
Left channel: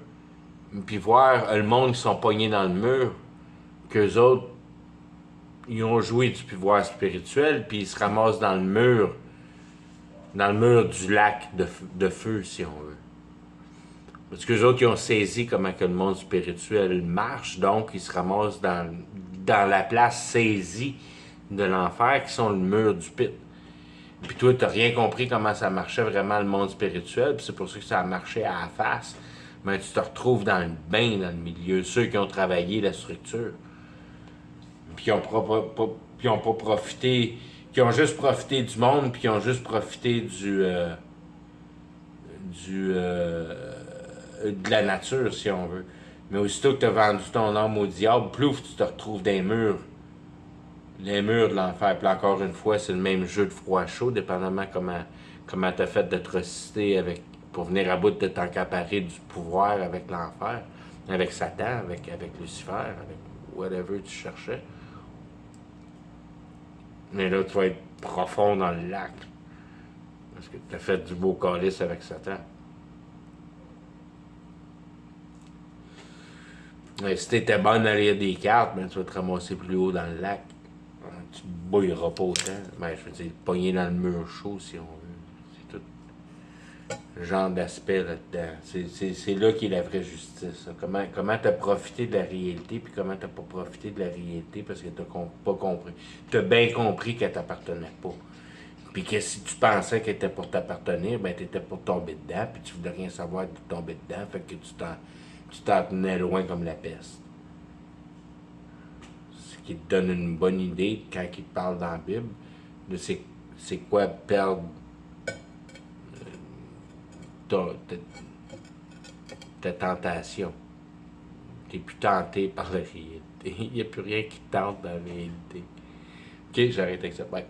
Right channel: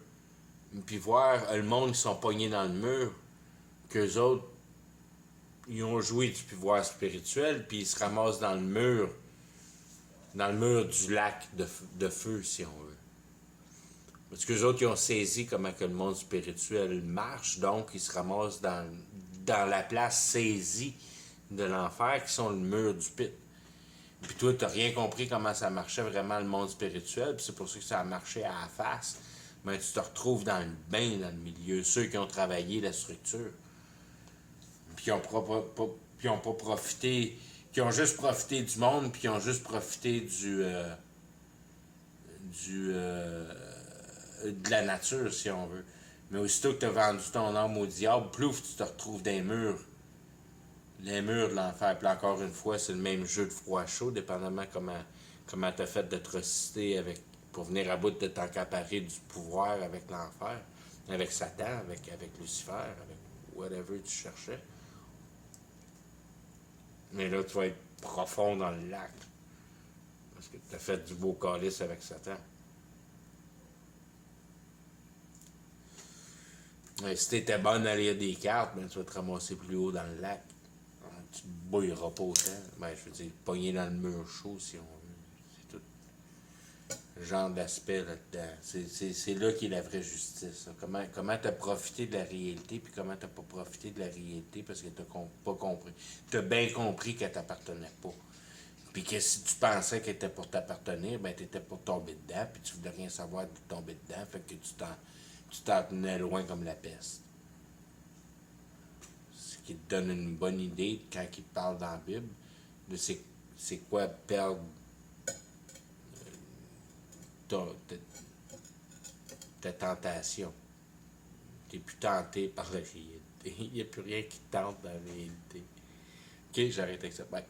puis voir le monde qui sont pognés dans le mur, qu'eux autres, ils ont joué du pouvoir spirituel, puis ils se ramassent dans le mur du lac de feu, si on veut. Parce que les autres, ils ont saisi comment que le monde spirituel marche, donc ils se ramassent dans la place saisie de l'enfer, qui sont le mur du pit. Puis toi, t'as rien compris comment ça marchait vraiment le monde spirituel, puis c'est pour ça que ça a marché à la face. Mais tu te retrouves dans le bain, dans le milieu, ceux qui ont travaillé la structure. Puis qui ont pas profité, qui ont juste profité du monde, puis qui ont juste profité de la nature, si on veut. Mais aussitôt que tu as vendu ton âme au diable, plouf, tu te retrouves dans les murs de l'enfer. Puis encore une fois, c'est le même jeu de froid-chaud, dépendamment comment tu as fait d'atrocité pour venir à bout de t'encaparer du pouvoir avec l'enfer, avec Satan, avec Lucifer, avec whatever tu cherchais. Mais là, tu vas être profond dans le lac. Parce que tu as fait du beau calice avec Satan. Mais si t'étais bonne à lire des cartes, ben, tu vas te ramasser plus haut dans le lac. Tu te bouilleras pas autant. Ben, je veux dire, pogner dans le mur chaud, si on veut. C'est tout le genre d'aspect là-dedans. C'est là qu'est la vraie justice. Comment t'as profité de la réalité, puis comment t'as pas profité de la réalité parce que t'as pas compris. T'as bien compris qu'elle t'appartenait pas. Puis que si tu pensais qu'elle était pour t'appartenir, ben t'étais pour tomber dedans, puis tu voulais rien savoir de tomber dedans, fait que tu t'en tenais loin comme la peste. Ce qui te donne une bonne idée quand il te parle dans la Bible de c'est quoi perdre ta tentation. T'es plus tenté par la réalité. Il n'y a plus rien qui te tente dans la réalité. Ok, j'arrête avec ça. Bye.